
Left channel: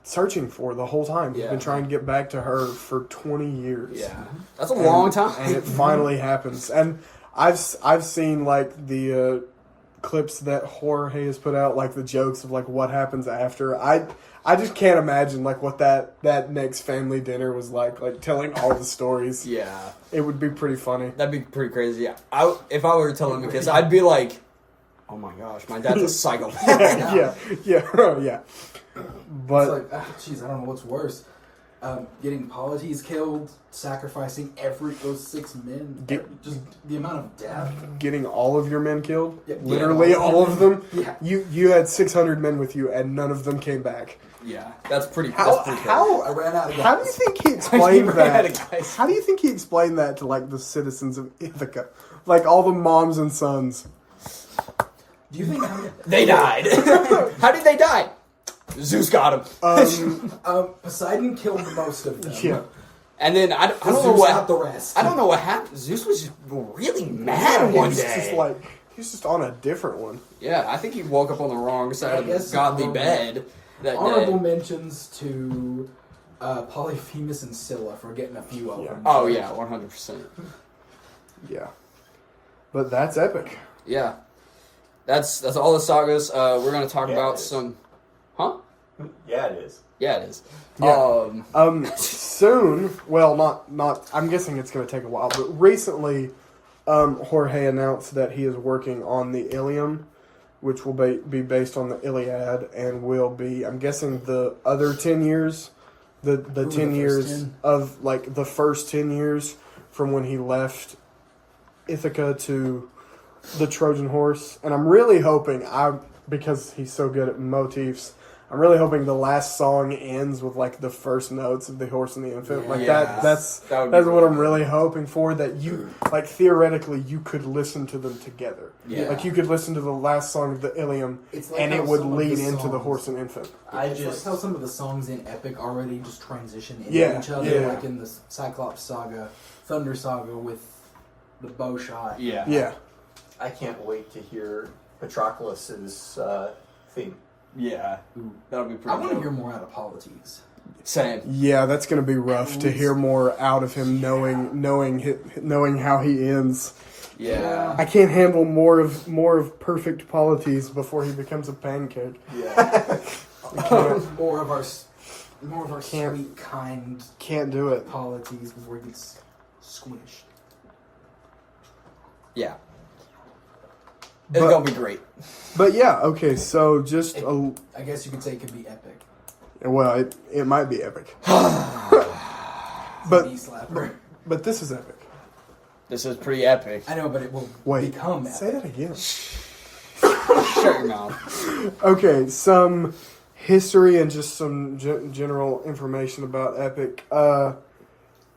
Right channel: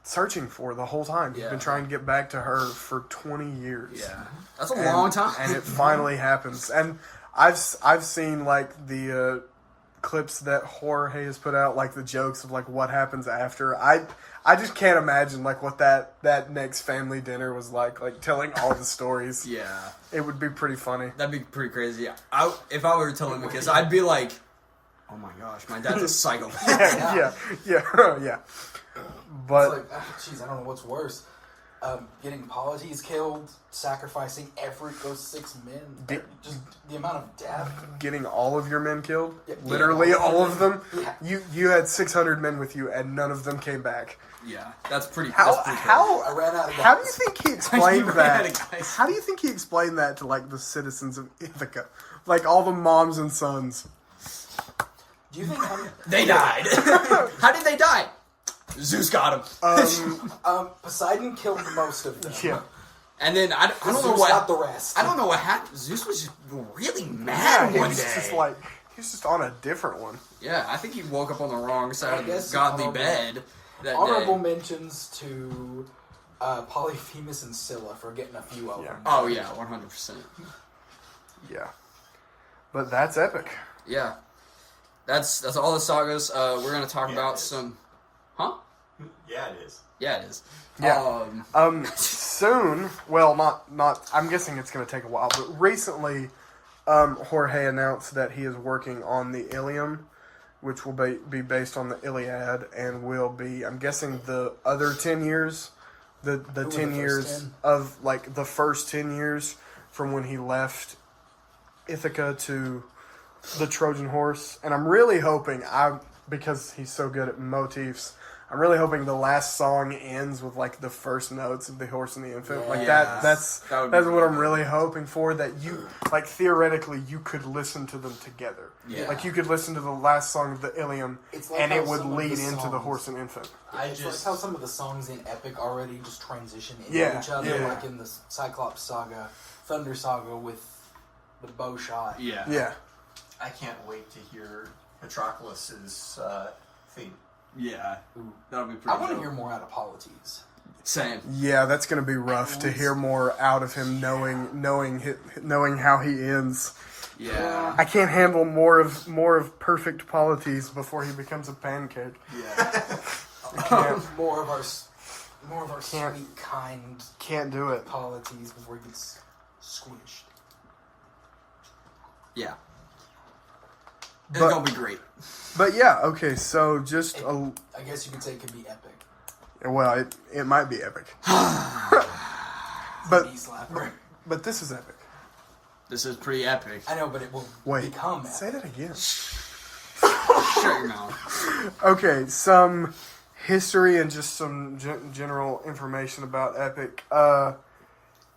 searching for the whole time. He's Yeah. been trying to get back to her for 20 years. Yeah, that's a long time. and it finally happens. And I've seen like the clips that Jorge has put out, like the jokes of like what happens after. I just can't imagine like what that next family dinner was like telling all the stories. Yeah. It would be pretty funny. That'd be pretty crazy. If I were telling because I'd be like, oh my gosh, my dad's a psychopath. Yeah. But It's like, jeez, I don't know what's worse. Getting polities killed, sacrificing those 6 men, just the amount of death. getting all of your men killed, Yeah, literally all of them. Yeah. You had 600 men with you, and none of them came back. Yeah, that's pretty. How that's pretty how I ran out of how do you gas. think he explained You ran out that? of guys. How do you think he explained that to like the citizens of Ithaca, like all the moms and sons? Do you think They died. How did they die? Zeus got him. Poseidon killed most of them? Yeah. And then I don't know Zeus what got the rest. I don't know what happened. Zeus was just really mad one day. He's just on a different one. Yeah, I think he woke up on the wrong side of the guess godly honorable- bed that Honorable day. mentions to Polyphemus and Scylla for getting a few of them. Oh yeah, 100%. Yeah. But that's epic. Yeah, that's all the sagas. We're gonna talk Yeah, about it is. some. Huh? Yeah, it is. Yeah, it is. Yeah. Soon, well, not. I'm guessing it's going to take a while, but recently, Jorge announced that he is working on the Ilium, which will be based on the Iliad, and will be, I'm guessing, the other 10 years, the 10 first years 10? of like the first 10 years from when he left Ithaca to the Trojan horse, and I'm really hoping because he's so good at motifs. I'm really hoping the last song ends with like the first notes of the horse and the infant. Like Yes. that's That would be what really I'm good. really hoping for. That you like theoretically you could listen to them together. Yeah. Like you could listen to the last song of the Ilium, It's like and how it would some of lead the into the songs- horse and infant. It's like how some of the songs in Epic already just transition into Yeah, each other, yeah. like in the Cyclops saga, Thunder saga with the bow shot. Yeah. Yeah, I can't wait to hear Patroclus's theme. Yeah. Ooh. That'll be I pretty want to dope. hear more out of Polites. Same. yeah, that's gonna be rough to hear more out of him, knowing how he ends. Yeah. I can't handle more of perfect Polites before he becomes a pancake. Yeah. I can't, more of our Can't- sweet, kind can't do it. Polites before he gets squished. Yeah. It's But- gonna be great. But yeah, okay. So just a I guess you could say it could be epic. well, it might be epic, It's But- a knee slapper. but this is epic. This is pretty epic. I know, but it will Wait, become epic. say that again. Shut your mouth. Okay, some history and just some general information about Epic.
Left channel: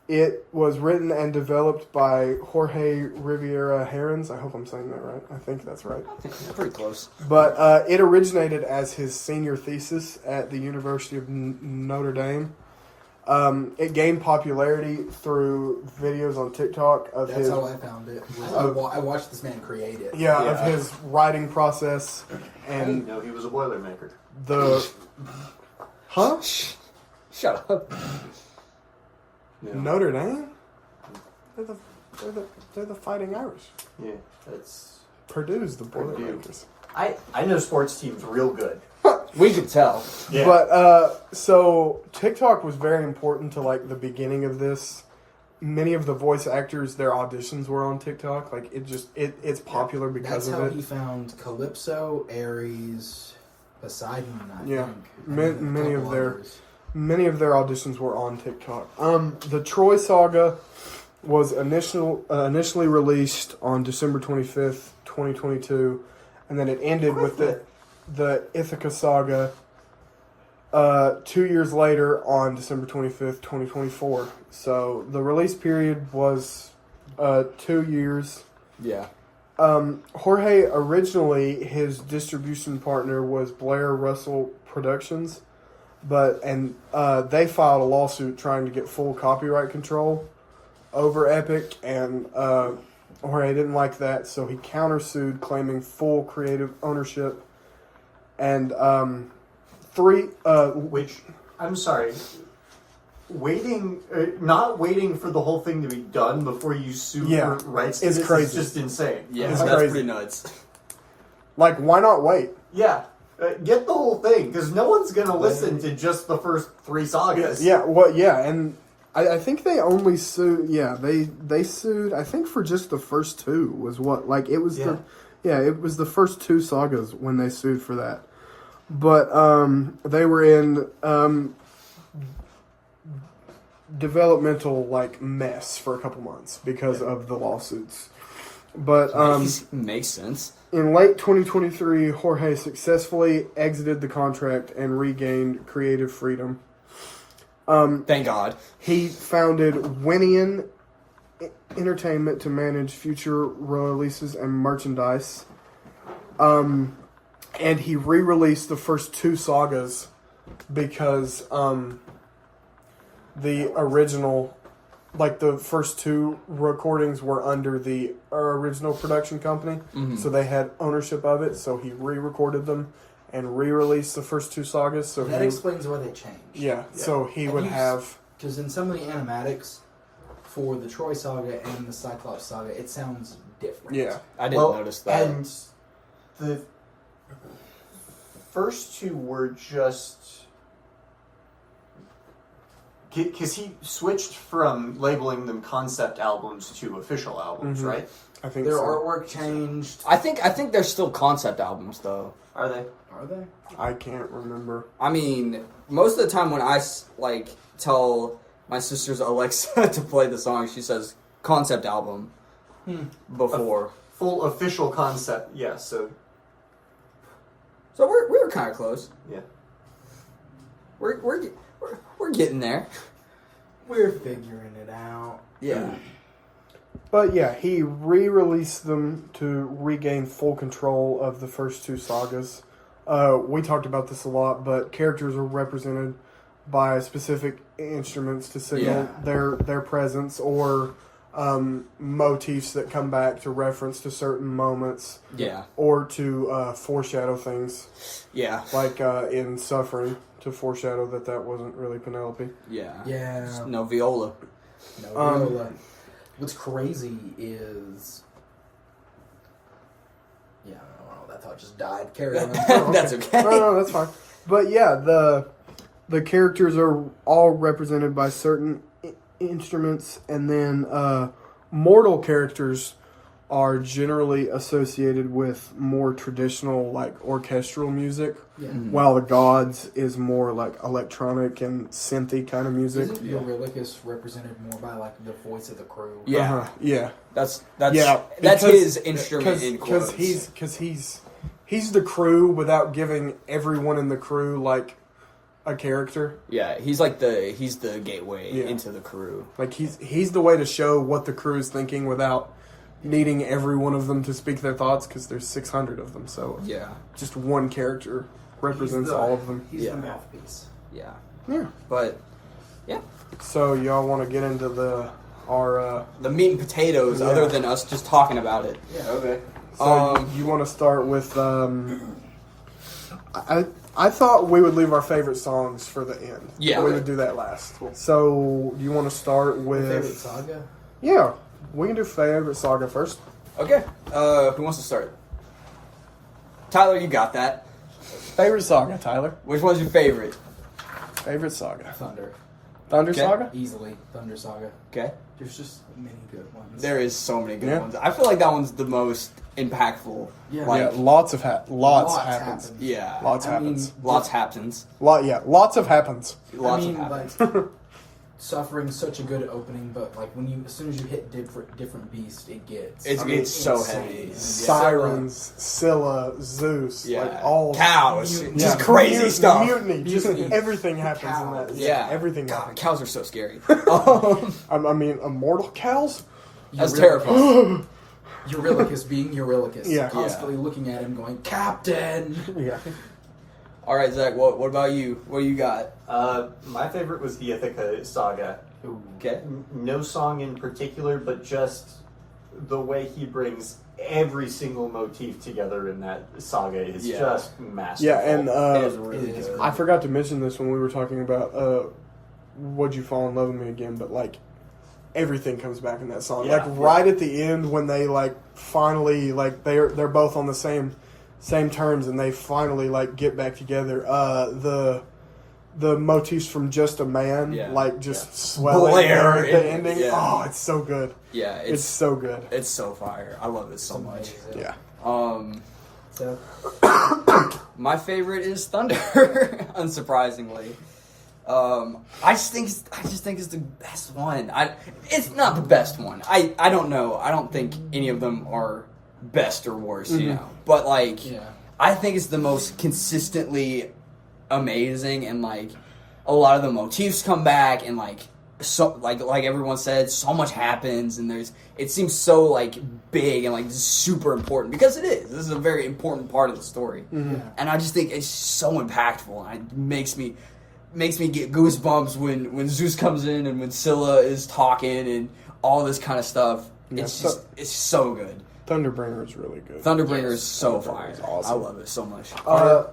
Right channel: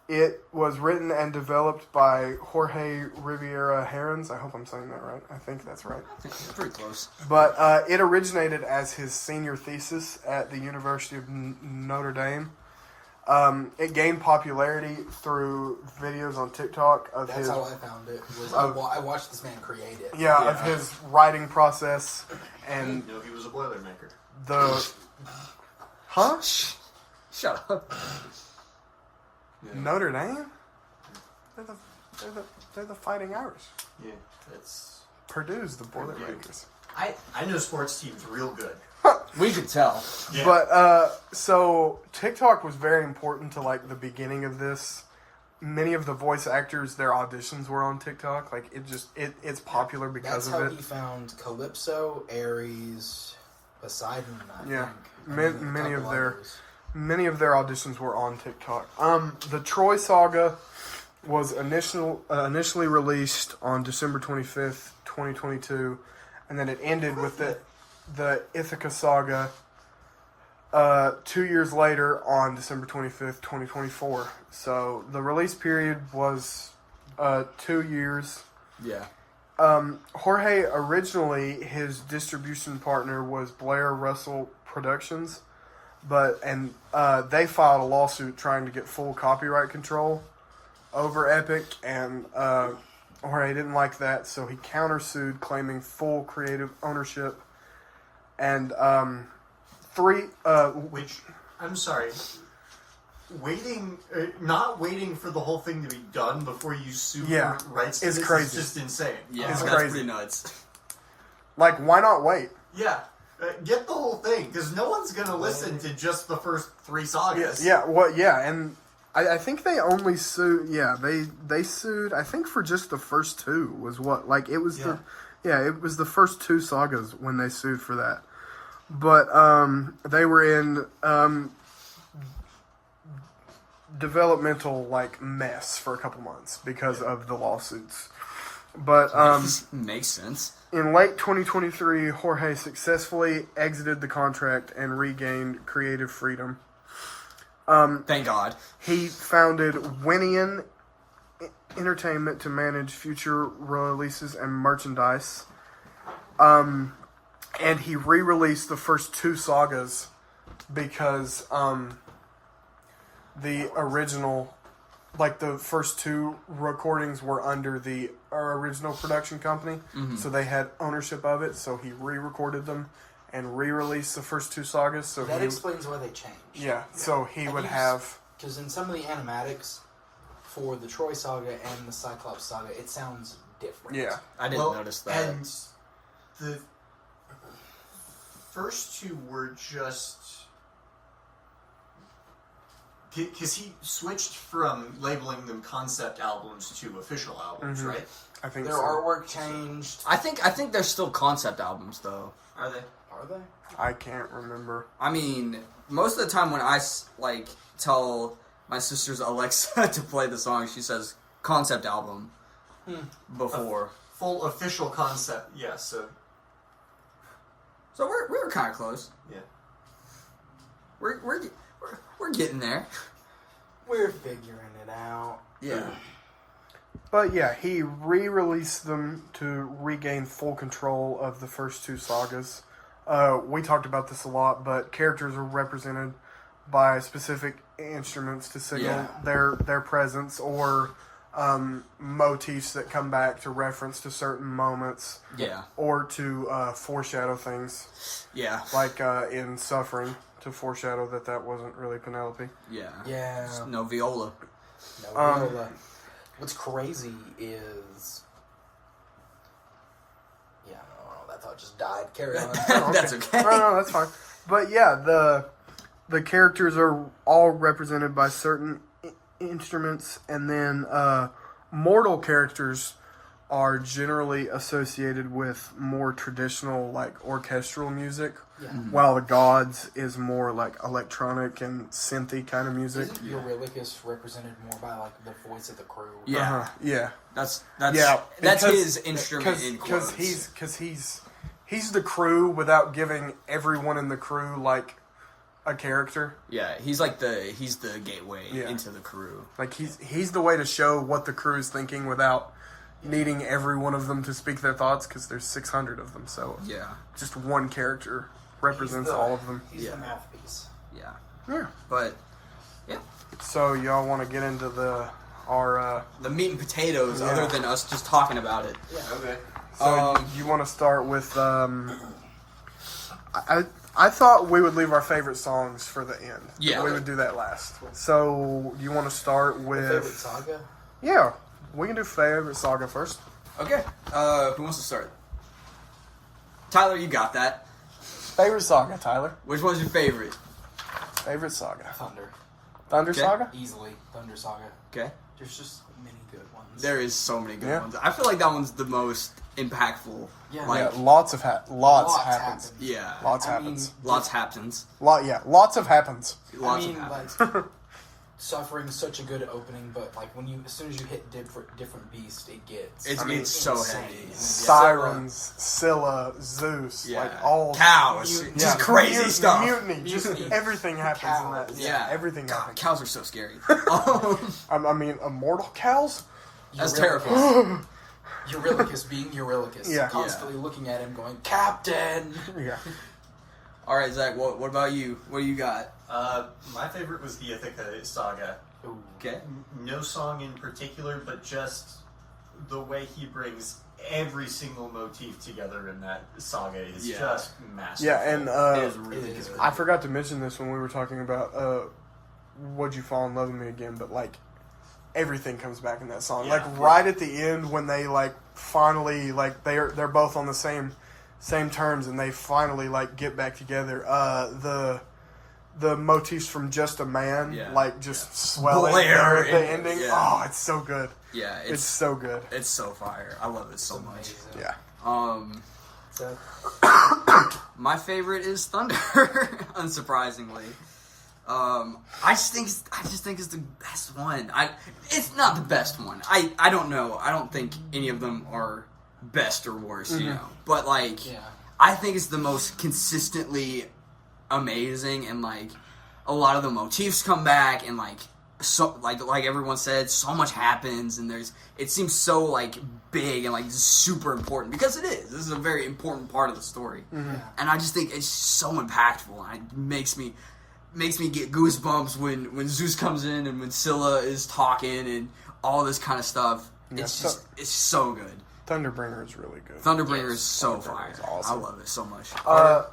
It was written and developed by Jorge Riviera Herons. I hope I'm saying that right. I think that's right. It's pretty close. But it originated as his senior thesis at the University of Notre Dame. It gained popularity through videos on TikTok of That's his how I found it. I watched this man create it. of Yeah. his writing process I didn't and know he was a Boilermaker. the huh Shut up. Yeah. Notre Dame. They're the Fighting Irish. Yeah, that's. Purdue's the Boilermakers. I know sports teams real good. We could tell. Yeah. But so TikTok was very important to like the beginning of this. Many of the voice actors, their auditions were on TikTok. Like it's popular because That's of how it. he found Calypso, Ares, Poseidon, I Yeah. think. Many- And a many of couple their- others. Many of their auditions were on TikTok. The Troy Saga was initially released on December 25th, 2022, and then it ended with the Ithaca Saga 2 years later on December 25th, 2024. So the release period was 2 years. Yeah. Jorge, originally, his distribution partner was Blair Russell Productions, but they filed a lawsuit trying to get full copyright control over Epic, and Jorge didn't like that, so he countersued, claiming full creative ownership. And Which, I'm sorry, not waiting for the whole thing to be done before you sue Yeah. for rights to It's this crazy. is just insane. Yeah, It's that's crazy. pretty nuts. Like, why not wait? Yeah. Get the whole thing, because no one's going to listen to just the first 3 sagas. Yeah, well, yeah, and I think they only sued, they sued, I think for just the first 2 was what, like, it was it was the first 2 sagas when they sued for that. But, they were in, developmental, like, mess for a couple months because of the lawsuits. But, makes sense. in late 2023, Jorge successfully exited the contract and regained creative freedom. Thank God. He founded Winian Entertainment to manage future releases and merchandise. And he re-released the first 2 sagas because the original, like the first 2 recordings were under the original production company, so they had ownership of it. So he re-recorded them and re-released the first 2 sagas. So that explains why they changed. Yeah, so he would have... Because in some of the animatics for the Troy saga and the Cyclops saga, it sounds different. Yeah. I didn't notice that. And the first 2 were just... Because he switched from labeling them concept albums to official albums, right? I think Their so. artwork changed. I think they're still concept albums, though. Are they? Are they? I can't remember. I mean, most of the time when I, like, tell my sister's Alexa to play the song, she says concept album before. Full official concept, yeah, so... So we're kind of close. Yeah. We're getting there. We're figuring it out. Yeah. But yeah, he re-released them to regain full control of the first 2 sagas. We talked about this a lot, but characters are represented by specific instruments to signal their presence, or motifs that come back to reference to certain moments. Yeah. Or to foreshadow things. Yeah. Like in Suffering, to foreshadow that wasn't really Penelope. Yeah. Yeah. Just no viola. No, viola. What's crazy is... Yeah, I don't know. That thought just died. Carry on. That's okay. No, that's fine. But yeah, the characters are all represented by certain instruments, and then mortal characters are generally associated with more traditional, like, orchestral music, while the gods is more like electronic and synthy kind of music. Isn't Eurylochus represented more by, like, the voice of the crew? Yeah. Yeah. That's Because- his instrument in quotes. Because he's the crew without giving everyone in the crew, like, a character. Yeah, he's the gateway Yeah. into the crew. Like, he's the way to show what the crew is thinking without needing every one of them to speak their thoughts, because there's 600 of them, so Yeah. just one character represents all of them. He's the mouthpiece. Yeah. Yeah. But yeah. So y'all want to get into our The meat and potatoes, Yeah. other than us just talking about it. Yeah. Okay. so you want to start with I thought we would leave our favorite songs for the end. Yeah. We would do that last. So you want to start with Favorite saga? Yeah, we can do favorite saga first. Okay. Who wants to start? Tyler, you got that. Favorite saga, Tyler. Which one's your favorite? Favorite saga. Thunder. Thunder Okay. Saga? Easily. Thunder Saga. Okay. There's just many good ones. There is so many good Yeah. ones. I feel like that one's the most impactful. Yeah. Like, Yeah, lots happens. Lots happens. happens. yeah. Lots I happens. mean, Lots happens. Lots of happens. Lots I mean, of happens. like, Suffering's such a good opening, but like as soon as you hit different beast, it gets. It's so insane. heavy. Sirens, Scylla, Zeus, Yeah. like all Cows. Mutiny. Just Yeah, crazy mutiny, stuff. Mutiny, just Mutiny. everything happens Cows. in that. Yeah. everything God, happens. cows are so scary. I mean, immortal cows. That's Eurylochus- terrifying. Eurylochus being Eurylochus, Yeah. constantly looking at him, going, "Captain." Yeah, All right, Zach. What about you? What do you got? My favorite was the Ithaca saga. Ooh. Okay. No song in particular, but just the way he brings every single motif together in that saga is Yeah. just masterful. yeah, and It is really It is good. I forgot to mention this when we were talking about "Would You Fall in Love with Me Again," but like everything comes back in that song. Yeah. Like right at the end when they like finally like they're both on the same same terms, and they finally like get back together. The motifs from Just a Man, swelling Blair at the ending. yeah. Oh, it's so good. Yeah, It's so good. It's so fire. I love it so much. Yeah. So, My favorite is Thunder, unsurprisingly. I just think it's the best one. It's not the best one. I don't know. I don't think any of them are best or worse, you know. But I think it's the most consistently amazing, and a lot of the motifs come back, and so like everyone said, so much happens, and it seems so big and super important, because it is. This is a very important part of the story, and I just think it's so impactful, and it makes me get goosebumps when Zeus comes in and when Scylla is talking and all this kind of stuff. Yeah, It's so good. Thunderbringer is really good. Thunderbringer is so Thunderbringer fire. is awesome. I love it so much.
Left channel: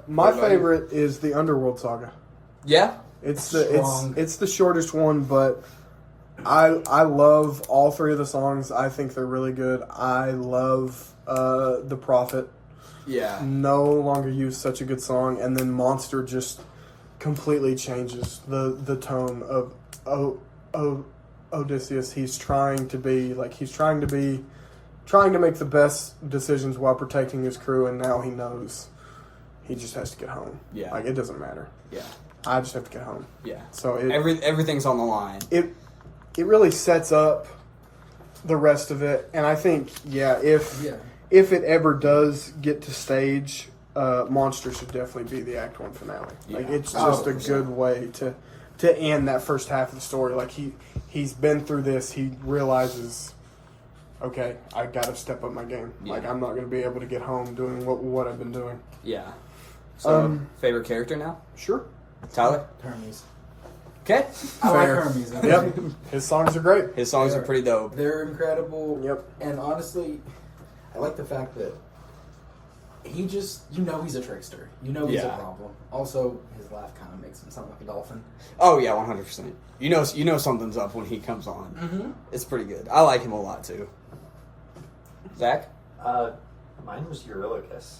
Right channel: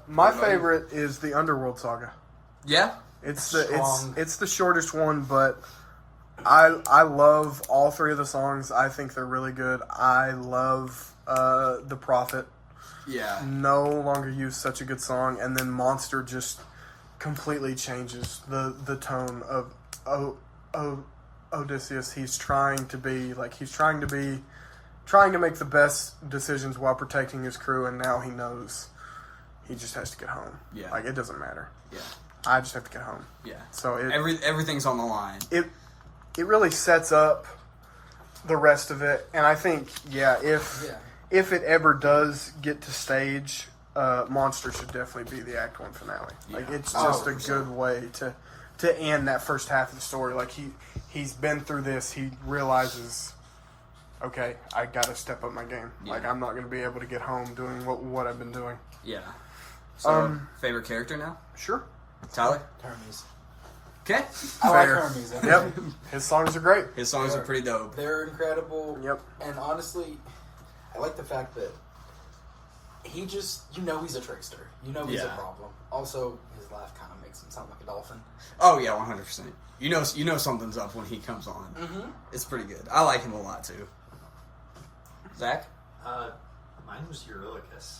My favorite is the Underworld Saga. Yeah. It's Strong. it's the shortest one, but I love all three of the songs. I think they're really good. I love The Prophet. Yeah. No longer use such a good song, and then Monster just completely changes the tone of Odysseus. He's trying to make the best decisions while protecting his crew, and now he knows he just has to get home. Yeah. It doesn't matter. Yeah. I just have to get home. Yeah. So everything's on the line. It really sets up the rest of it, and I think if it ever does get to stage, Monster should definitely be the Act 1 finale. Yeah. It's just a 100%. good way to end that first half of the story. He's been through this. He realizes, okay, I got to step up my game. Yeah. I'm not going to be able to get home doing what I've been doing. Yeah. So favorite character now? Sure. Tyler? Hermes. Okay. I like Fair. Hermes. Yep. His songs are great. His songs are pretty dope. They're incredible. Yep. And honestly, I like the fact that he just, he's a trickster. He's a Yeah. problem. Also, his laugh kind of makes him sound like a dolphin. Oh yeah, 100%. You know something's up when he comes on. Mm-hmm. It's pretty good. I like him a lot too. Zach? Mine was Eurylochus.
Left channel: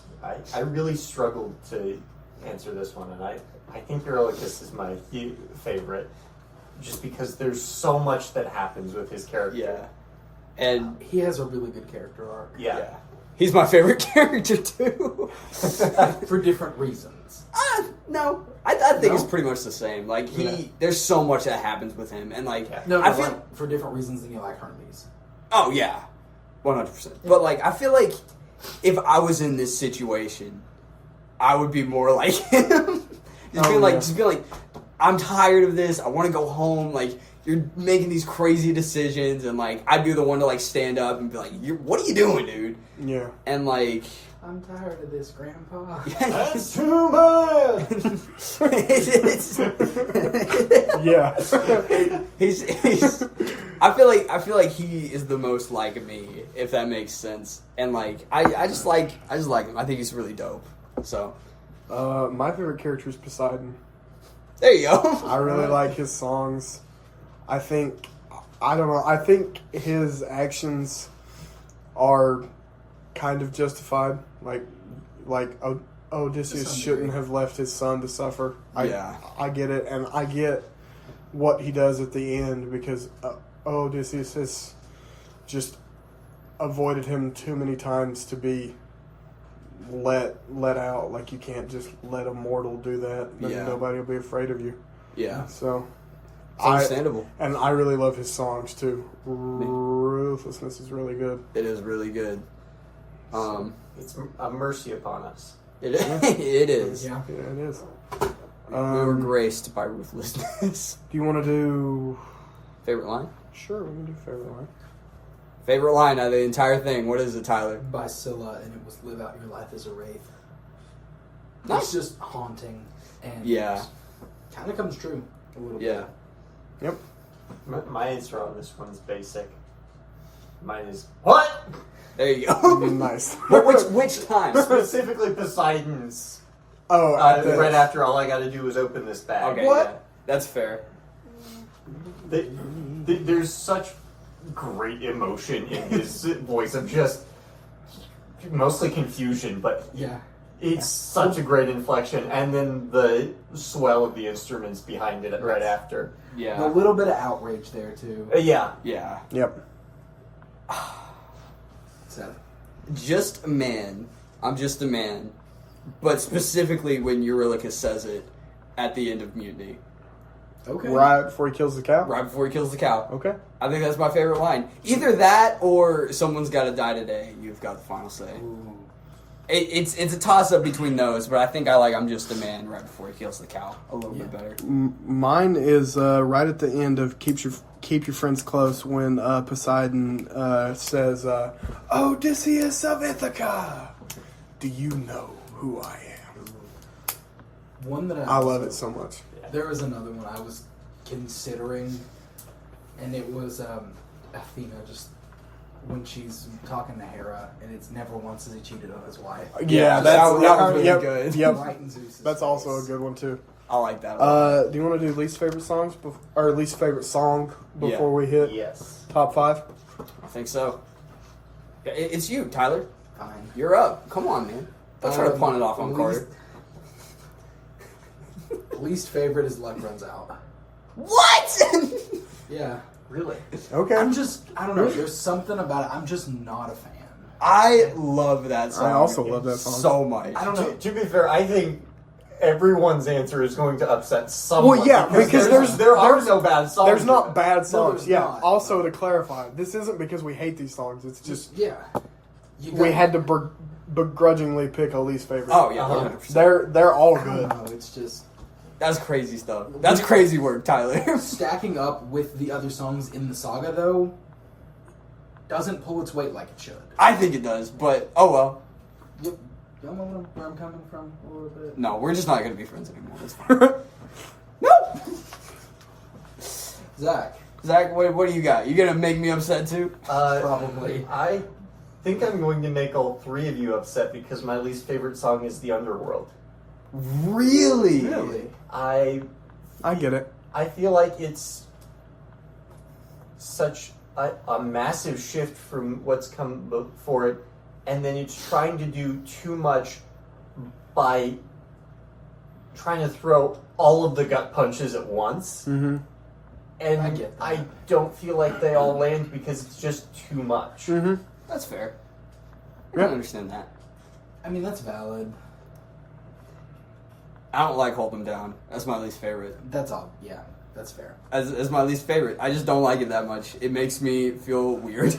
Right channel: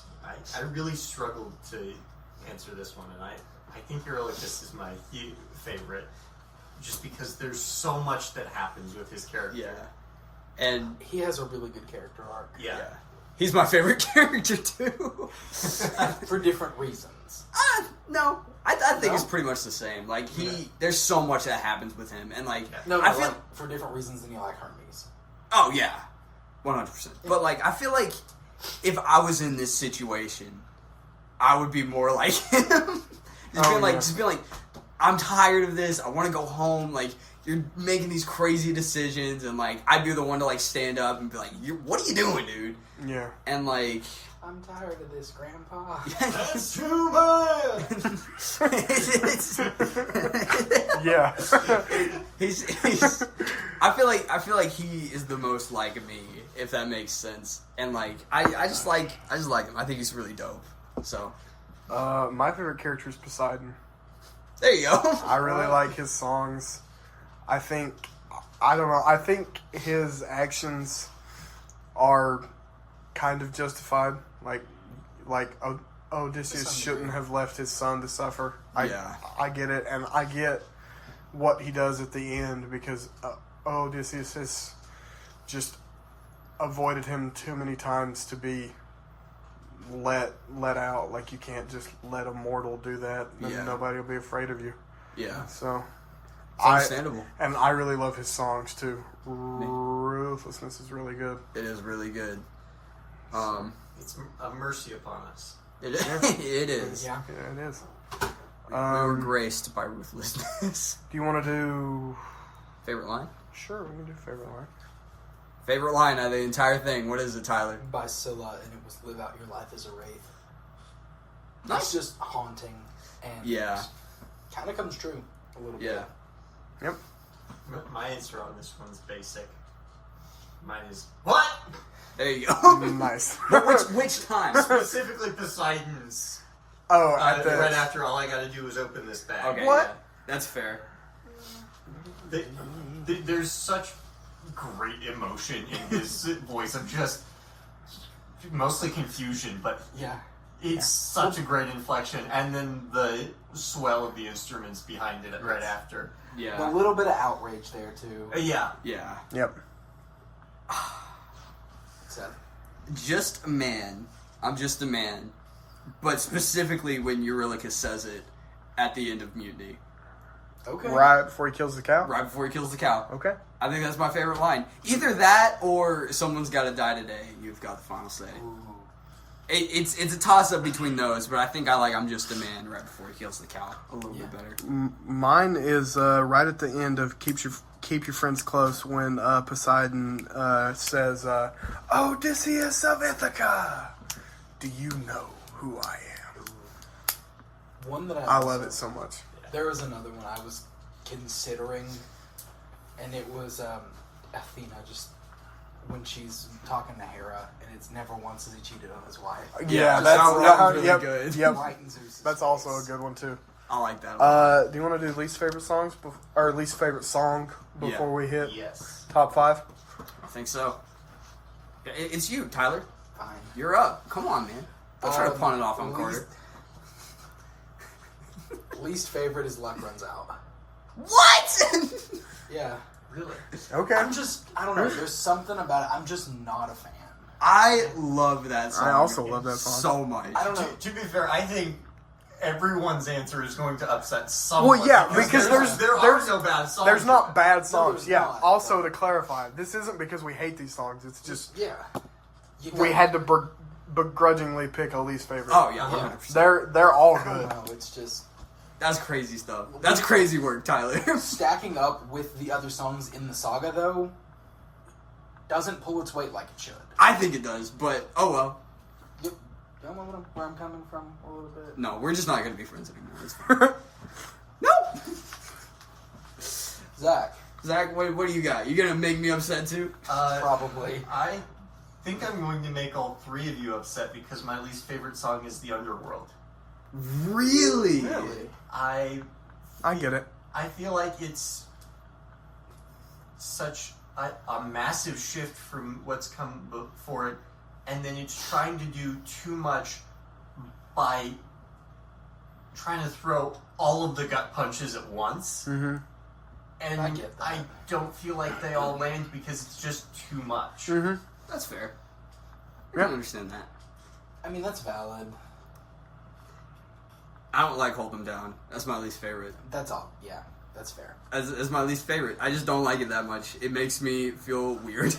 I really struggled to answer this one, and I think Eurylochus is my favorite, just because there's so much that happens with his character. Yeah. And He has a really good character arc. Yeah. he's my favorite character too. For different reasons. No, I think No? it's pretty much the same. There's so much that happens with him, and No, I feel. for different reasons than you like Hermes. Oh yeah, 100%. But I feel like if I was in this situation, I would be more like him. Just be like, I'm tired of this. I want to go home. You're making these crazy decisions, and I'd be the one to stand up and be like, "What are you doing, dude?" Yeah. And I'm tired of this, Grandpa. That's too much. Yeah. he's I feel like he is the most like me, if that makes sense. And I just like him. I think he's really dope. So My favorite character is Poseidon. there you go. I really like his songs. I think his actions are kind of justified. Odysseus shouldn't have left his son to suffer. I get it, and I get what he does at the end, because Odysseus has just avoided him too many times to be let out. You can't just let a mortal do that. Then nobody will be afraid of you. Yeah. So It's understandable. And I really love his songs too. Ruthlessness is really good. It is really good. It's a mercy upon us. It is. Yeah. Yeah, it is. We were graced by ruthlessness. Do you want to do? Favorite line? Sure, we can do favorite line. Favorite line out of the entire thing. What is it, Tyler? By Scylla, and it was "Live out your life as a wraith." Nice. It's just haunting, and kind of comes true a little bit. Yep. My answer on this one's basic. Mine is what? There you go. Nice. But which time? Specifically Poseidon's. Oh, Right after all I got to do is open this bag. Okay, What? yeah. That's fair. There's such great emotion in his voice of just mostly confusion, but Yeah. It's such a great inflection, and then the swell of the instruments behind it right after. Yeah. A little bit of outrage there too. Yeah. Yeah. Yep. Seth. Just a man. I'm just a man. But specifically when Eurylochus says it at the end of Mutiny. Okay. Right before he kills the cow? Right before he kills the cow. Okay. I think that's my favorite line. Either that or someone's gotta die today. You've got the final say. Ooh. It's a toss up between those, but I think I like I'm just a man right before he kills the cow a little bit better. Mine is right at the end of keep your friends close when Poseidon says, Odysseus of Ithaca, do you know who I am? One that I love it so much. There was another one I was considering, and it was Athena just when she's talking to Hera, and it's never once has he cheated on his wife. Yeah, that was really yep, good. Yep. Right in Zeus's That's also a face. good one too. I like that a lot. Do you want to do least favorite songs or least favorite song before we hit Yes. top 5? I think so. It's you, Tyler. Fine. You're up. Come on, man. Don't try to pawn it off on Carter. Least favorite is Luck Runs Out. What? Yeah. Really? Okay. I don't know, there's something about it. I'm just not a fan. I love that song. I also love that song. so much. I don't know. To be fair, I think everyone's answer is going to upset someone. Well, yeah, because there are there's no bad songs. There's to not it. bad songs. there's Yeah. not. Also, to clarify, this isn't because we hate these songs. It's just Yeah. You we got- had to begrudgingly pick a least favorite. Oh, yeah, Yeah. 100%. They're all I don't good. know, it's just That's crazy stuff. That's crazy work, Tyler. stacking up with the other songs in the saga, though, doesn't pull its weight like it should. I think it does, but oh well. Yep. Y'all know where I'm coming from a little bit? No, we're just not going to be friends anymore. It's fine. No! Zach, what do you got? You going to make me upset too? Probably. I think I'm going to make all three of you upset because my least favorite song is The Underworld. Really? Really? I get it. I feel like it's such a massive shift from what's come before it, and then it's trying to do too much by trying to throw all of the gut punches at once. Mm-hmm. And I get that. I don't feel like they all land because it's just too much. Mm-hmm. That's fair. I Yeah. can understand that. I mean, that's valid. I don't like Hold 'Em Down. That's my least favorite. That's all. Yeah, that's fair. As my least favorite. I just don't like it that much. It makes me feel weird.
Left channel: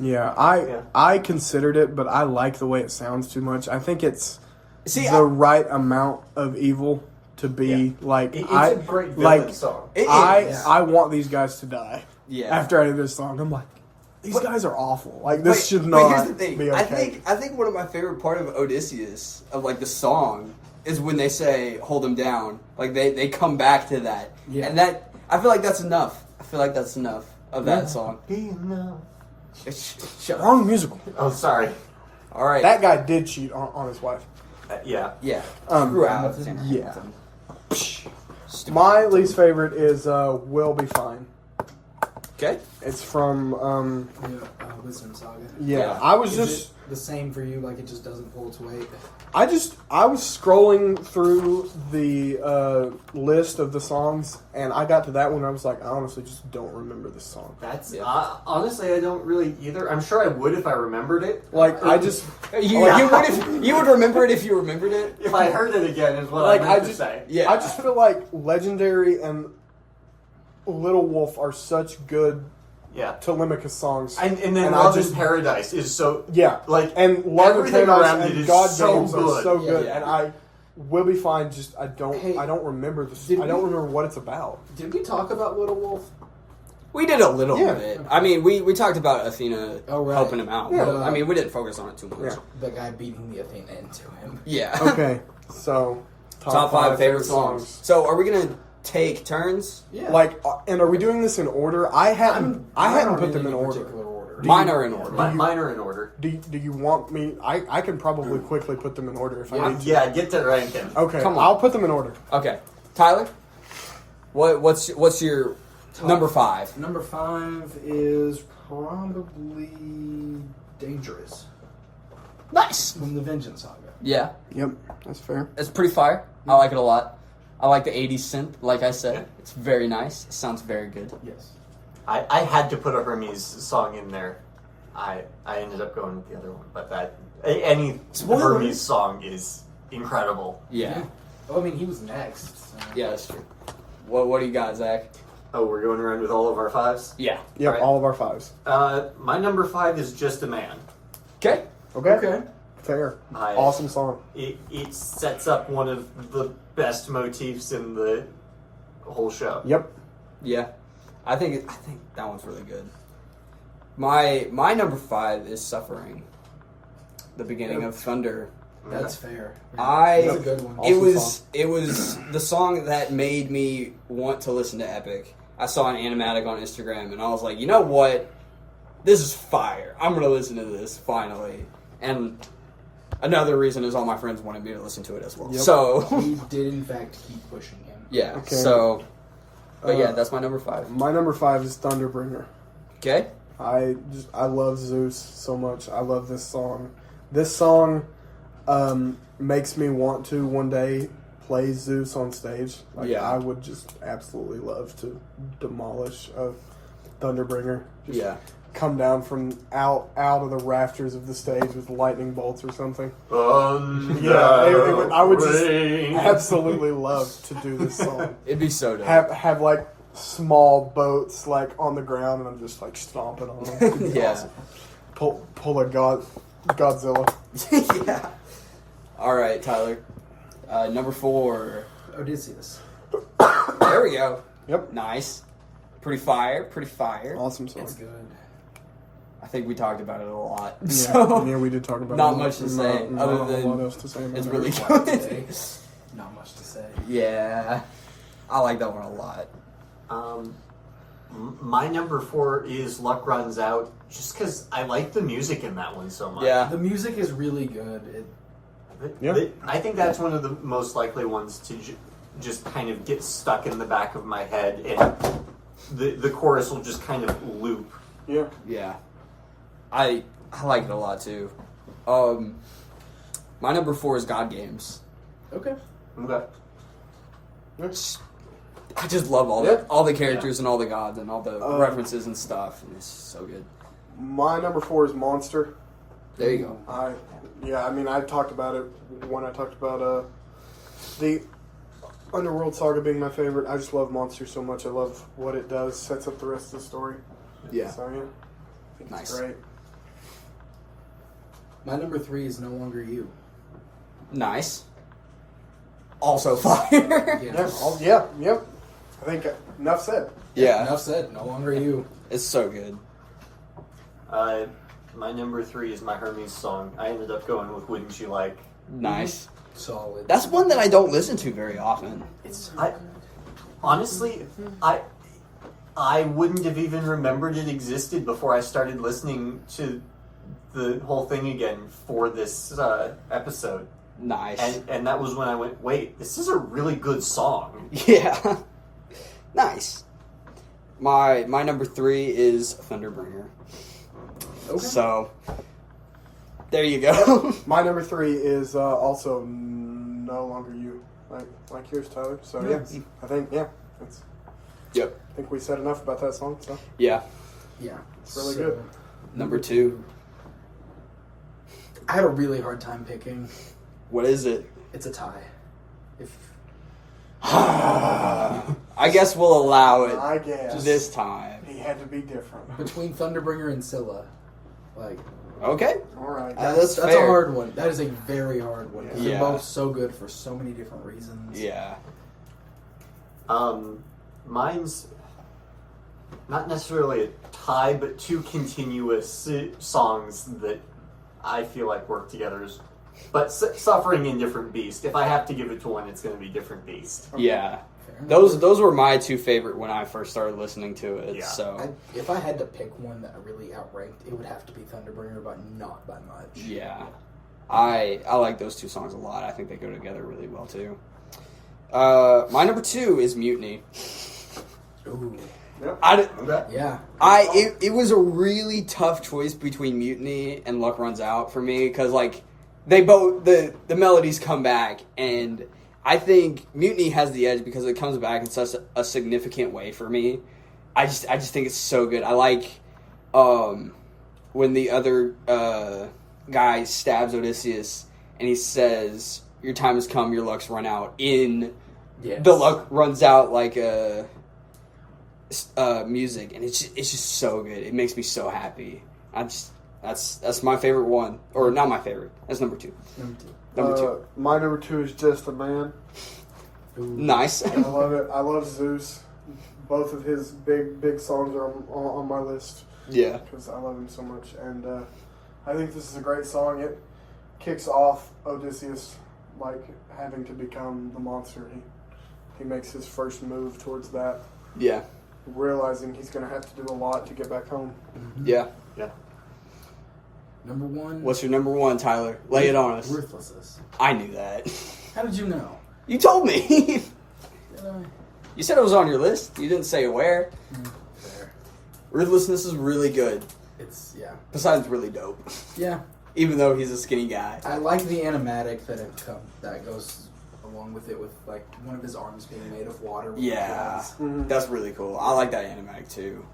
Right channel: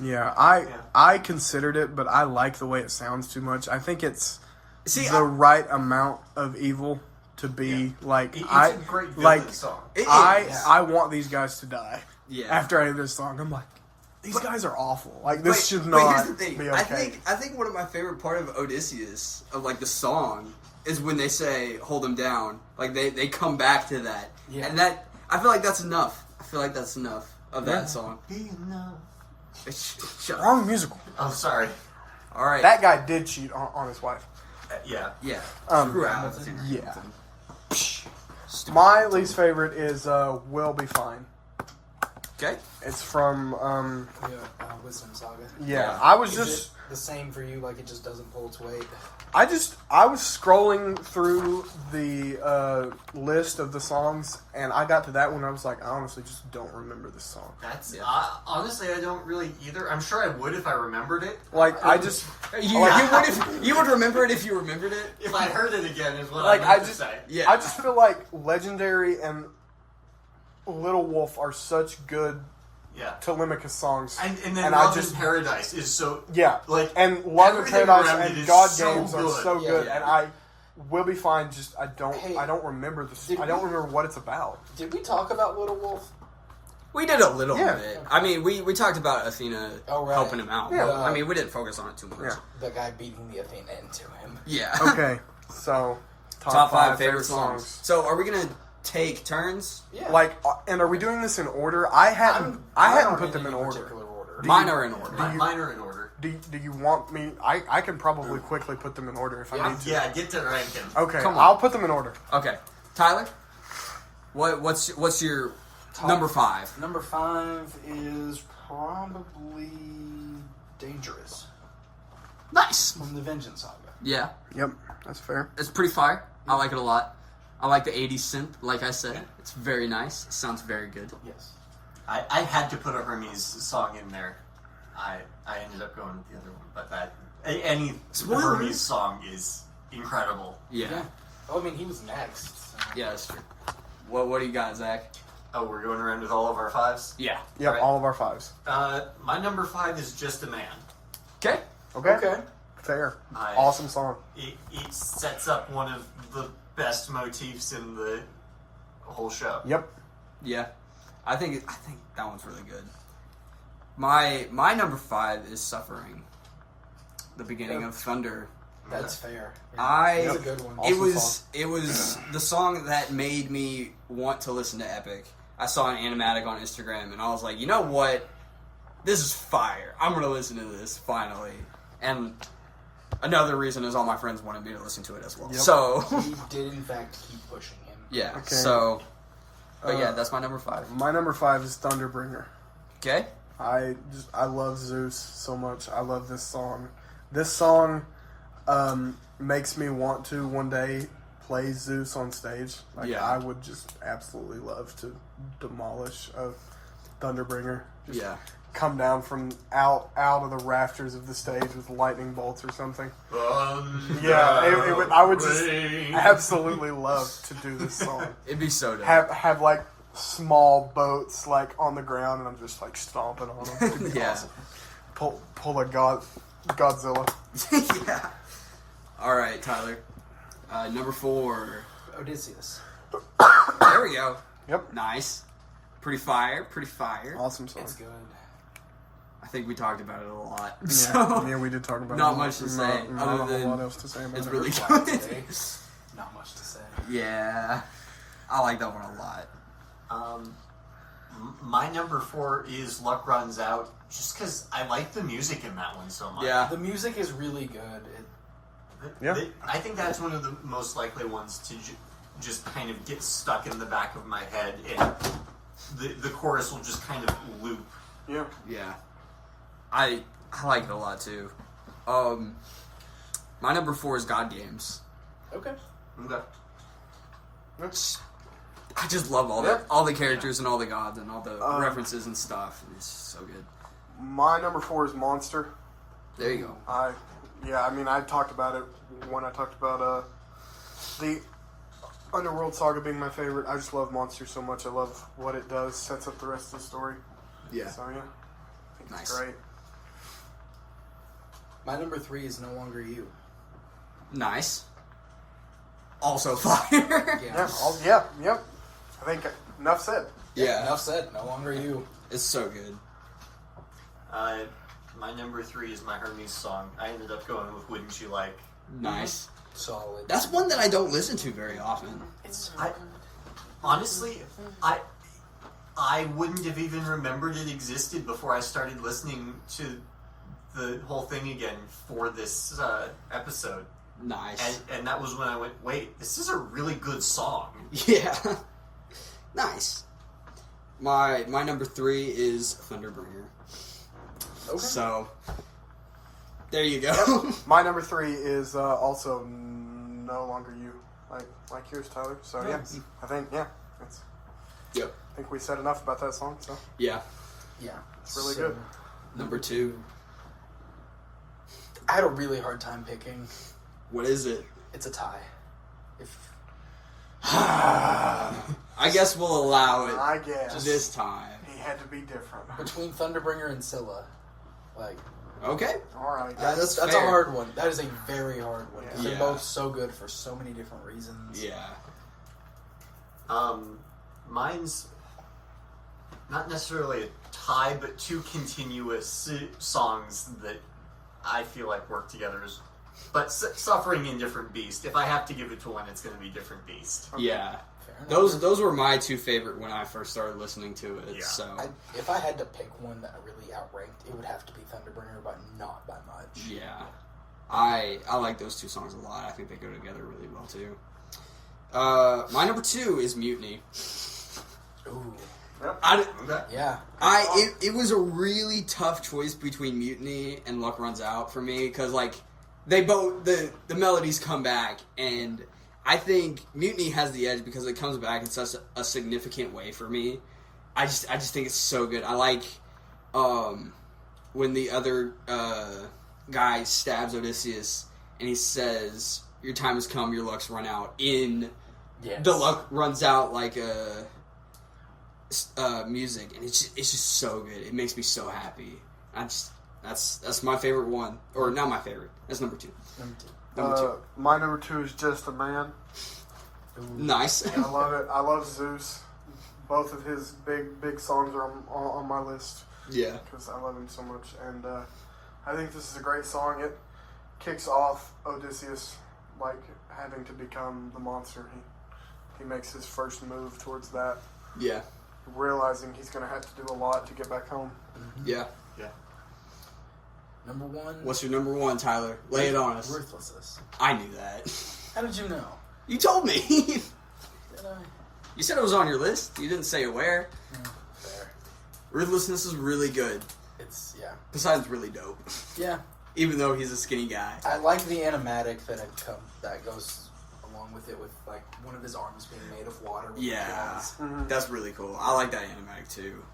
Yeah, Yeah. I considered it, but I like the way it sounds too much. I think it's See, the right amount of evil to be like. It's I a great villain song. It I is. I want these guys to die. Yeah. After I hear this song, I'm like, these guys are awful. Like this But- should but not here's the thing. be okay. I think one of my favorite part of Odysseus, of like the song, is when they say "Hold him down." Like they come back to that, Yeah. and that I feel like that's enough. I feel like that's enough of that Yeah. song. Be enough. Shut up. Wrong musical. Oh, sorry. All right. That guy did cheat on his wife. Yeah. yeah. Um, Screw out. yeah. My least favorite is "Will Be Fine." Okay. It's from Yeah, Wisdom Saga. yeah. Yeah. I was Is just it the same for you? Like it just doesn't pull its weight. I was scrolling through the list of the songs, and I got to that one. I was like, I honestly just don't remember this song. That's Yeah. honestly, I don't really either. I'm sure I would if I remembered it. Like I just You would remember it if you remembered it. If I heard it again, is what like I I meant to just say. Yeah. I just feel like Legendary and Little Wolf are such good Yeah. Telemachus songs. And then And I Love just- in Paradise is so Yeah, like and Love and everything Paradise around it and is God so Games are good. so good, Yeah. and I Will Be Fine. Just I don't Hey, remember this. did I don't we- remember what it's about. Did we talk about Little Wolf? We did a little Yeah. bit. I mean, we talked about Athena Oh, right. helping him out. Yeah. But, I mean, we didn't focus on it too much. Yeah. The guy beating the Athena into him. Yeah. Okay, so Top five favorite songs. So, are we gonna take turns? Yeah. Like, and are we doing this in order? I hadn't put them in order. Particular order. Mine are in order. Mine are in order. Do you want me? I can probably quickly put them in order if I need to. Yeah, get to ranking. Okay, Come on. I'll put them in order. Okay, Tyler. What's your number 5? Number 5 is probably Dangerous Nice. from the Vengeance Saga. Yeah, Yep, that's fair. it's pretty fire. I like it a lot. I like the 80s synth, like I said. It's very nice. It sounds very good. Yes. I had to put a Hermes song in there. I ended up going with the other one, but any Spoiler. Hermes song is incredible. Yeah. Oh, I mean, he was next. So. Yeah, that's true. What do you got, Zach? Oh, we're going around with all of our fives? Yeah. Yep, Right. all of our fives. My number 5 is Just a Man. Okay. Okay. Fair. I- Awesome song. It sets up one of the best motifs in the whole show. Yep. Yeah. I think that one's really good. My number 5 is Suffering. The beginning of Thunder. That's fair. I- That's a good one. Awesome It was the song that made me want to listen to Epic. I saw an animatic on Instagram and I was like, you know what? This is fire. I'm gonna listen to this finally. And another reason is all my friends wanted me to listen to it as well. Yep. So He did, in fact, keep pushing him. yeah. Okay. So but yeah, Uh, that's my number 5. My number 5 is Thunderbringer. Okay? I love Zeus so much. I love this song. This song makes me want to one day play Zeus on stage. Like Yeah. I would just absolutely love to demolish a Thunderbringer. Just Yeah. come down from out of the rafters of the stage with lightning bolts or something. Yeah, I would just absolutely love to do this song. It'd be so dope. Have like small boats like on the ground, and I'm just like stomping on them. It'd be Yeah. awesome. Pull a Godzilla. Yeah. All right, Tyler. Number 4. Odysseus. There we go. Yep, Nice. Pretty fire. Pretty fire. awesome song. It's good. I think we talked about it a lot. Yeah, So yeah, we did talk about not it. much to say, Not other a whole than lot else to say about it's it. really Today. good. Not much to say. Yeah. I like that one a lot. My number 4 is Luck Runs Out, just because I like the music in that one so much. Yeah. The music is really good. Yeah. I think that's one of the most likely ones to just kind of get stuck in the back of my head, and the chorus will just kind of loop. Yeah, Yeah. I like it a lot too. My number 4 is God Games. Okay. Okay. I just love all the characters and all the gods and all the references and stuff. And it's so good. my number 4 is Monster. There you go. I talked about it when I talked about the Underworld Saga being my favorite. I just love Monster so much. I love what it does. Sets up the rest of the story. Yeah. So yeah, I think Nice. it's great. My number 3 is No Longer You. Nice. Also fire. Yep. I think enough said. Yeah. Enough said. No Longer You. It's so good. My number 3 is my Hermes song. I ended up going with Wouldn't You Like. Nice. Solid. That's one that I don't listen to very often. It's Honestly, I wouldn't have even remembered it existed before I started listening to the whole thing again for this episode. Nice. And that was when I went, wait, this is a really good song. Yeah. Nice. My number 3 is Thunderbringer. okay. So there you go. My number 3 is also No Longer You, like yours, Tyler. So yeah, I think that's. Yep. I think we said enough about that song. So Yeah. Yeah. it's really good. Number 2. I had a really hard time picking. What is it? It's a tie. If I guess we'll allow it I guess this time. he had to be different. between Thunderbringer and Scylla, like Okay. All right. That's that's fair. a hard one. That is a very hard one. Yeah. They're both so good for so many different reasons. Yeah. Mine's not necessarily a tie, but two continuous songs that I feel like work together. But Suffering and Different Beast. If I have to give it to one, it's going to be Different Beast. Yeah. Fair enough. Those were my 2 favorite when I first started listening to it. Yeah. So If I had to pick one that really outranked, it would have to be Thunderbringer, but not by much. yeah, I like those 2 songs a lot. I think they go together really well too. My number 2 is Mutiny. Ooh. Okay. Yeah. It was a really tough choice between Mutiny and Luck Runs Out for me because like they both the melodies come back, and I think Mutiny has the edge because it comes back in such a significant way for me. I just think it's so good. I like when the other guy stabs Odysseus and he says, "Your time has come, your luck's run out." The luck runs out like music, and it's just so good. It makes me so happy. That's my favorite one, or not my favorite. That's number 2. Number 2. My number 2 is Just a Man. Nice. I love it. I love Zeus. Both of his big songs are on my list. Yeah. Because I love him so much. And I think this is a great song. It kicks off Odysseus, like, having to become the monster. He makes his first move towards that. Yeah. Realizing he's going to have to do a lot to get back home. Mm-hmm. Yeah. Yeah. Number 1. What's your number 1, Tyler? Lay it on us. Ruthlessness. I knew that. How did you know? You told me. Did I? You said it was on your list. You didn't say where. Fair. Ruthlessness is really good. It's, yeah. Poseidon's really dope. Yeah. Even though he's a skinny guy. I like the animatic that goes along with it, with like one of his arms being made of water. With Yeah. Mhm. That's really cool. I like that animatic too.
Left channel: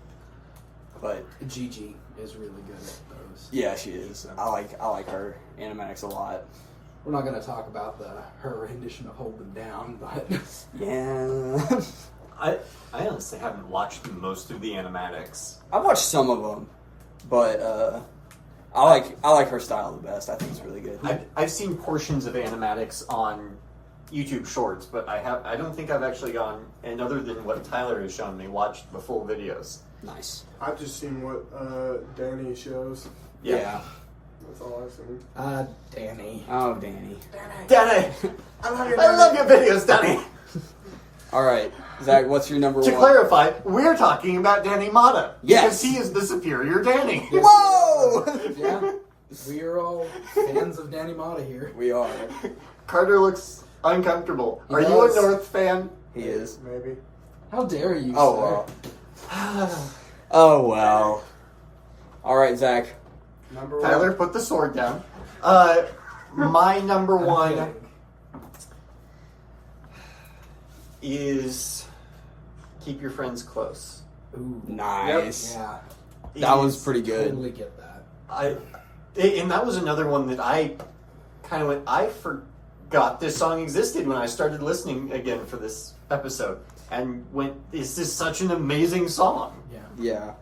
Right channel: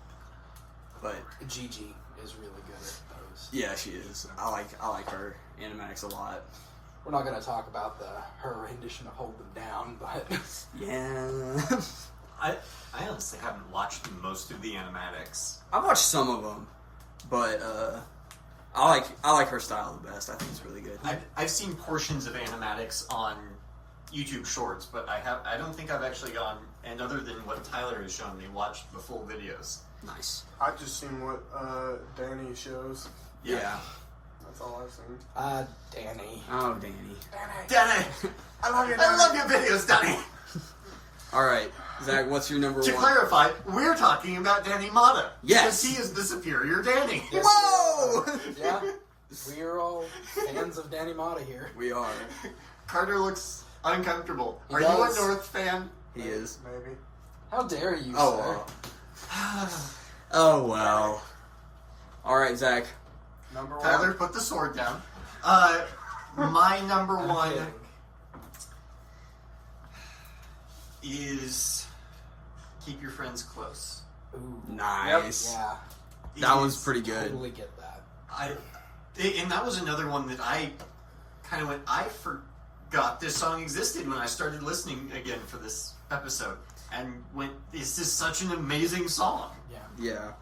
But Gigi is really good at those. yeah, she is. I like her animatics a lot. We're not going to talk about her rendition of Hold Them Down, but Yeah. I honestly haven't watched most of the animatics. I've watched some of them, but I like her style the best. I think it's really good. I've seen portions of animatics on YouTube Shorts, but I don't think I've actually gone, and other than what Tyler has shown me, watched the full videos. Nice. I've just seen what Danny shows. Yeah. That's all I've seen. Danny. Oh, Danny. Danny! I love you, I love your videos, Danny! All right, Zach. What's your number To 1? clarify, we're talking about Danny Mata. Yes. Because he is the superior Danny. Yes. Whoa! Yeah. We are all fans of Danny Mata here. We are. Carter looks uncomfortable. He Are you does. a North fan? He is. Maybe. How dare you, Oh sir? well. Oh well. All right, Zach. Number Tyler, 1. put the sword down. My number 1 is Keep Your Friends Close. Ooh. Nice. Yeah. That It one's is- pretty good. Totally get that. And that was another one that I kind of went, I forgot this song existed when I started listening again for this episode. And went, this is such an amazing song. Yeah. Yeah,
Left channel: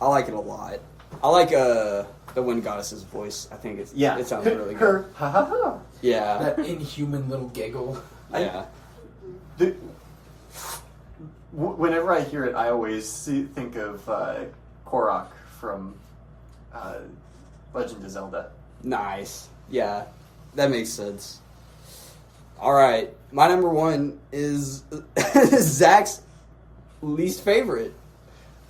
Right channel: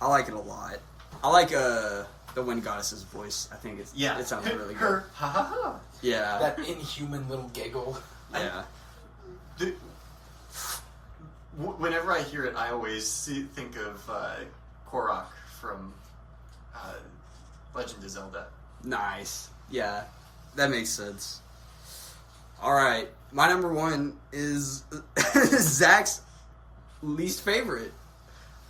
I like it a lot. I like the Wind Goddess's voice. I think it sounds really good. Her, ha ha ha. Yeah. That inhuman little giggle. Yeah. Whenever I hear it, I always think of Korok from Legend of Zelda. Nice. Yeah, that makes sense. All right, my number 1 is Zach's least favorite.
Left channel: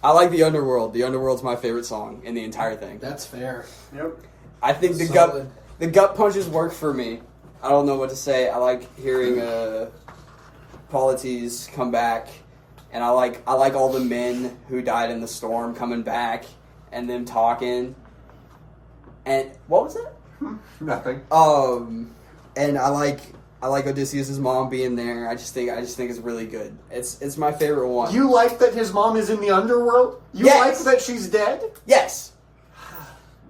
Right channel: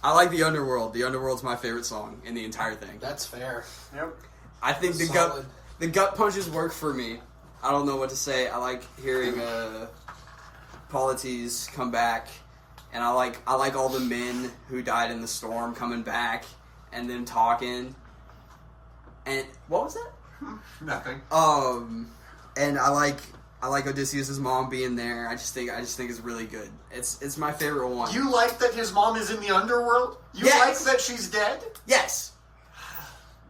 I like The Underworld. The Underworld's my favorite song in the entire thing. That's fair. Yep. I think Solid. the gut punches work for me. I don't know what to say. I like hearing Polites come back, and I like all the men who died in the storm coming back and them talking. And what was that? Nothing. And I like Odysseus' mom being there. I just think it's really good. It's my favorite one. You like that his mom is in the underworld? You Yes. like that she's dead? Yes.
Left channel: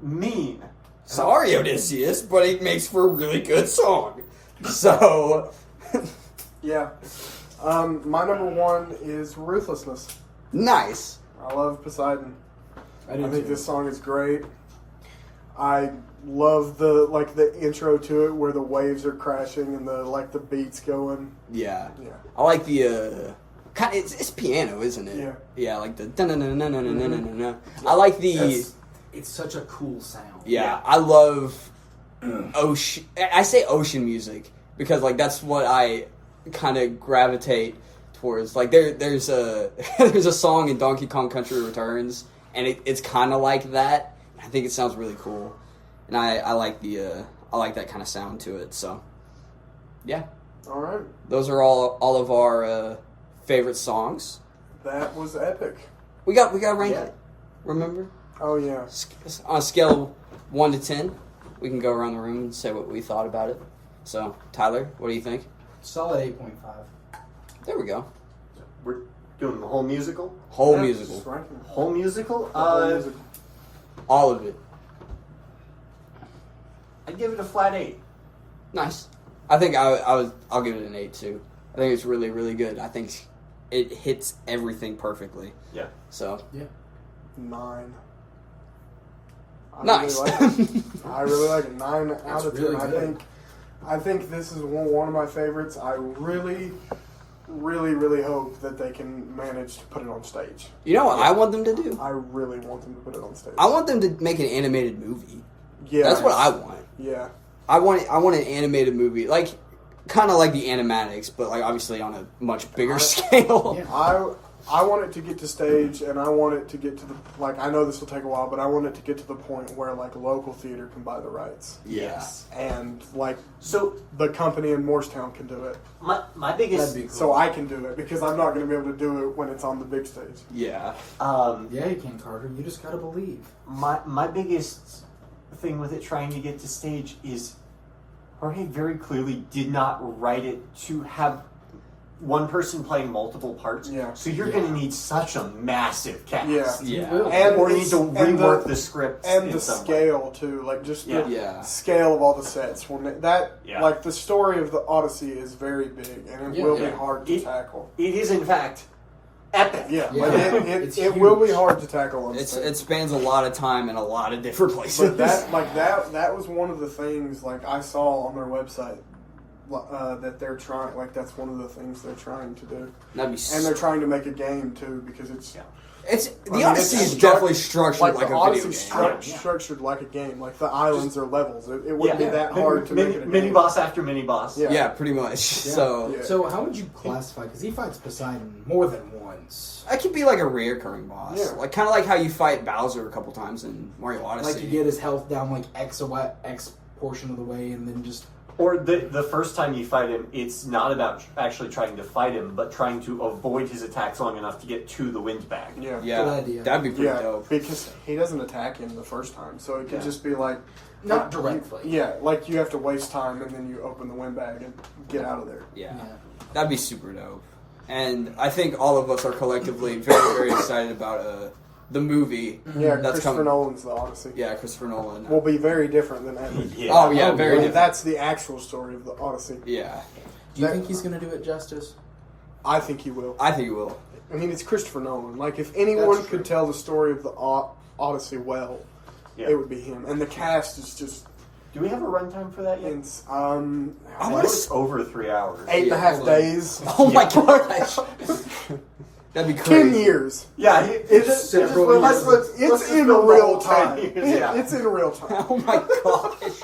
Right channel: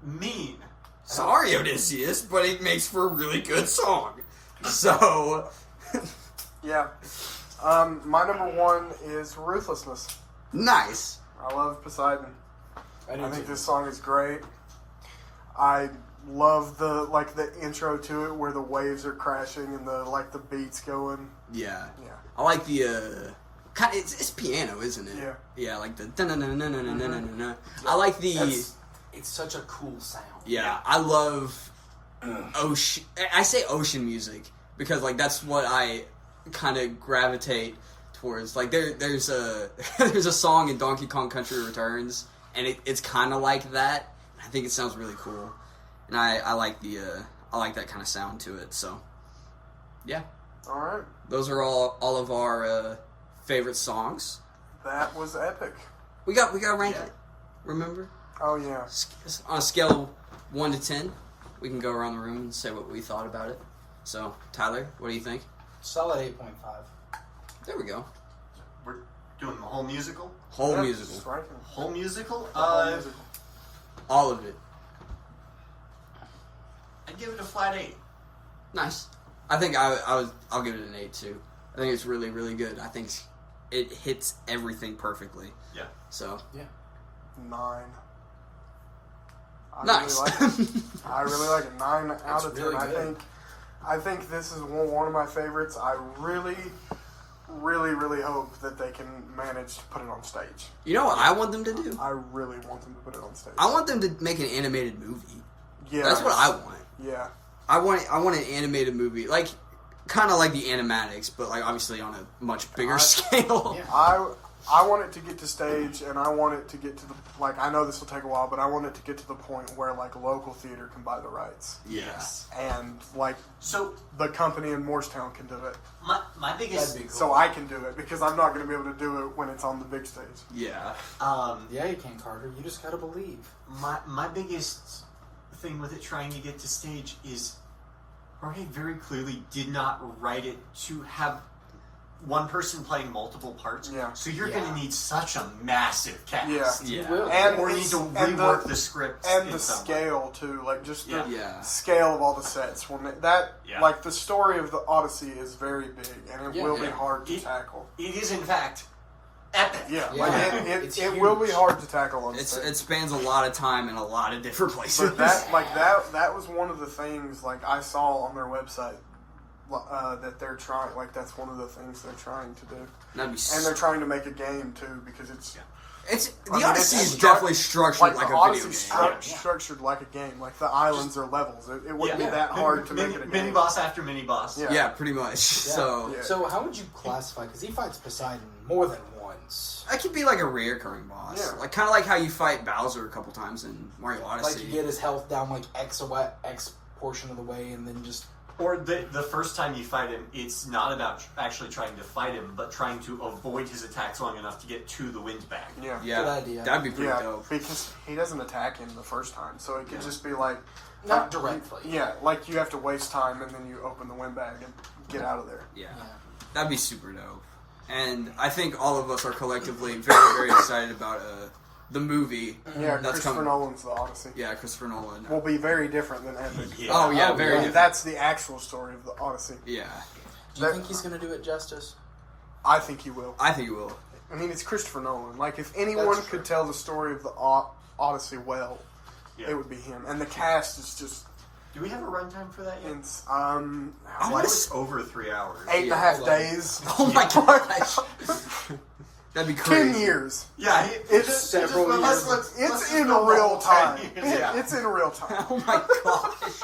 Mean. Sorry, Odysseus, but it makes for a really good song. So, Yeah. My number 1 is Ruthlessness. nice. I love Poseidon. I I think this song is great. I love the intro to it where the waves are crashing and the beats going. Yeah. Yeah. I like the it's piano, isn't it? Yeah. Yeah, like the dun-dun-dun-dun-dun-dun-dun-dun. I like the It's such a cool sound. yeah. I love ocean. I say ocean music because like that's what I kind of gravitate towards. Like there's a there's a song in Donkey Kong Country Returns, and it's kind of like that. I think it sounds really cool, and I like that kind of sound to it. So, yeah, All right. those are all of our favorite songs. That was epic. We got rank Yeah. it. Remember Oh, yeah. on a scale of 1 to 10, we can go around the room and say what we thought about it. So, Tyler, what do you think? Solid 8.5. There we go. We're doing the whole musical. Whole Yeah, musical. just ranking. Whole musical. The whole musical. All of it. I'd give it a flat 8. Nice. I think I'll give it an 8 too. I think it's really, really good. I think it hits everything perfectly. Yeah. So 9. nice. I really like it. 9 out of 10. really good. I think this is one of my favorites. I really, really, really hope that they can manage to put it on stage. You know what I want them to do? I really want them to put it on stage. I want them to make an animated movie. Yeah, That's what I want. Yeah. I want an animated movie, like kind of like the animatics, but like obviously on a much bigger scale. Yeah. I want it to get to stage, and I want it to get to the, like, I know this will take a while, but I want it to get to the point where, like, local theater can buy the rights. Yes. And, like, So the company in Morristown can do it. my biggest That'd be cool. So I can do it, because I'm not going to be able to do it when it's on the big stage. Yeah. Yeah, you can, Carter. You just gotta believe. my biggest thing with it trying to get to stage is Jorge very clearly did not write it to have one person playing multiple parts. Yeah. So you're going to need such a massive cast. Yeah. Yeah. will. And Or you need to and rework the script and in the some way. scale too, like just the Yeah. scale of all the sets. When that, Yeah. like the story of the Odyssey is very big, and it will be Yeah. hard to It- tackle. It is, in fact, epic. Yeah, Yeah. like It's it will be huge. hard to tackle on It stage. spans a lot of time in a lot of different places. But that was one of the things like I saw on their website that they're trying. Like that's one of the things they're trying to do, That'd be. and they're trying to make a game too because it's. Yeah. It's I the mean, Odyssey it's is definitely structured like the a video Odyssey's game. structured like a game. Like the islands are levels. It wouldn't be that Mini- hard to mini, make it a mini game. boss after mini boss. Yeah. Yeah, pretty much. So Yeah. So how would you classify? Because he fights Poseidon more than once. that could be like a reoccurring boss, Yeah. like kind of like how you fight Bowser a couple times in Mario Odyssey. Like you get his health down like X portion of the way, and then just Or the first time you fight him, it's not about actually trying to fight him, but trying to avoid his attacks long enough to get to the wind bag. Yeah. yeah, Good idea. that'd be pretty Yeah, dope. because he doesn't attack him the first time, so it could Yeah. just be like not directly. Yeah, like you have to waste time and then you open the windbag and get out of there. Yeah, Yeah. that'd be super dope. And I think all of us are collectively very, very excited about the movie. Yeah, That's Christopher coming. Nolan's The Odyssey Yeah, Christopher Nolan. will be very different than Epic. Yeah. Oh yeah, Oh, very yeah. different. That's the actual story of The Odyssey. Yeah, Do you That- think he's gonna do it justice? I think he will. I think he will. I mean, it's Christopher Nolan. Like, if anyone That's could tell the story of the Odyssey well, Yeah. it would be him. And the cast is just, Do we have a runtime for that yet? it's, I I wanna think it's over 3 hours. 8.5 hold on. days. Oh my gosh, that'd be 10 crazy. years. Yeah, It's several well, years. let's It's just in film the real whole 10 time. years. Yeah. It's in real time. Oh my gosh,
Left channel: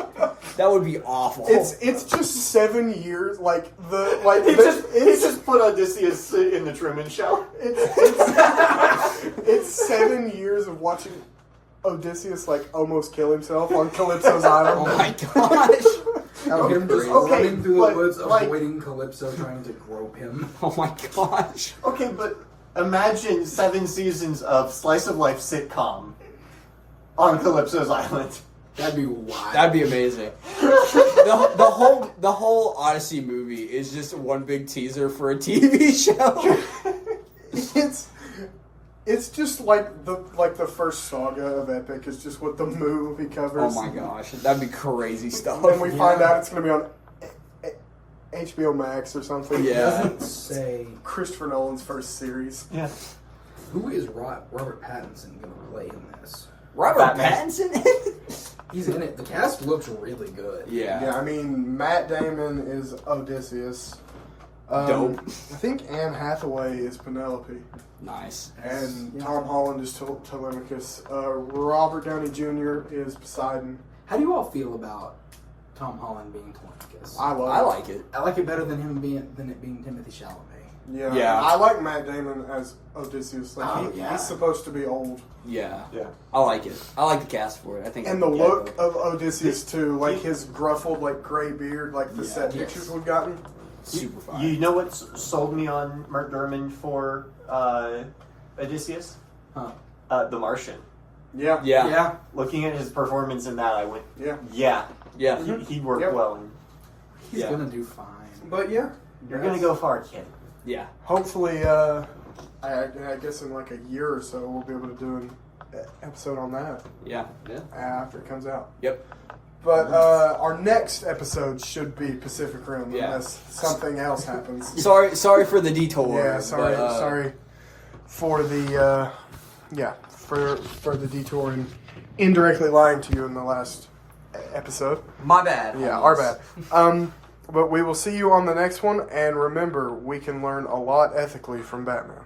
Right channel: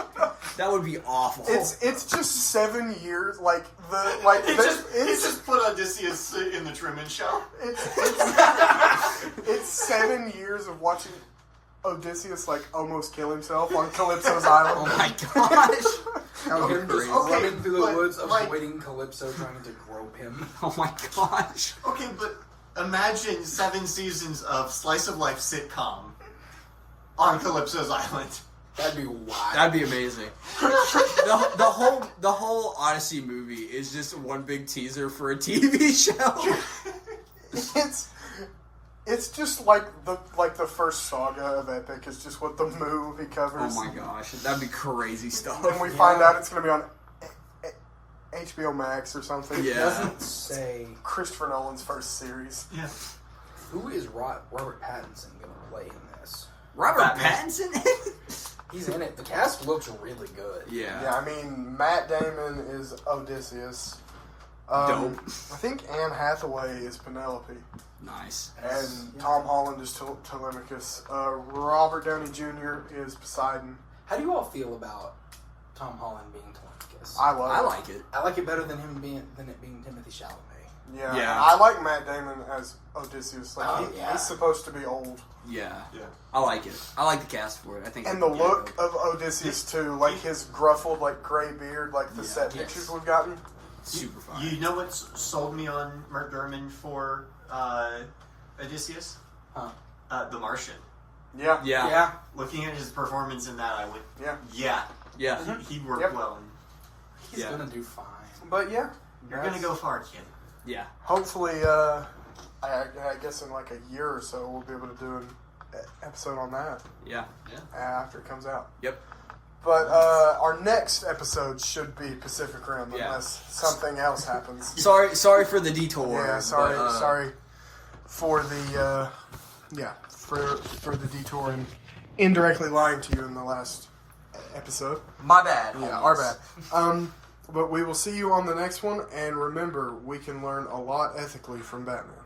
that would be awful. It's just 7 years. Like He just put Odysseus in the Truman Show. it's 7 years of watching Odysseus like almost kill himself on Calypso's island. Oh my gosh. Of him just Okay, running through but, the woods, like- avoiding Calypso trying to grope him. Oh my gosh. Okay, but imagine 7 seasons of slice of life sitcom on Calypso's Island. That'd be wild. That'd be amazing. The whole Odyssey movie is just one big teaser for a TV show. It's just like the first saga of Epic is just what the movie covers. Oh my gosh, that'd be crazy stuff. And we find Yeah. out it's going to be on HBO Max or something. Yeah. Doesn't say Christopher Nolan's first series. Yeah. who is Robert Pattinson going to play in this. Robert Batman. Pattinson? He's in it. The cast looks really good. Yeah, Yeah. I mean, Matt Damon is Odysseus. Dope. I think Anne Hathaway is Penelope. Nice. And Yeah. Tom Holland is Telemachus. Robert Downey Jr. is Poseidon. How do you all feel about Tom Holland being Telemachus? I love I it. like it. I like it better than it being Timothy Chalamet. Yeah. Yeah. I like Matt Damon as Odysseus. Like Oh, yeah. he's supposed to be old. Yeah. Yeah. I like it. I like the cast for it. I think. And the yeah, look dope. of Odysseus too, like his gruffled like gray beard, like the Yeah. set Yes. pictures we've gotten. Super fun. You know what sold me on Mark Gurman for Odysseus? Huh. The Martian. Yeah. Yeah. Looking at his performance in that, I went, Yeah. Yeah. He'd work Yep. well. He's Yeah. gonna do fine. But yeah, You're gonna go far, kid. Yeah. hopefully, I guess in like a year or so, we'll be able to do an episode on that Yeah. after it comes out. Yep. But our next episode should be Pacific Rim, Yeah. unless something else happens. Sorry for the detour. Yeah, sorry, but, sorry for the for the detour and indirectly lying to you in the last episode. My bad. Yeah, homies. our bad. But we will see you on the next one, and remember, we can learn a lot ethically from Batman.